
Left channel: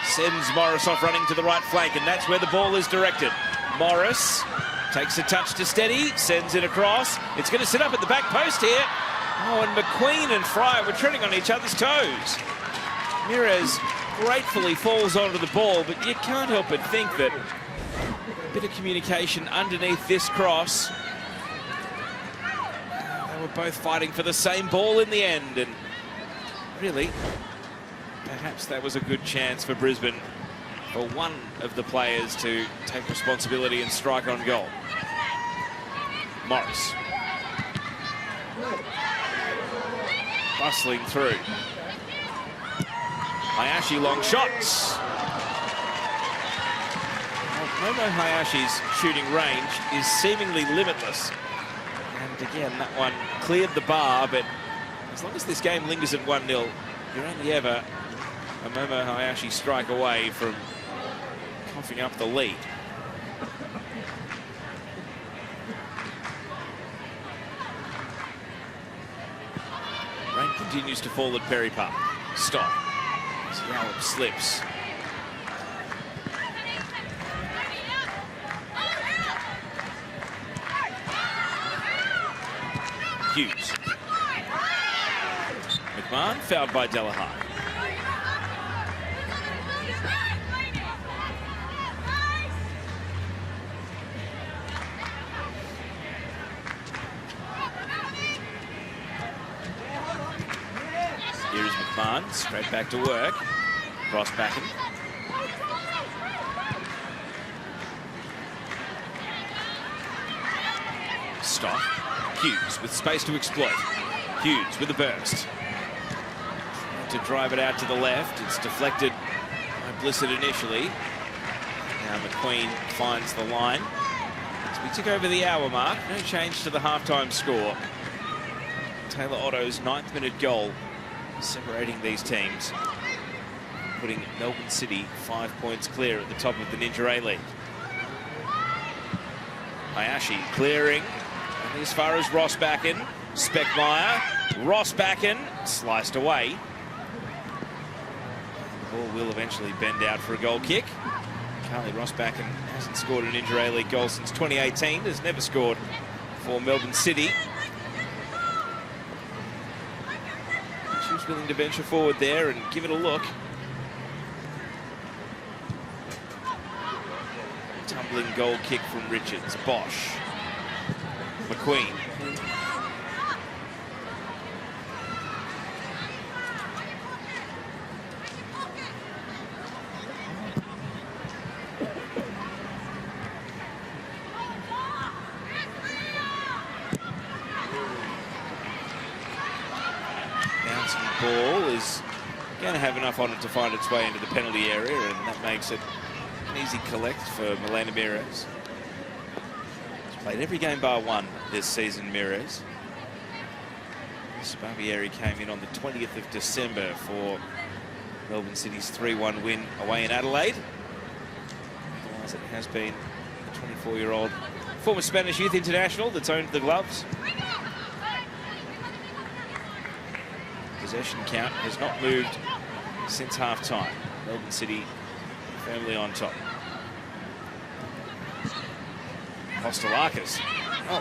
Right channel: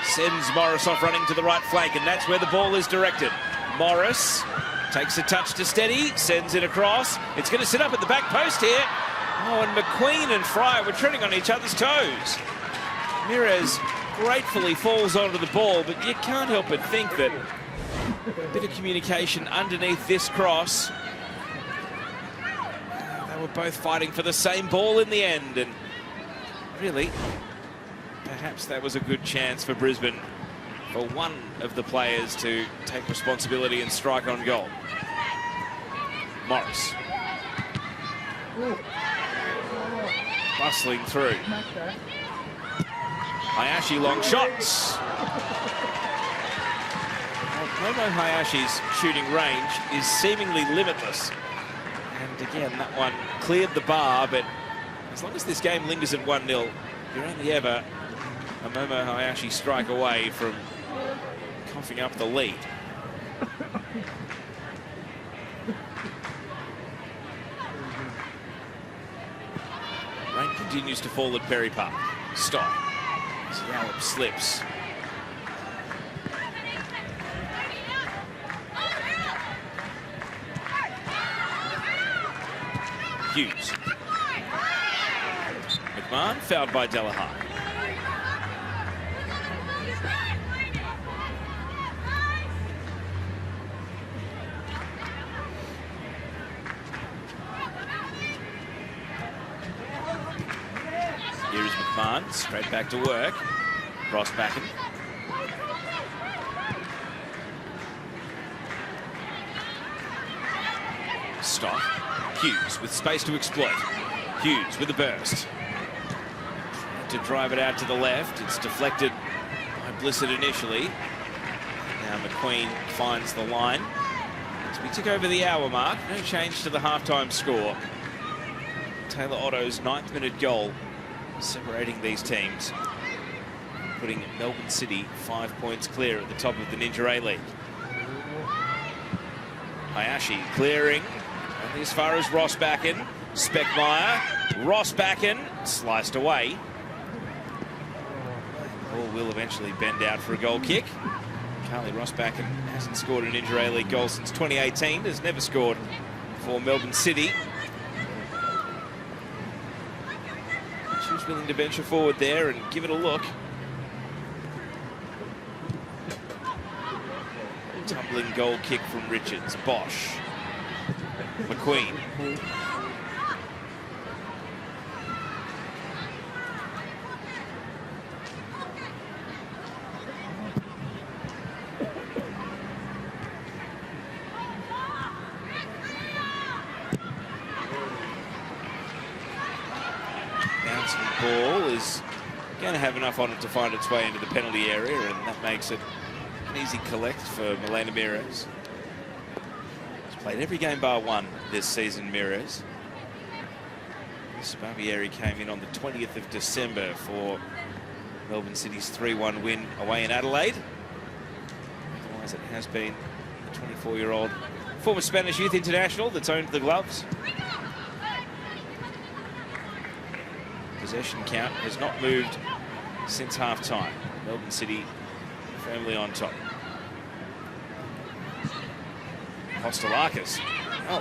sends Morris off running to the right flank, and that's where the ball is directed. Morris takes a touch to steady, sends it across. It's going to sit up at the back post here. Oh, and McQueen and Fryer were treading on each other's toes. Mirez gratefully falls onto the ball, but you can't help but think that a bit of communication underneath this cross. They were both fighting for the same ball in the end, and really, perhaps that was a good chance for Brisbane, for one of the players to take responsibility and strike on goal. Morris. Bustling through. Hayashi long shots. Momo Hayashi's shooting range is seemingly limitless. And again, that one cleared the bar, but as long as this game lingers at 1-0, you're only ever a Momo Hayashi strike away from coughing up the lead. Rain continues to fall at Perry Park. Stop. Yallop slips. Hughes. McMahon fouled by Delahaye. Here is McMahon, straight back to work. Ross Backen. Stop. Hughes with space to exploit. Hughes with a burst. To drive it out to the left. It's deflected by Blissett initially. Now McQueen finds the line. As we tick over the hour mark, no change to the halftime score. Taylor Otto's 9th minute goal separating these teams, putting Melbourne City 5 points clear at the top of the Ninja A-League. Hayashi clearing only as far as Ross Backen. Speckmeyer, Ross Backen sliced away. Ball will eventually bend out for a goal kick. Charlie Ross Backen hasn't scored an Ninja A-League goal since 2018, has never scored for Melbourne City. She was willing to venture forward there and give it a look. Tumbling goal kick from Richards. Bosch. McQueen. Bouncing ball is going to have enough on it to find its way into the penalty area, and that makes it an easy collect for Milena Mires. She's played every game bar one this season, Mires. Barbieri came in on the 20th of December for Melbourne City's 3-1 win away in Adelaide. Otherwise, it has been a 24-year-old former Spanish youth international that's owned the gloves. Possession count has not moved since half-time. Melbourne City firmly on top. Kostelakis. Oh,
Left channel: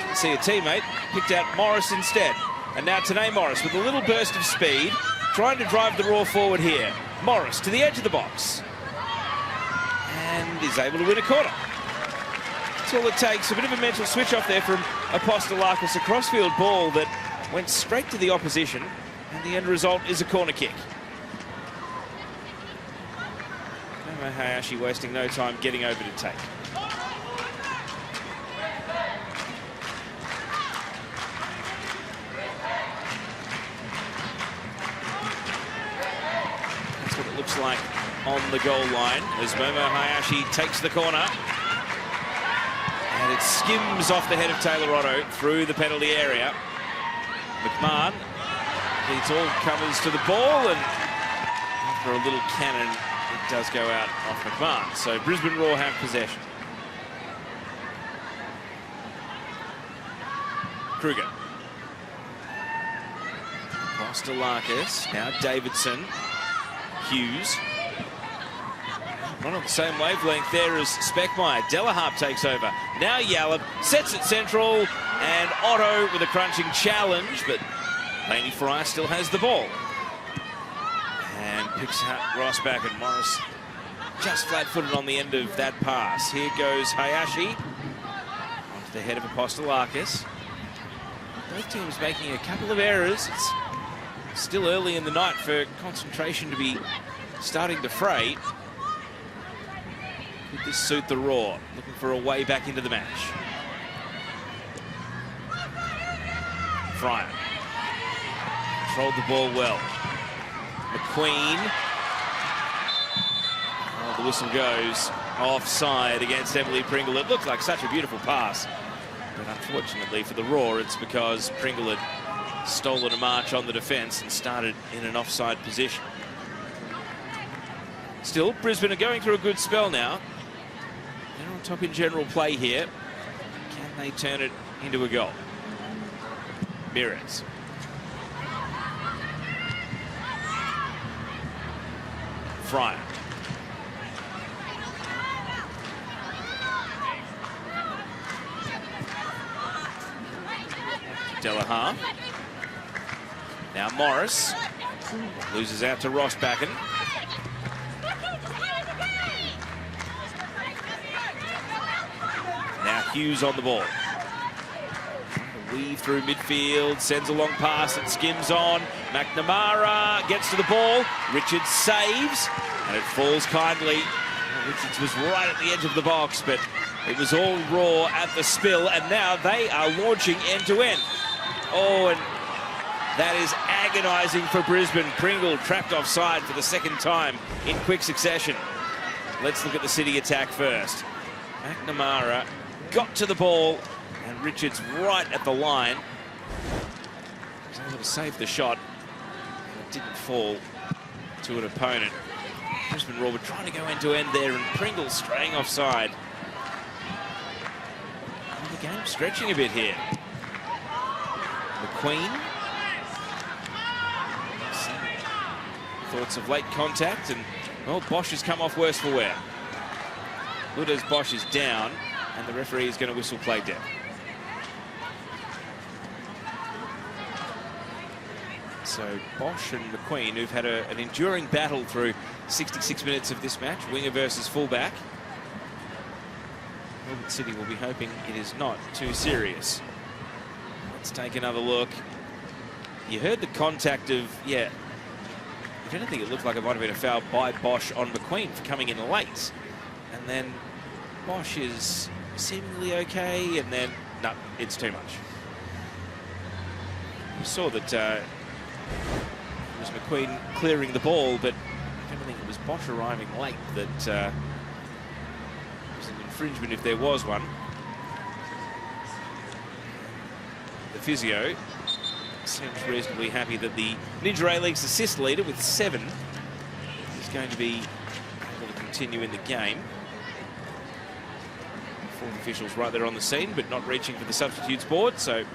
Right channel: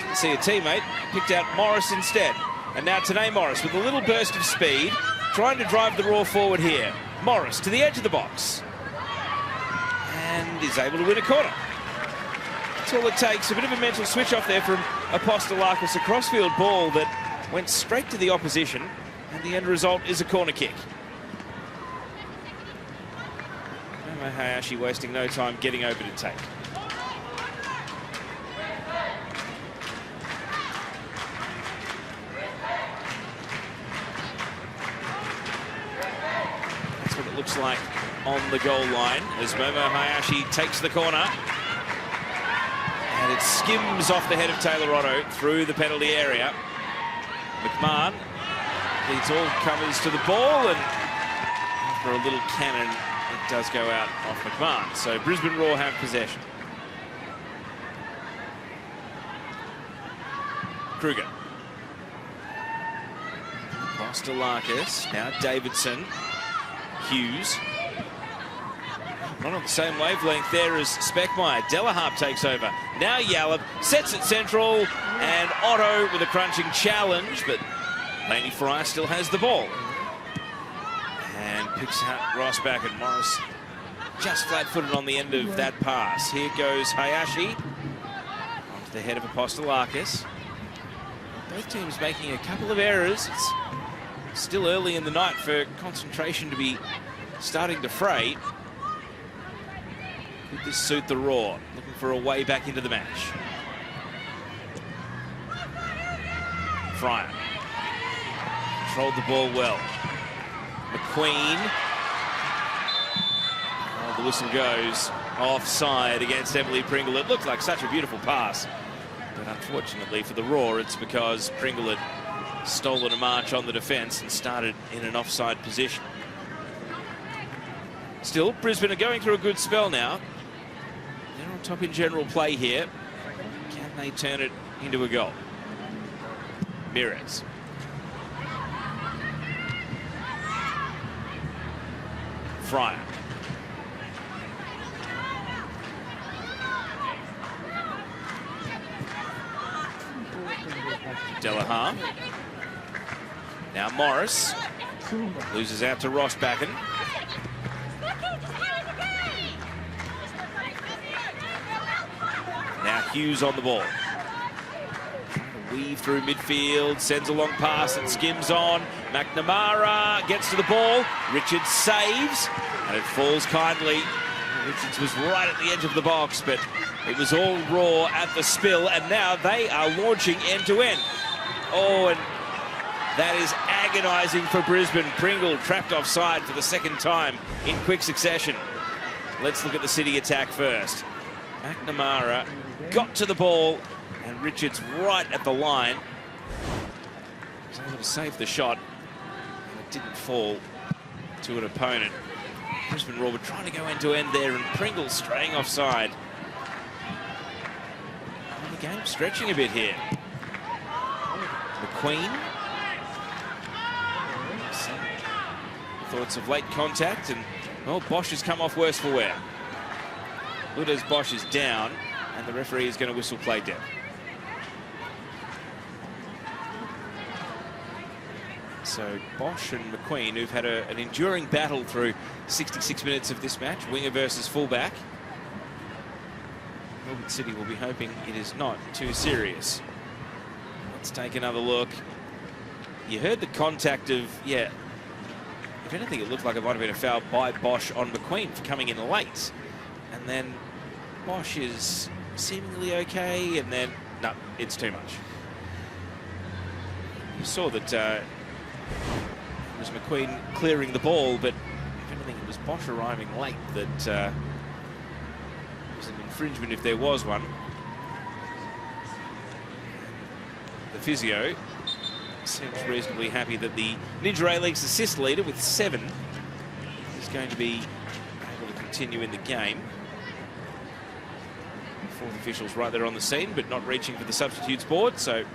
didn't see a teammate. Picked out Morris instead. And now today Morris with a little burst of speed, trying to drive the Raw forward here. Morris to the edge of the box. And is able to win a corner. That's all it takes. A bit of a mental switch off there from Kostelakis. A crossfield ball that went straight to the opposition. And the end result is a corner kick. Momo Hayashi wasting no time getting over to take. That's what it looks like on the goal line as Momo Hayashi takes the corner. And it skims off the head of Taylor Otto through the penalty area. McMahon leads all comers to the ball, and after a little cannon, it does go out off McMahon. So Brisbane Roar have possession. Kruger. Kostelakis, now Davidson. Hughes. Not on the same wavelength there as Speckmeyer. Delahaye takes over. Now Yallop sets it central, and Otto with a crunching challenge, but Laney Fry still has the ball. And picks out Ross Backen. Morris just flat-footed on the end of that pass. Here goes Hayashi. Onto the head of Kostelakis. Both teams making a couple of errors. It's still early in the night for concentration to be starting to fray. Could this suit the Raw? Looking for a way back into the match. Fryer. Controlled the ball well. McQueen. Oh, the whistle goes offside against Emily Pringle. It looked like such a beautiful pass But unfortunately for the Roar, it's because Pringle had stolen a march on the defence and started in an offside position. Still, Brisbane are going through a good spell now. They're on top in general play here. Can they turn it into a goal? Mirrors. Fryer. Delahaye. Now Morris loses out to Ross Backen. Now Hughes on the ball. Weave through midfield, sends a long pass and skims on. McNamara gets to the ball. Richards saves, and it falls kindly. Richards was right at the edge of the box, but it was all Raw at the spill, and now they are launching end-to-end. Oh, and that is agonising for Brisbane. Pringle trapped offside for the second time in quick succession. Let's look at the City attack first. McNamara got to the ball, and Richards right at the line. He was able to save the shot. It didn't fall to an opponent. Brisbane Roar were trying to go end-to-end there, and Pringle straying offside. And the game stretching a bit here. McQueen. Thoughts of late contact, and well, Bosch has come off worse for wear. Good as Bosch is down, and the referee is going to whistle play dead. So Bosch and McQueen, who've had an enduring battle through 66 minutes of this match, winger versus fullback. Melbourne City will be hoping it is not too serious. Let's take another look. You heard the contact of, yeah, if anything, it looked like it might have been a foul by Bosch on McQueen for coming in late. And then Bosch is seemingly okay, and then, no, it's too much. You saw that it was McQueen clearing the ball, but if anything, it was Bosch arriving late that was an infringement if there was one. The physio seems reasonably happy that the Ninja A-League's assist leader with 7 is going to be able to continue in the game. Fourth officials right there on the scene, but not reaching for the substitutes board, so it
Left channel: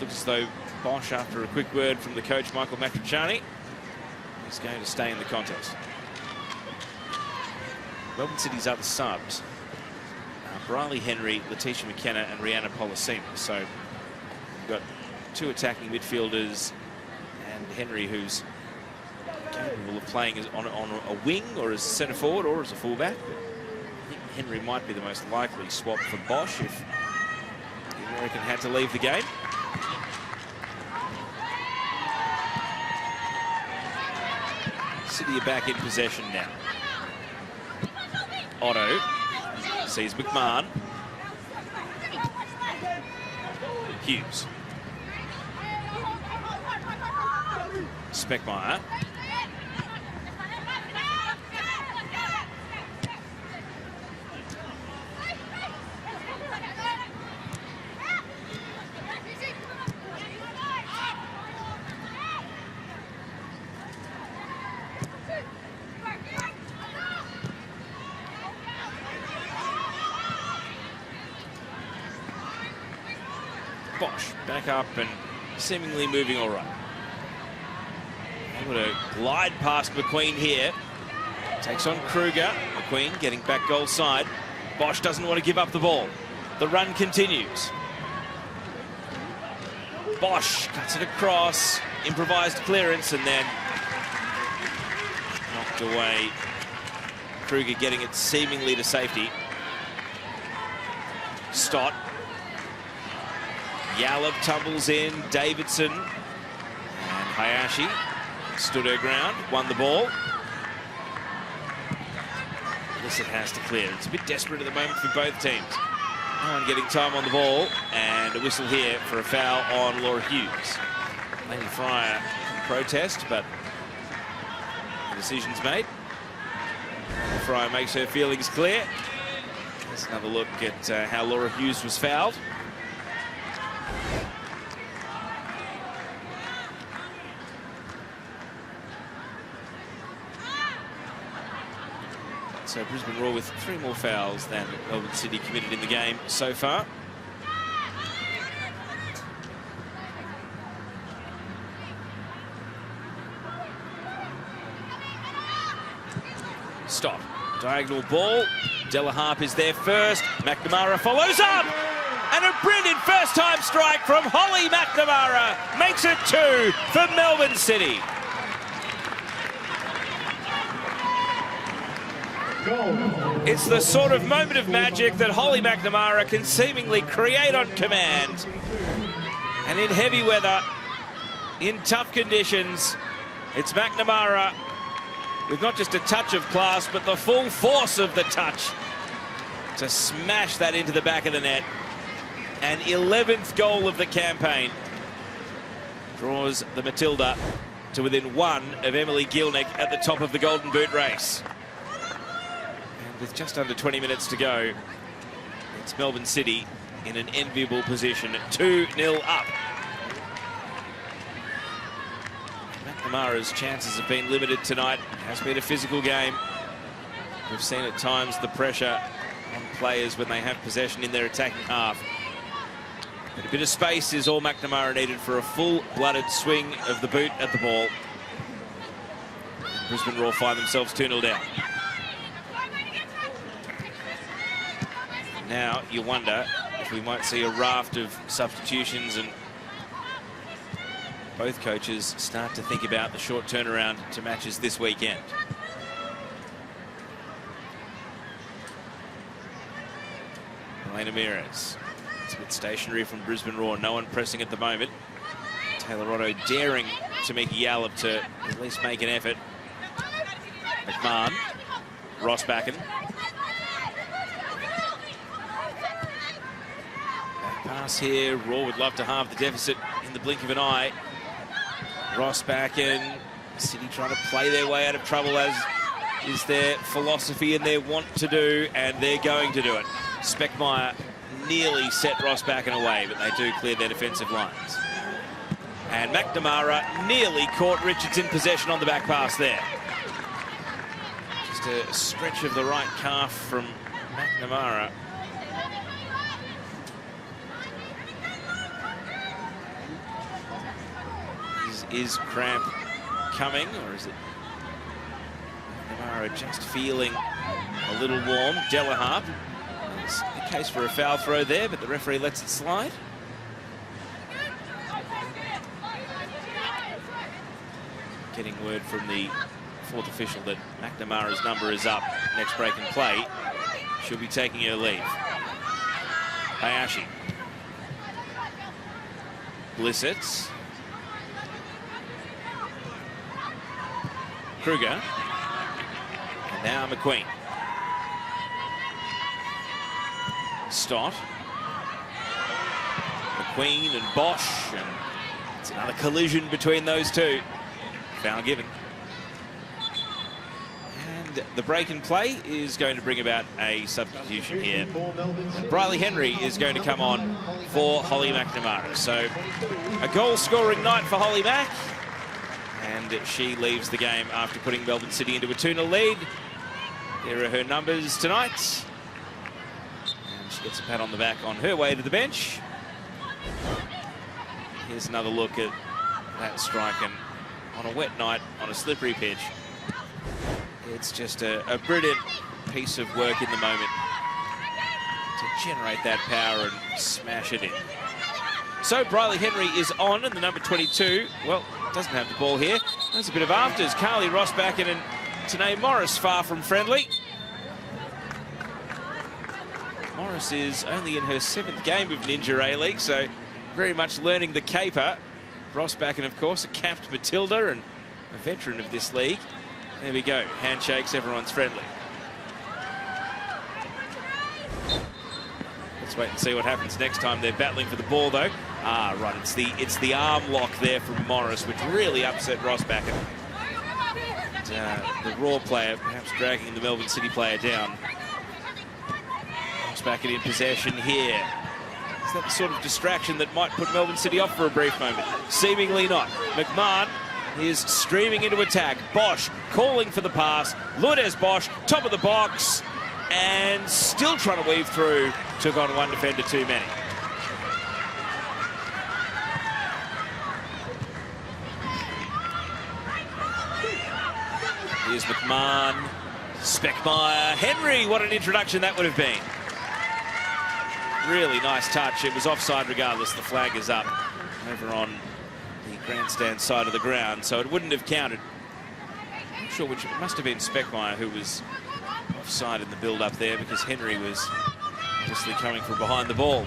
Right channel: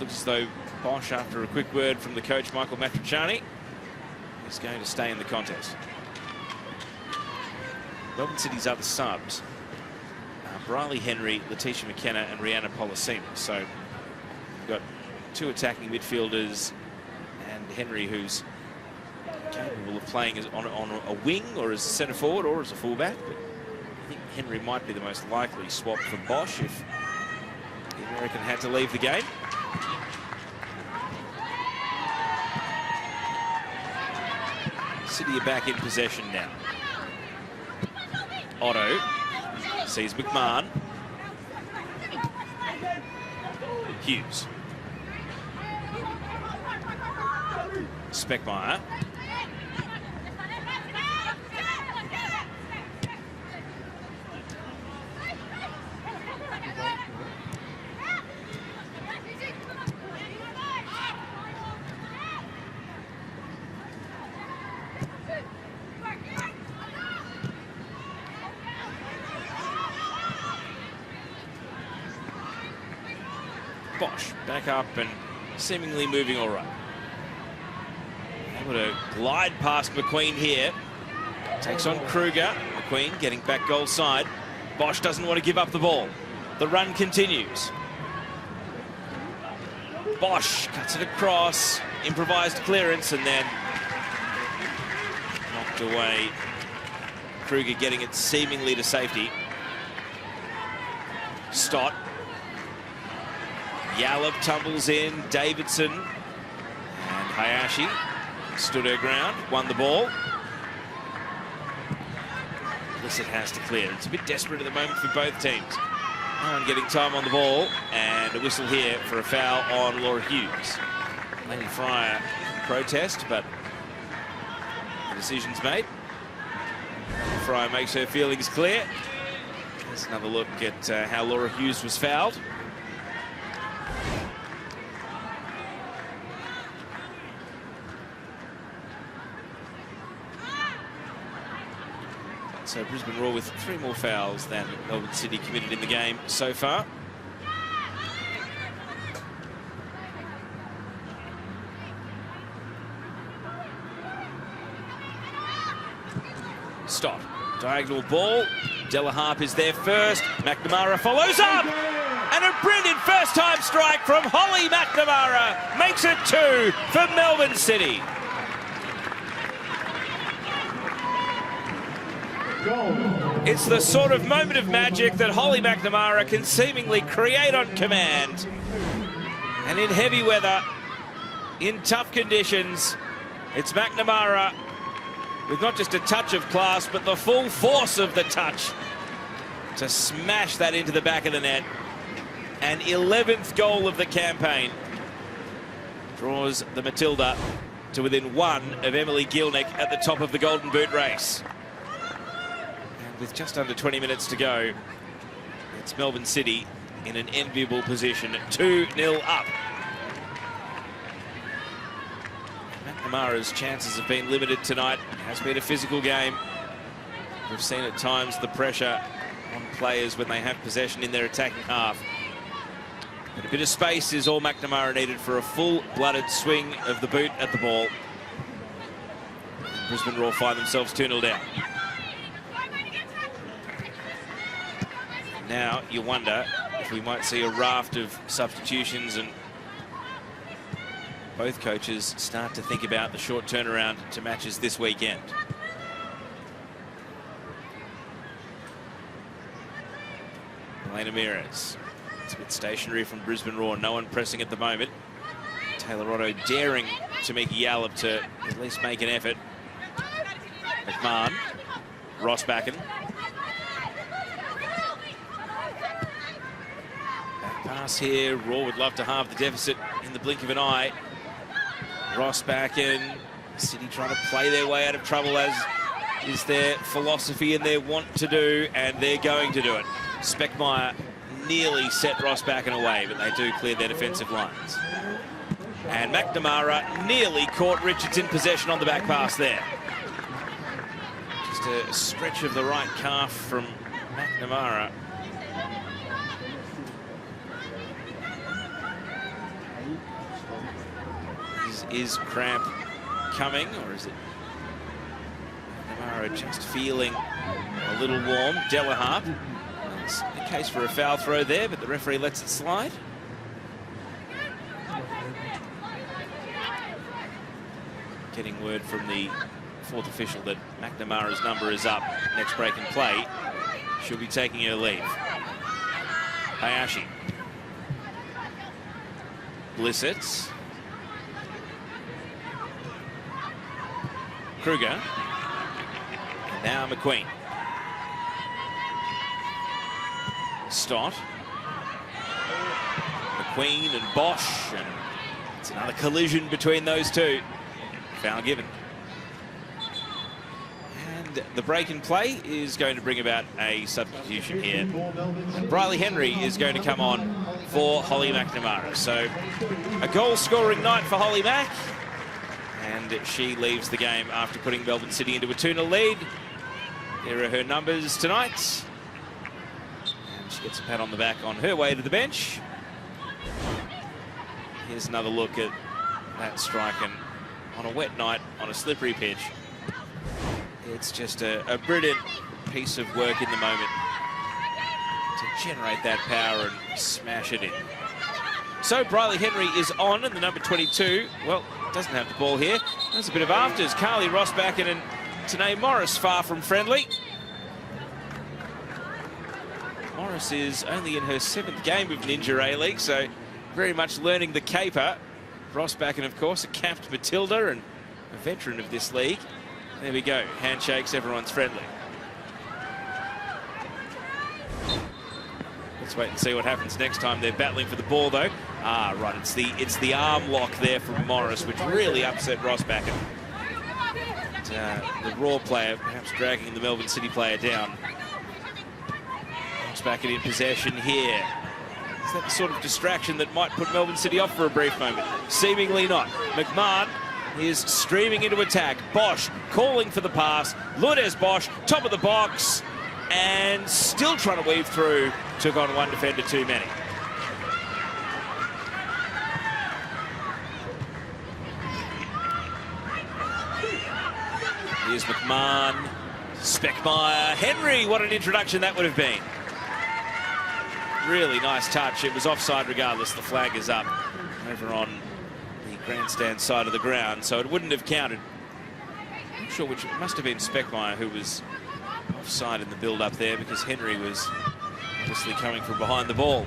looks as though Bosch, after a quick word from the coach, Michael Matriciani, is going to stay in the contest. Melbourne City's other subs, Briley Henry, Letitia McKenna and Rihanna Polosina. So we've got 2 attacking midfielders and Henry, who's capable of playing as on a wing or as centre forward or as a fullback. But I think Henry might be the most likely swap for Bosch if the American had to leave the game. City are back in possession now. Otto sees McMahon. Hughes. Speckmeyer. Bosch back up and seemingly moving all right. Able to glide past McQueen here. Takes on Kruger. McQueen getting back goal side. Bosch doesn't want to give up the ball. The run continues. Bosch cuts it across. Improvised clearance and then knocked away. Kruger getting it seemingly to safety. Stott. Yallop tumbles in. Davidson. And Hayashi stood her ground, won the ball. Listen has to clear. It's a bit desperate at the moment for both teams. No one getting time on the ball, and a whistle here for a foul on Laura Hughes. Lady Fryer can protest, but the decision's made. Fryer makes her feelings clear. Let's another look at how Laura Hughes was fouled. So Brisbane Roar with 3 more fouls than Melbourne City committed in the game so far. Stop. Diagonal ball. Delaharp is there first. McNamara follows up. And a brilliant first-time strike from Holly McNamara makes it 2 for Melbourne City. It's the sort of moment of magic that Holly McNamara can seemingly create on command. And in heavy weather, in tough conditions, it's McNamara with not just a touch of class, but the full force of the touch to smash that into the back of the net. An 11th goal of the campaign draws the Matilda to within 1 of Emily Gielnick at the top of the Golden Boot race. And with just under 20 minutes to go, it's Melbourne City in an enviable position, 2-0 up. McNamara's chances have been limited tonight. It has been a physical game. We've seen at times the pressure on players when they have possession in their attacking half. But a bit of space is all McNamara needed for a full-blooded swing of the boot at the ball. Brisbane Roar find themselves 2-0 down. Now you wonder if we might see a raft of substitutions and both coaches start to think about the short turnaround to matches this weekend. Elena Mears. It's a bit stationary from Brisbane Roar. No one pressing at the moment. Taylor Otto daring Tamika Yallop to at least make an effort. McMahon. Rossbacken. Pass here. Roar would love to halve the deficit in the blink of an eye. Rossbacken. City trying to play their way out of trouble, as is their philosophy and their want to do, and they're going to do it. Speckmeyer nearly set Rossbacken away, but they do clear their defensive lines. And McNamara nearly caught Richards in possession on the back pass there. Just a stretch of the right calf from McNamara. Is cramp coming, or is it McNamara just feeling a little warm? Delaharp. It's a case for a foul throw there, but the referee lets it slide. Getting word from the 4th official that McNamara's number is up. Next break in play, she'll be taking her leave. Hayashi. Blissett. Kruger. Now McQueen. Stott. McQueen and Bosch. And it's another collision between those two. Foul given. And the break in play is going to bring about a substitution here. Briley Henry is going to come on for Holly McNamara. So a goal-scoring night for Holly Mac. And she leaves the game after putting Melbourne City into a 2-0 lead. Here are her numbers tonight. She gets a pat on the back on her way to the bench. Here's another look at that strike, and on a wet night, on a slippery pitch, it's just a brilliant piece of work in the moment to generate that power and smash it in. So Briley Henry is on, and the number 22, well, doesn't have the ball here. There's a bit of afters. Carly Rossbacken and Tanae Morris far from friendly. Morris is only in her 7th game of Ninja A-League, so very much learning the caper. Rossbacken, of course, a capped Matilda and a veteran of this league. There we go. Handshakes, everyone's friendly. Let's wait and see what happens next time they're battling for the ball, though. Ah, right, it's the arm lock there from Morris, which really upset Rossbacken. The Raw player perhaps dragging the Melbourne City player down. Rossbacken in possession here. Is that the sort of distraction that might put Melbourne City off for a brief moment? Seemingly not. McMahon is streaming into attack. Bosch calling for the pass. Lourdes Bosch, top of the box, and still trying to weave through. Took on one defender too many. Here's McMahon, Speckmeyer, Henry. What an introduction that would have been. Really nice touch. It was offside regardless. The flag is up over on the grandstand side of the ground, so it wouldn't have counted. I'm sure which it must have been Speckmeyer who was offside in the build-up there, because Henry was obviously coming from behind the ball.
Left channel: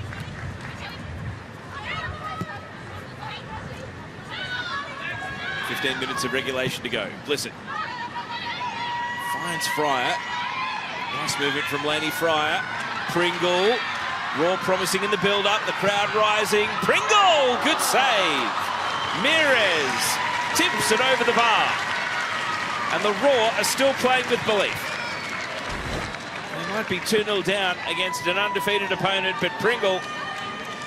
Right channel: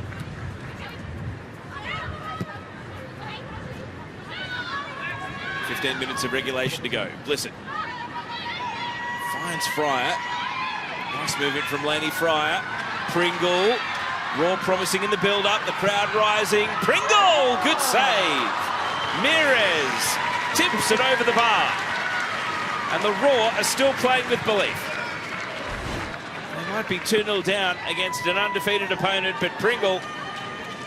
"15 minutes of regulation to go. Blisson finds Fryer. Nice movement from Laney Fryer. Pringle. Raw promising in the build-up. The crowd rising. Pringle! Good save. Mires tips it over the bar. And the Raw are still playing with belief. They might be 2-0 down against an undefeated opponent, but Pringle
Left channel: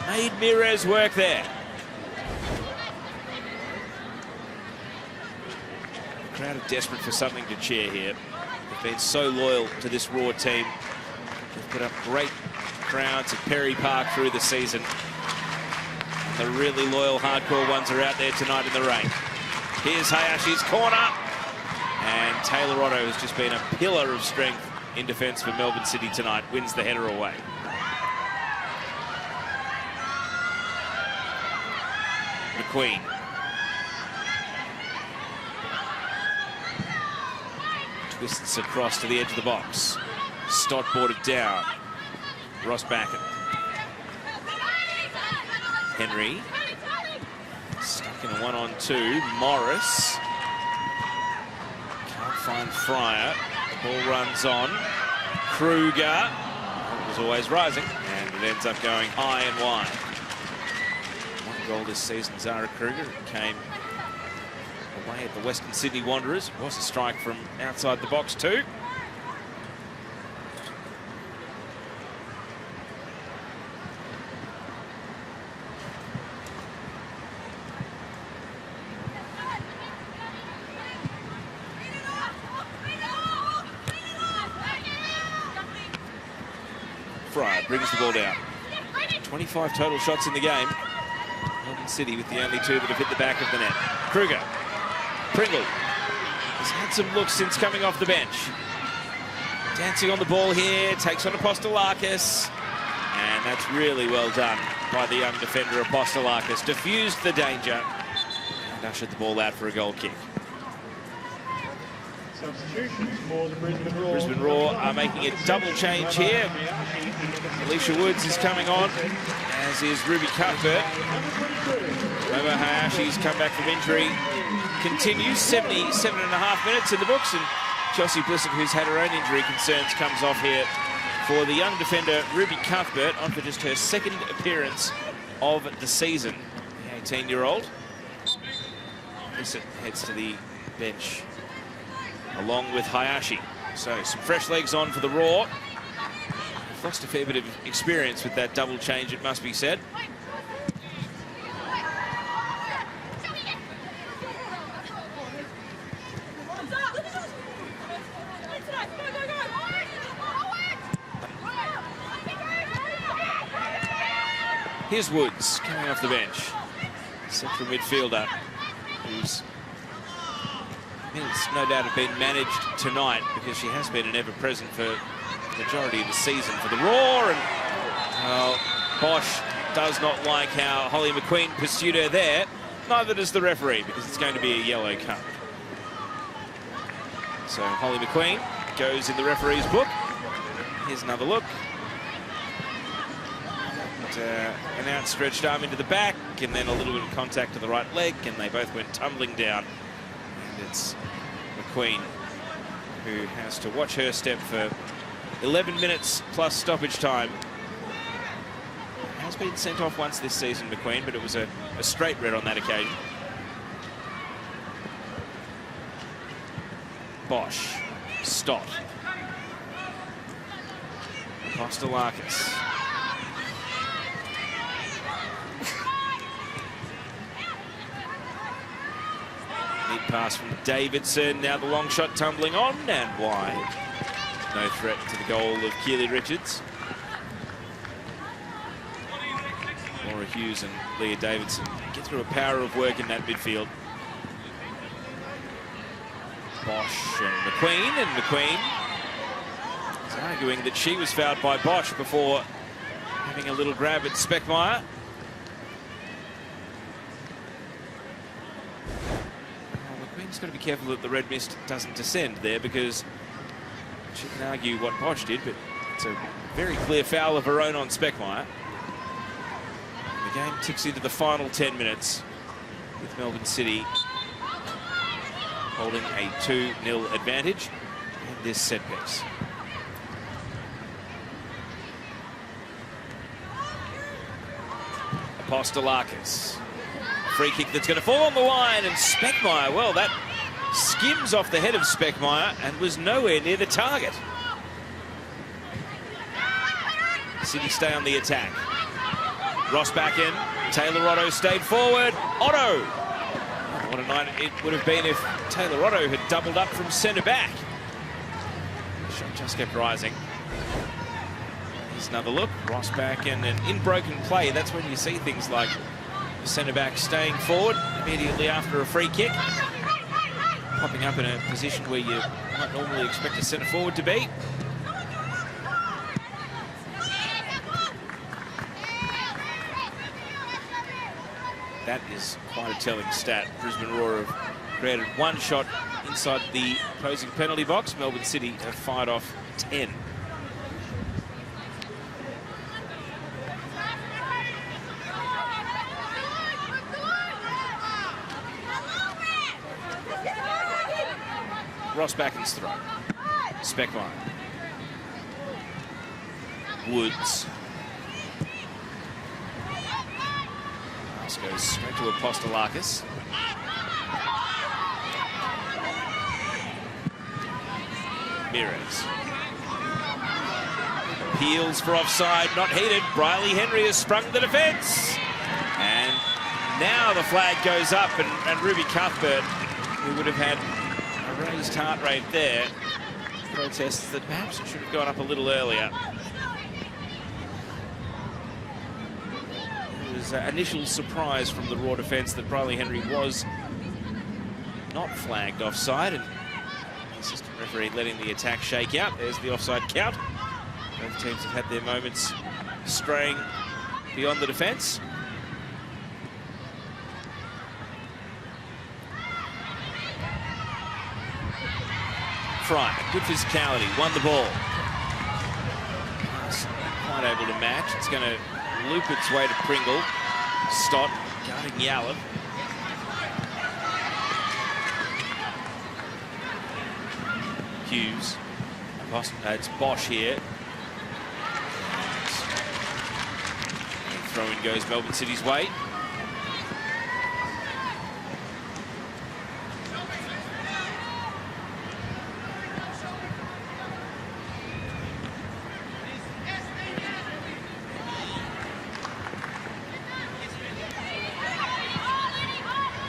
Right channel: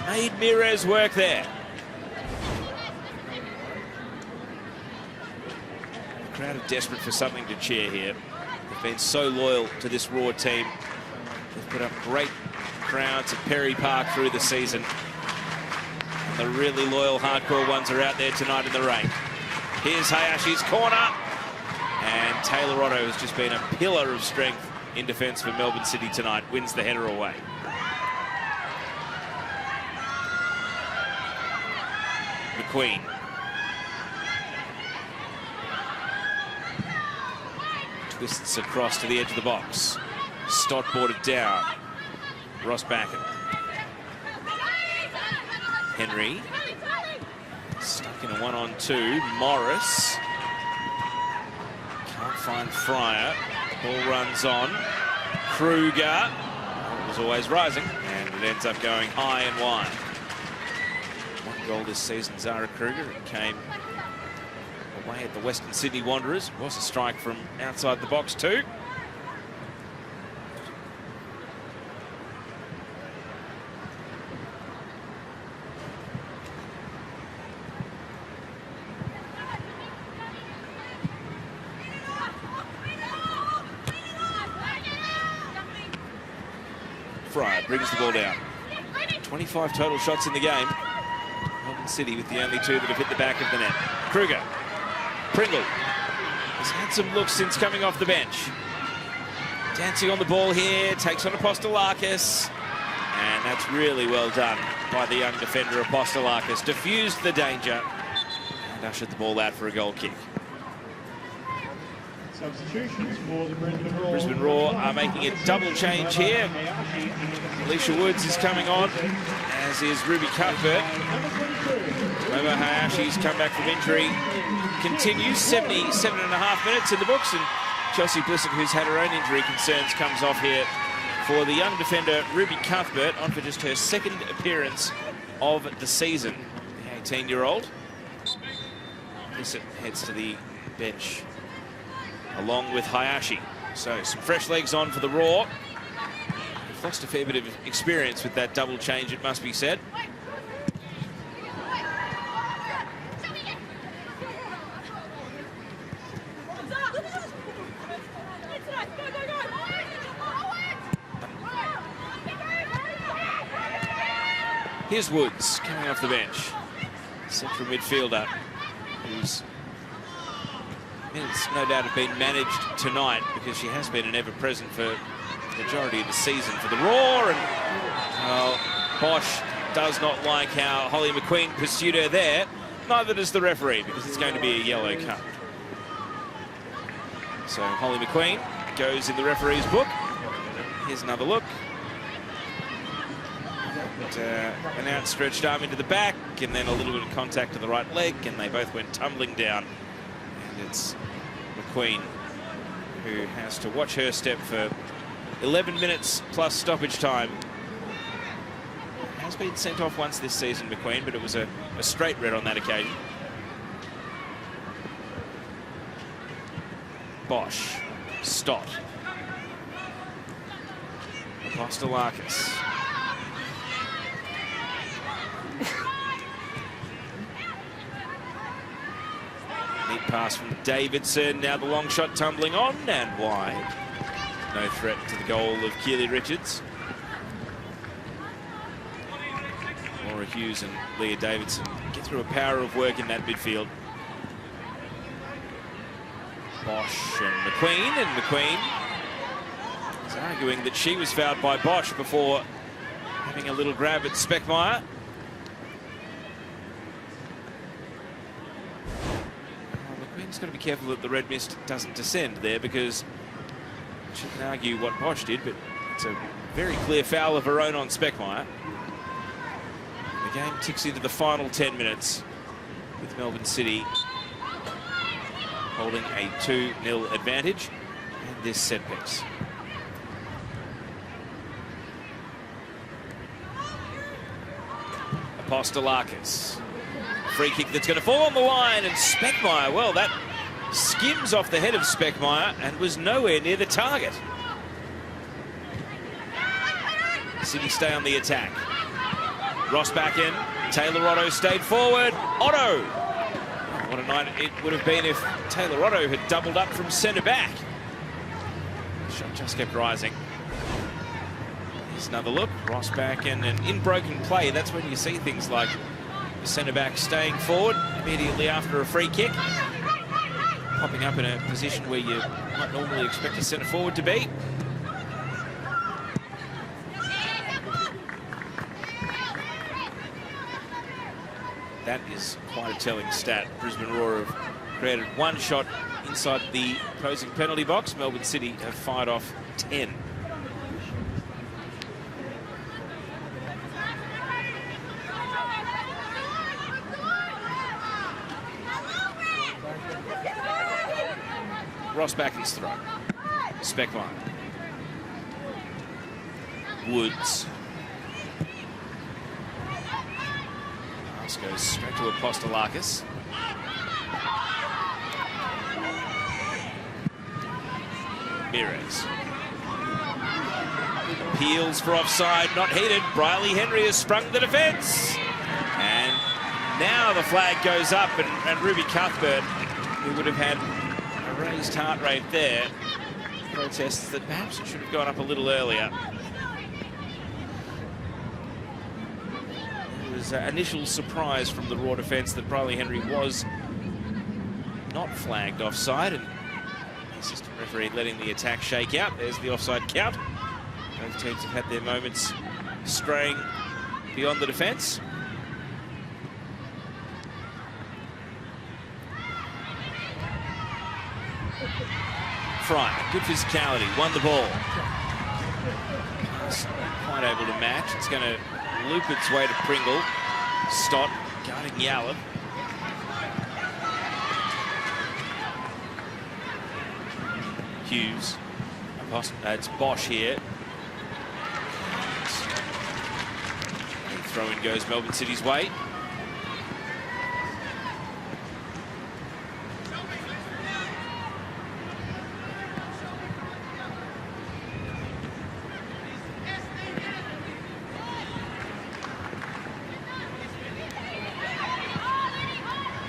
made Mires work there. The crowd are desperate for something to cheer here. They've been so loyal to this Raw team. They've put up great crowds at Perry Park through the season. And the really loyal hardcore ones are out there tonight in the rain. Here's Hayashi's corner. And Taylor Otto has just been a pillar of strength in defence for Melbourne City tonight. Wins the header away. McQueen. Twists across to the edge of the box. Stott brought it down. Ross Backen. Henry. Stuck in a 1-on-2. Morris. Can't find Fryer. Ball runs on. Kruger. It was always rising, and it ends up going high and wide. One goal this season, Zara Kruger. It came away at the Western Sydney Wanderers. It was a strike from outside the box too. Fryer brings the ball down. 25 total shots in the game. Melbourne City with the only 2 that have hit the back of the net. Kruger. Pringle has had some looks since coming off the bench. Dancing on the ball here, takes on Apostolakis. And that's really well done by the young defender Apostolakis. Diffused the danger and ushered the ball out for a goal kick. Substitutions for the Brisbane Roar are making a double change here. Alicia Woods is coming on, as is Ruby Cuthbert. Remember, Hayashi's come back from injury. Continues 77.5 minutes in the books, and Chelsea Blisson, who's had her own injury concerns, comes off here for the young defender Ruby Cuthbert, on for just her second appearance of the season. The 18-year-old. Blisson heads to the bench along with Hayashi. So some fresh legs on for the Raw. They've lost a fair bit of experience with that double change, it must be said. Here's Woods coming off the bench. Central midfielder who's no doubt have been managed tonight, because she has been an ever-present for the majority of the season for the Roar. And Bosch does not like how Holly McQueen pursued her there. Neither does the referee, because it's going to be a yellow card. So Holly McQueen goes in the referee's book. Here's another look. An outstretched arm into the back, and then a little bit of contact to the right leg, and they both went tumbling down. And it's McQueen who has to watch her step for 11 minutes plus stoppage time. Has been sent off once this season, McQueen, but it was a straight red on that occasion. Bosch. Stott. Apostolakis. Good pass from Davidson. Now the long shot tumbling on and wide. No threat to the goal of Keely Richards. Laura Hughes and Leah Davidson get through a power of work in that midfield. Bosch and McQueen is arguing that she was fouled by Bosch before having a little grab at Speckmeyer. McQueen's got to be careful that the red mist doesn't descend there, because she can argue what Bosch did, but it's a very clear foul of her own on Speckmeyer. The game ticks into the final 10 minutes with Melbourne City holding a 2-0 advantage in this set piece. Apostolakis. Free kick that's going to fall on the line, and Speckmeyer, well, that skims off the head of Speckmeyer and was nowhere near the target. City stay on the attack. Ross back in. Taylor Otto stayed forward. Otto! What a night it would have been if Taylor Otto had doubled up from centre back. Shot just kept rising. Here's another look. Ross back in, and in broken play, that's when you see things like the centre back staying forward immediately after a free kick, popping up in a position where you might normally expect a centre forward to be. That is quite a telling stat. Brisbane Roar have created one shot inside the opposing penalty box. Melbourne City have fired off 10. Ross Backen's throw. Speckmeyer. Woods. Goes straight to Apostolakis. Mirrors. Peels for offside, not heeded. Briley Henry has sprung the defence. And now the flag goes up, and Ruby Cuthbert, who would have had a raised heart rate there, protests that perhaps it should have gone up a little earlier. Initial surprise from the Raw defence that Briley Henry was not flagged offside, and the assistant referee letting the attack shake out. There's the offside count. Both teams have had their moments straying beyond the defence. Fry, good physicality, won the ball. Quite able to match. It's going to loop its way to Pringle. Stott guarding Yallop. Hughes. It's Bosch here. Throw-in goes Melbourne City's way.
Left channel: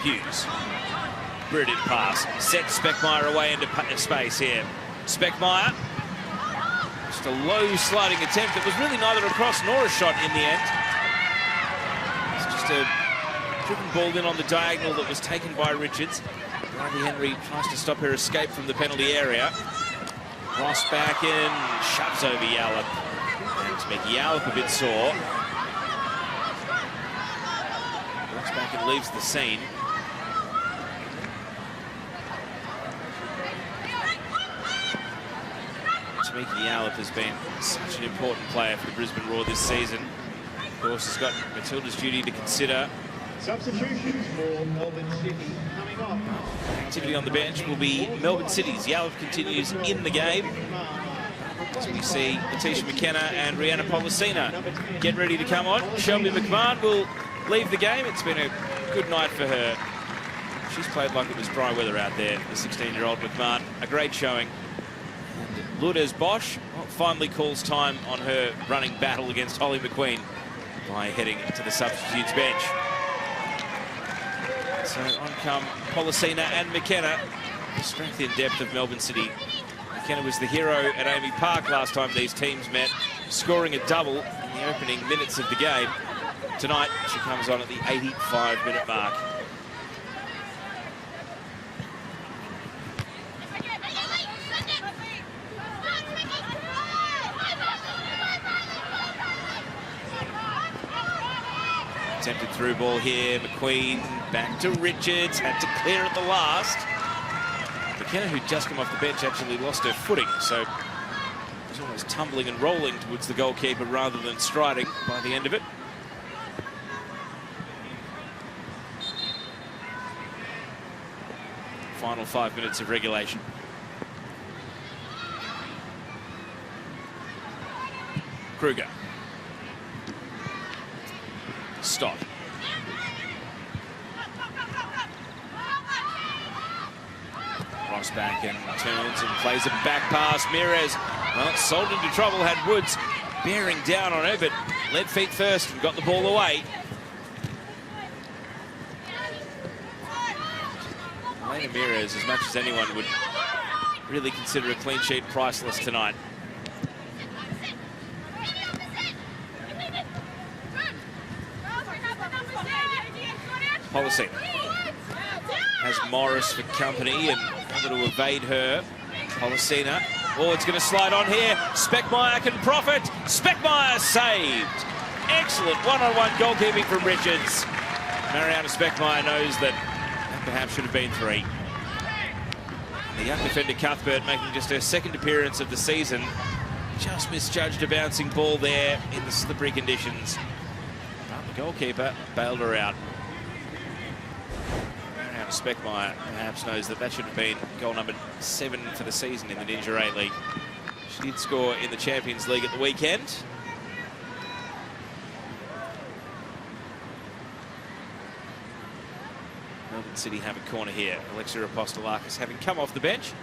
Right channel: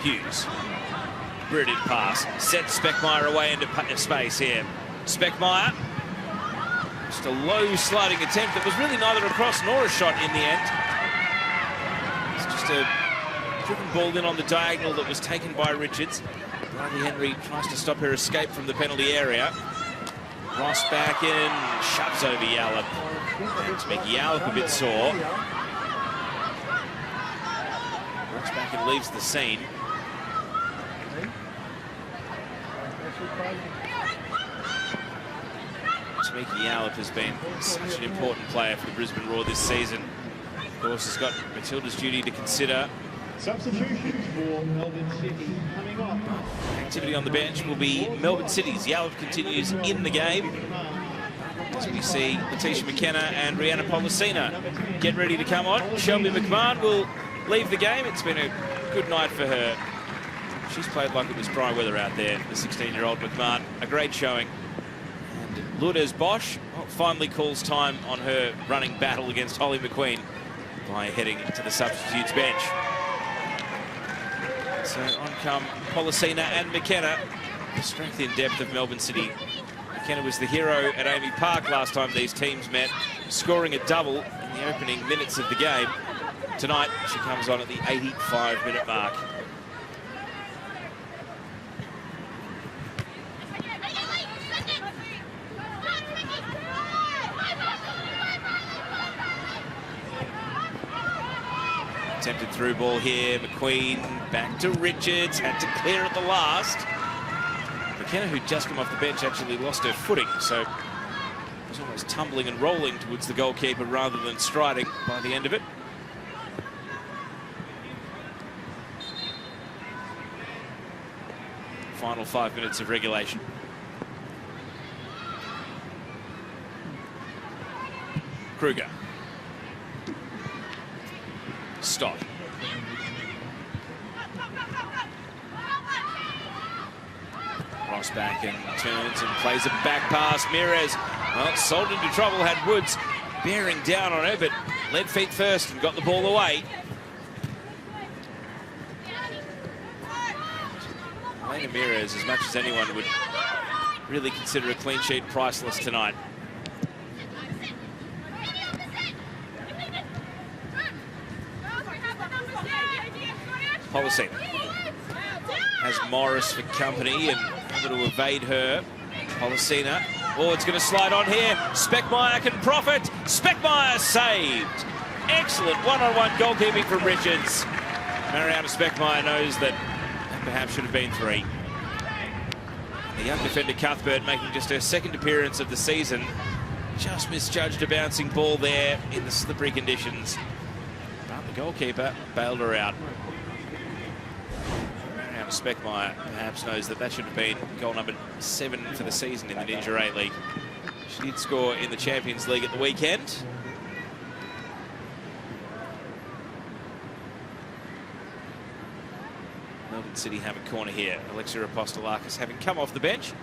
Hughes. Brilliant pass. Sets Speckmeyer away into space here. Speckmeyer. Just a low sliding attempt. It was really neither a cross nor a shot in the end. It's just a driven ball in on the diagonal that was taken by Richards. Briley Henry tries to stop her escape from the penalty area. Ross back in, shoves over Yallop to make Yallop a bit sore. Ross back and leaves the scene. Tamika Yallop has been such an important player for the Brisbane Roar this season. Of course, has got Matilda's duty to consider. Substitutions for Melbourne City coming up. Activity on the bench will be Melbourne City's. Yallop continues in the game. So we see Letitia McKenna and Rihanna Policina get ready to come on. Shelby McMahon will leave the game. It's been a good night for her. She's played like it was dry weather out there, the 16-year-old McMahon. A great showing. And Lourdes Bosch finally calls time on her running battle against Holly McQueen by heading to the substitutes bench. So on come Policina and McKenna. The strength in depth of Melbourne City. McKenna was the hero at Amy Park last time these teams met, scoring a double in the opening minutes of the game. Tonight, she comes on at the 85-minute mark. Attempted through ball here. McQueen back to Richards. Had to clear at the last. McKenna, who'd just come off the bench, actually lost her footing. So she was tumbling and rolling towards the goalkeeper rather than striding by the end of it. Final 5 minutes of regulation. Kruger. Stott. Ross back and turns and plays a back pass. Mires, well, sold into trouble, had Woods bearing down on her, but led feet first and got the ball away. Elena Mires, as much as anyone, would really consider a clean sheet priceless tonight. Policina has Morris for company and able to evade her. Policina, oh, it's going to slide on here. Speckmeyer can profit. Speckmeyer saved. Excellent one-on-one goalkeeping from Richards. Mariana Speckmeyer knows that perhaps should have been 3. The young defender Cuthbert, making just her second appearance of the season, just misjudged a bouncing ball there in the slippery conditions. But the goalkeeper bailed her out. Mariana Speckmeyer perhaps knows that that should have been goal number 7 for the season in the Ninja A-League. She did score in the Champions League at the weekend. Melbourne City have a corner here. Alexia Apostolakis having come off the bench.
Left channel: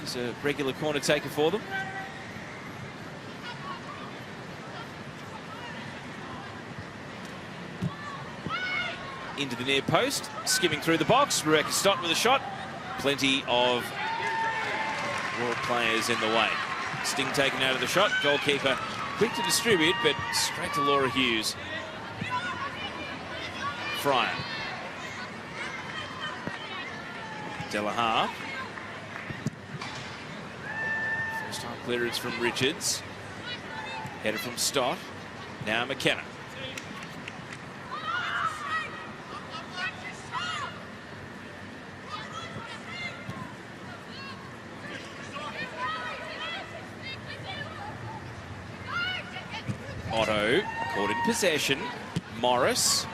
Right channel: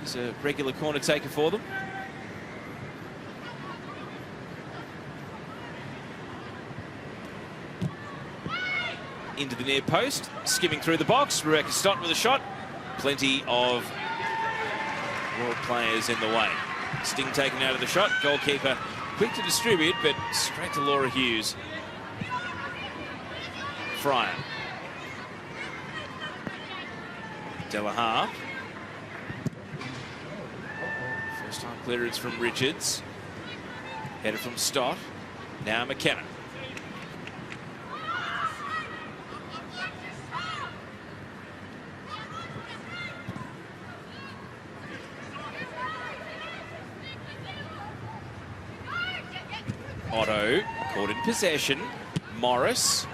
He's a regular corner taker for them. Into the near post, skimming through the box. Rebecca Stott with a shot. Plenty of Roar players in the way. Sting taken out of the shot. Goalkeeper quick to distribute, but straight to Laura Hughes. Fryer. Delahaye. First time clearance from Richards. Header from Stott. Now McKenna. Otto caught in possession. Morris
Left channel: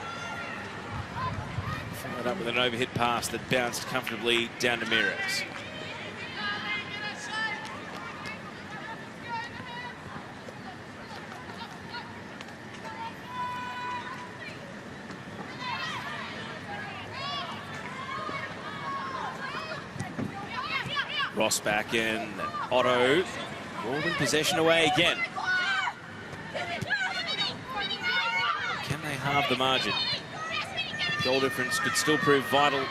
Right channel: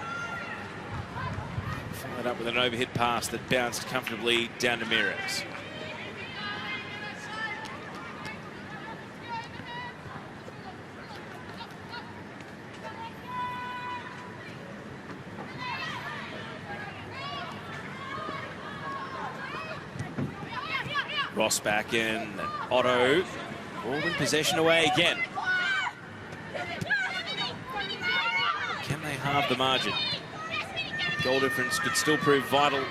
followed up with an overhead pass that bounced comfortably down to Mires. Ross back in. Otto all in possession away again. Can they halve the margin? Goal difference could still prove vital in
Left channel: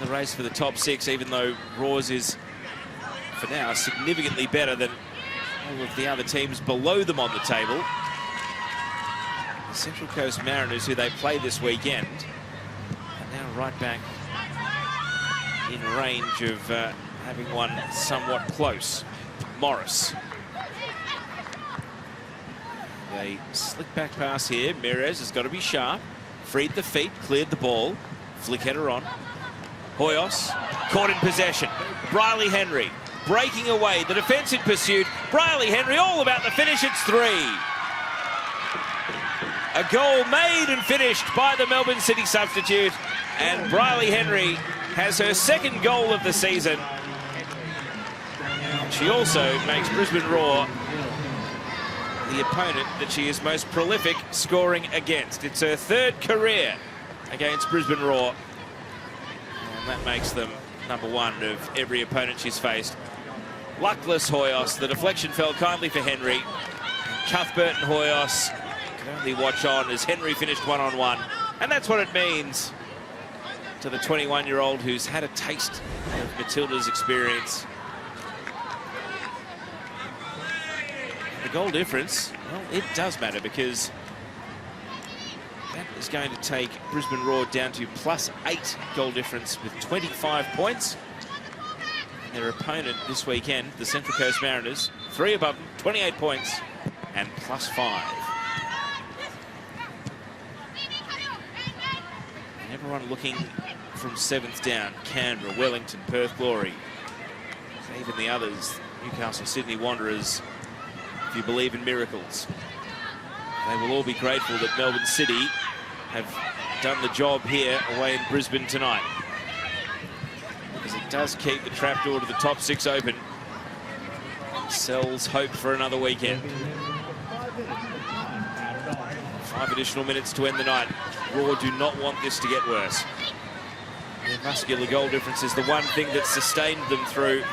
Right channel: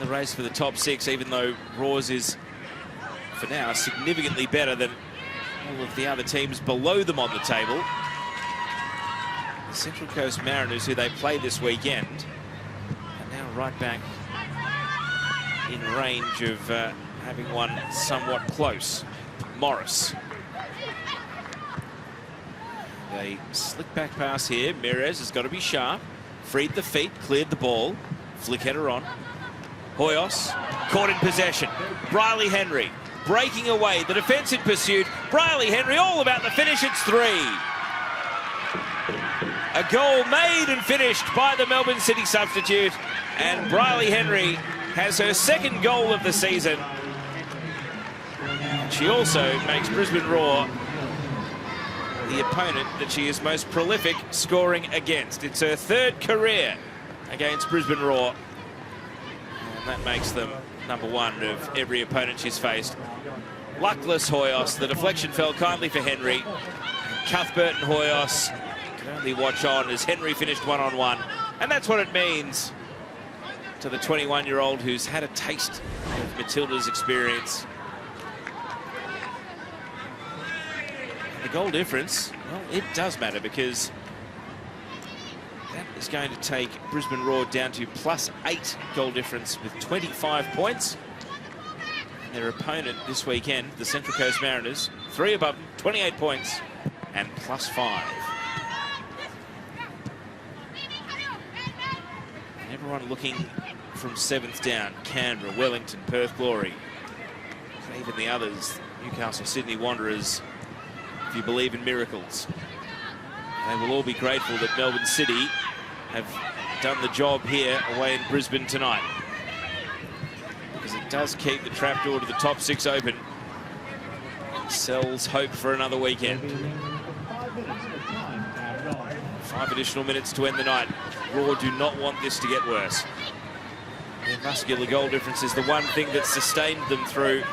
the race for the top 6, even though Roars is, for now, significantly better than all of the other teams below them on the table. The Central Coast Mariners, who they play this weekend, are now right back in range of having one somewhat close. Morris. A slick back pass here. Mires has got to be sharp. Freed the feet, cleared the ball. Flick header on. Hoyos caught in possession. Briley Henry breaking away. The defence in pursuit. Briley Henry all about the finish. It's 3. A goal made and finished by the Melbourne City substitute. And Briley Henry has her second goal of the season. She also makes Brisbane Roar the opponent that she is most prolific scoring against. It's her 3rd career against Brisbane Roar. And that makes them #1 of every opponent she's faced. Luckless Hoyos. The deflection fell kindly for Henry. Cuthbert and Hoyos can only watch on as Henry finished 1-on-1. And that's what it means to the 21-year-old who's had a taste of Matilda's experience. The goal difference, well, it does matter because that is going to take Brisbane Roar down to +8 goal difference with 25 points. And their opponent this weekend, the Central Coast Mariners, 3 above them, 28 points and +5. And everyone looking from 7th down: Canberra, Wellington, Perth Glory, even the others, Newcastle, Sydney Wanderers. If you believe in miracles, they will all be grateful that Melbourne City have done the job here away in Brisbane tonight, because it does keep the trapdoor to the top 6 open. It sells hope for another weekend. 5 additional minutes to end the night. Raw do not want this to get worse. Their muscular goal difference is the one thing that sustained them through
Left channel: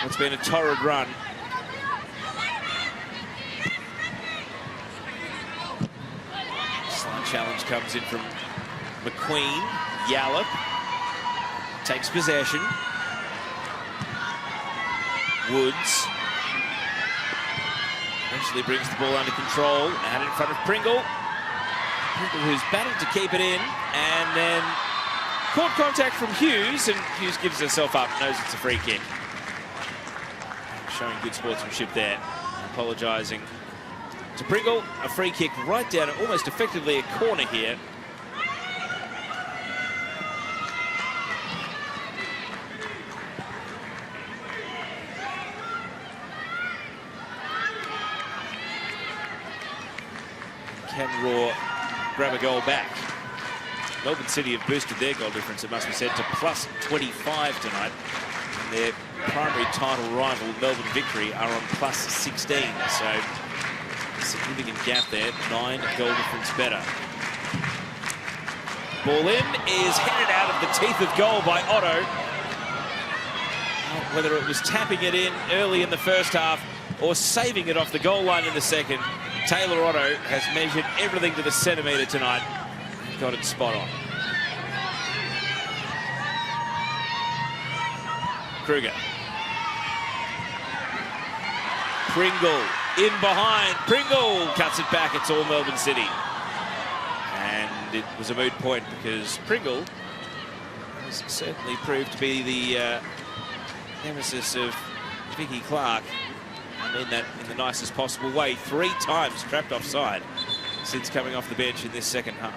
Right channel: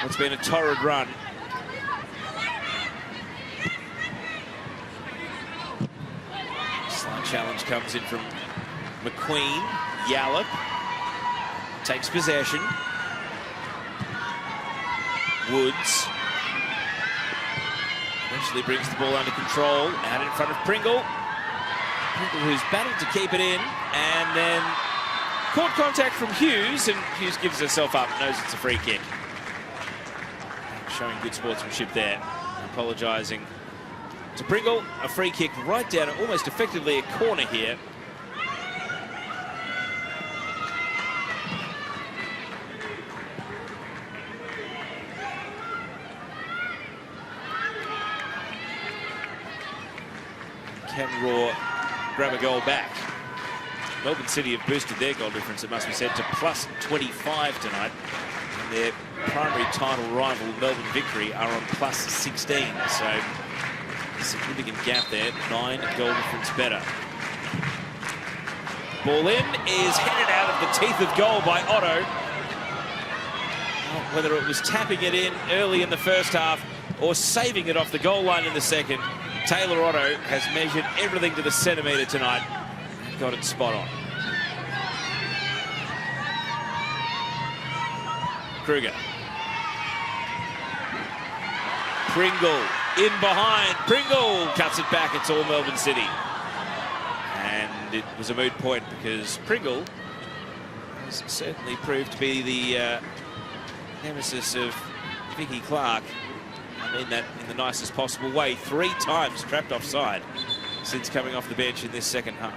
what's been a torrid run. Challenge comes in from McQueen. Yallop takes possession. Woods eventually brings the ball under control, out in front of Pringle, who's battled to keep it in, and then caught contact from Hughes, and Hughes gives herself up, knows it's a free kick. Showing good sportsmanship there, apologising to Pringle. A free kick right down, almost effectively a corner here. Can Raw grab a goal back? Melbourne City have boosted their goal difference, it must be said, to +25 tonight. And their primary title rival, Melbourne Victory, are on +16. So significant gap there, 9 goal difference better. Ball in is headed out of the teeth of goal by Otto. Whether it was tapping it in early in the first half or saving it off the goal line in the second, Taylor Otto has measured everything to the centimetre tonight and got it spot on. Kruger. Pringle in behind. Pringle cuts it back. It's all Melbourne City. And it was a moot point because Pringle has certainly proved to be the nemesis of Vicky Clark. I mean that in the nicest possible way. 3 times trapped offside since coming off the bench in this second half.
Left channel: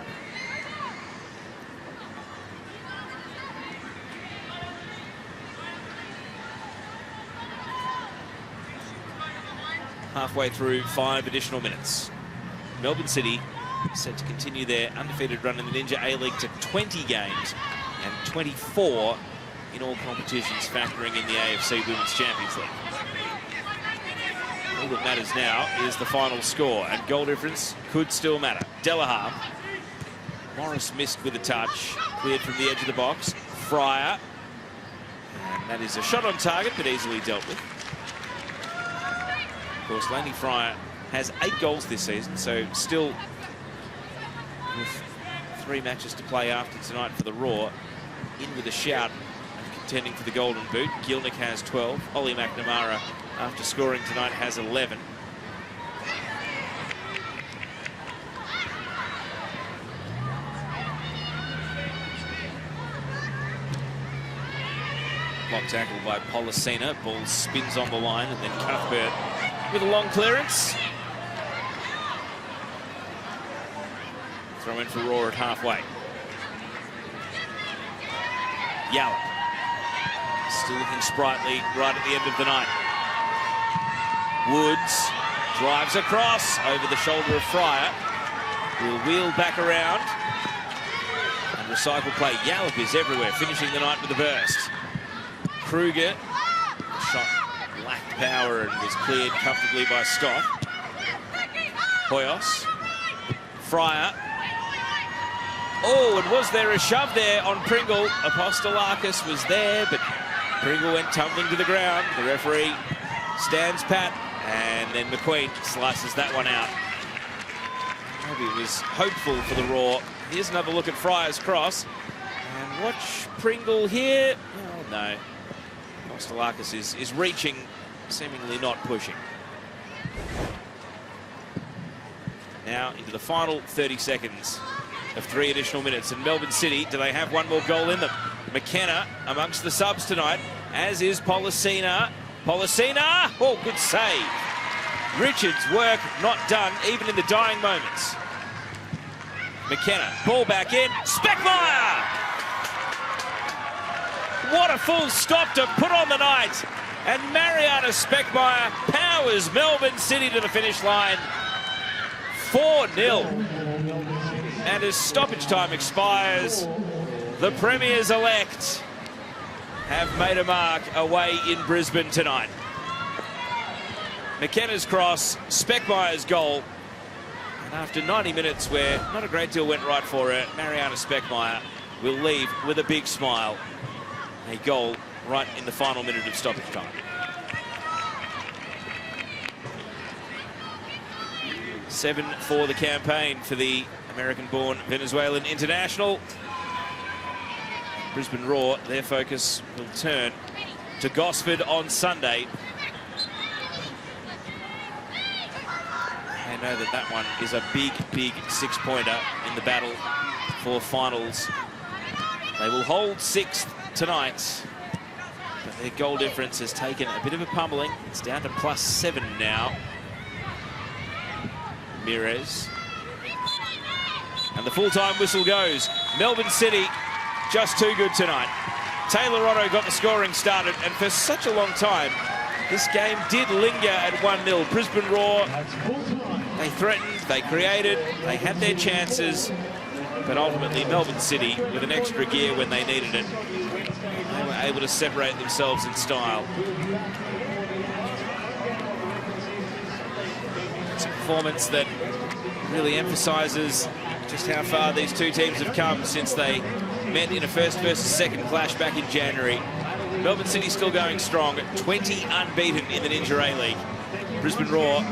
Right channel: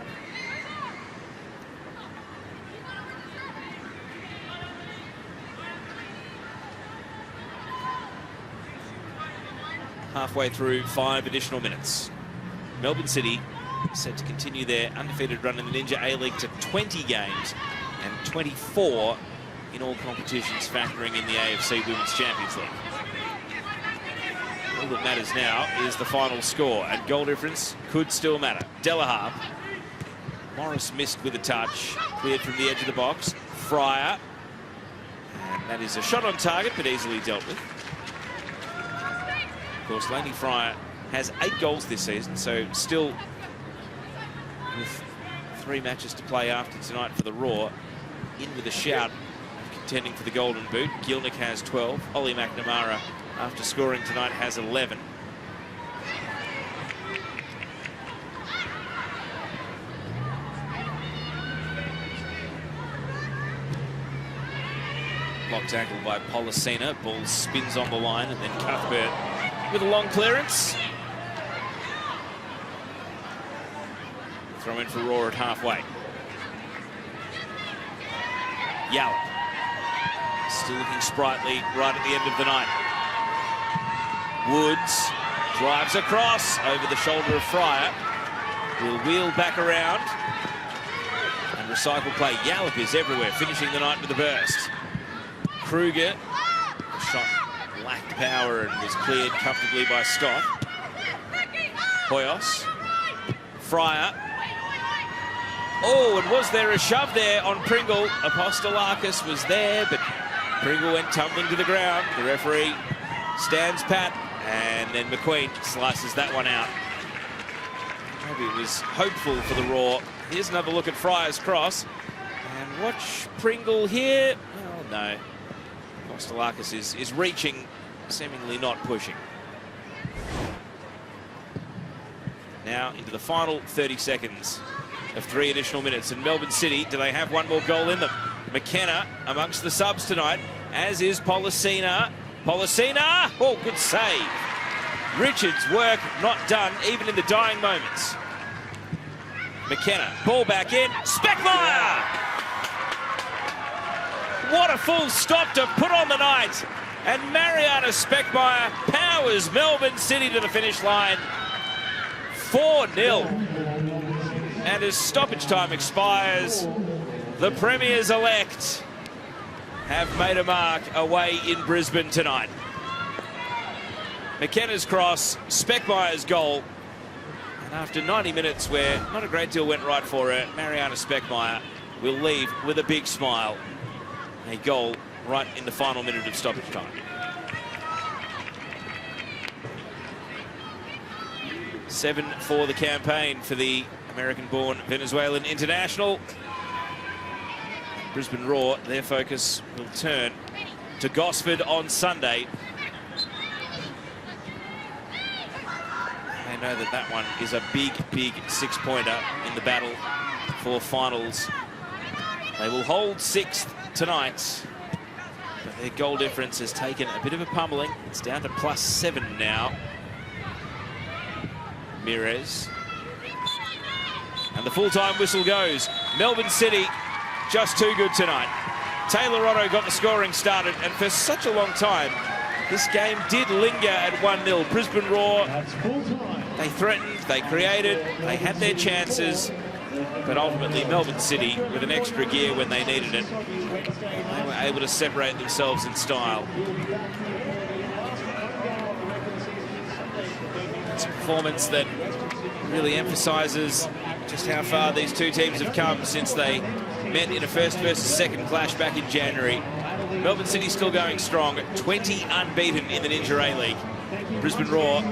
Halfway through 5 additional minutes. Melbourne City set to continue their undefeated run in the Ninja A-League to 20 games and 24 in all competitions, factoring in the AFC Women's Champions League. All that matters now is the final score, and goal difference could still matter. Delahaye. Morris missed with a touch, cleared from the edge of the box. Fryer. That is a shot on target, but easily dealt with. Of course, Laney Fryer has 8 goals this season, so still with 3 matches to play after tonight for the Raw, in with a shout, contending for the Golden Boot. Gilnick has 12. Ollie McNamara, after scoring tonight, has 11. Block tackle by Policina. Ball spins on the line, and then Cuthbert with a long clearance. Throw in for Raw at halfway. Yallop. Still looking sprightly right at the end of the night. Woods drives across over the shoulder of Fryer. Will wheel back around and recycle play. Yallop is everywhere, finishing the night with a burst. Kruger. The shot lacked power and was cleared comfortably by Stott. Hoyos. Fryer. Oh, and was there a shove there on Pringle? Apostolakis was there, but Pringle went tumbling to the ground. The referee stands pat, and then McQueen slices that one out. Maybe it was hopeful for the Raw. Here's another look at Fryer's cross. And watch Pringle here. Oh, no. Kostelakis is reaching, seemingly not pushing. Now into the final 30 seconds of 3 additional minutes. And Melbourne City, do they have one more goal in them? McKenna amongst the subs tonight, as is Policina. Policina! Oh, good save. Richards' work not done, even in the dying moments. McKenna, ball back in. Speckmeyer! What a full stop to put on the night. And Mariana Speckmeyer powers Melbourne City to the finish line. 4-0. And as stoppage time expires, the Premiers-elect have made a mark away in Brisbane tonight. McKenna's cross, Speckmeyer's goal. And after 90 minutes where not a great deal went right for her, Mariana Speckmeyer will leave with a big smile. A goal right in the final minute of stoppage time. 7 for the campaign for the American-born Venezuelan international. Brisbane Roar, their focus will turn to Gosford on Sunday. They know that one is a big, big 6-pointer in the battle for finals. They will hold 6th tonight, but their goal difference has taken a bit of a pummeling. It's down to +7 now. Mires. And the full-time whistle goes. Melbourne City just too good tonight. Taylor Otto got the scoring started, and for such a long time, this game did linger at 1-0. Brisbane Roar, they threatened, they created, they had their chances, but ultimately Melbourne City, with an extra gear when they needed it, they were able to separate themselves in style. It's a performance that really emphasises just how far these two teams have come since they met in a first versus second clash back in January. Melbourne City still going strong, 20 unbeaten in the Ninja A-League. Brisbane Roar,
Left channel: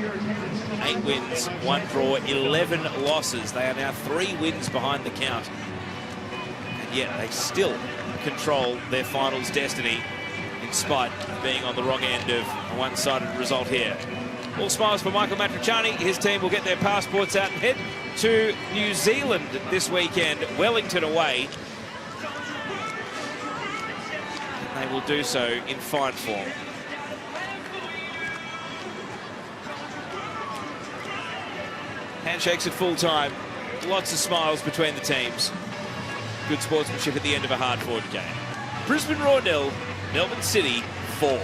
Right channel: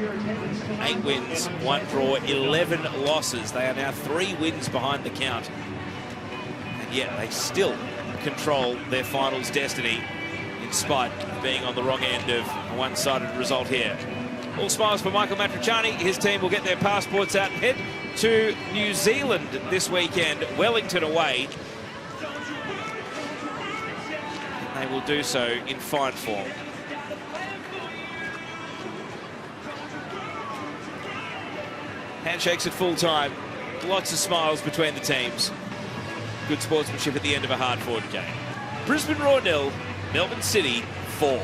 8 wins, 1 draw, 11 losses. They are now 3 wins behind the count. And yet they still control their finals destiny in spite of being on the wrong end of a one-sided result here. All smiles for Michael Matriciani. His team will get their passports out and head to New Zealand this weekend, Wellington away. They will do so in fine form. Handshakes at full time, lots of smiles between the teams. Good sportsmanship at the end of a hard-fought game. Brisbane Roar 0, Melbourne City 4.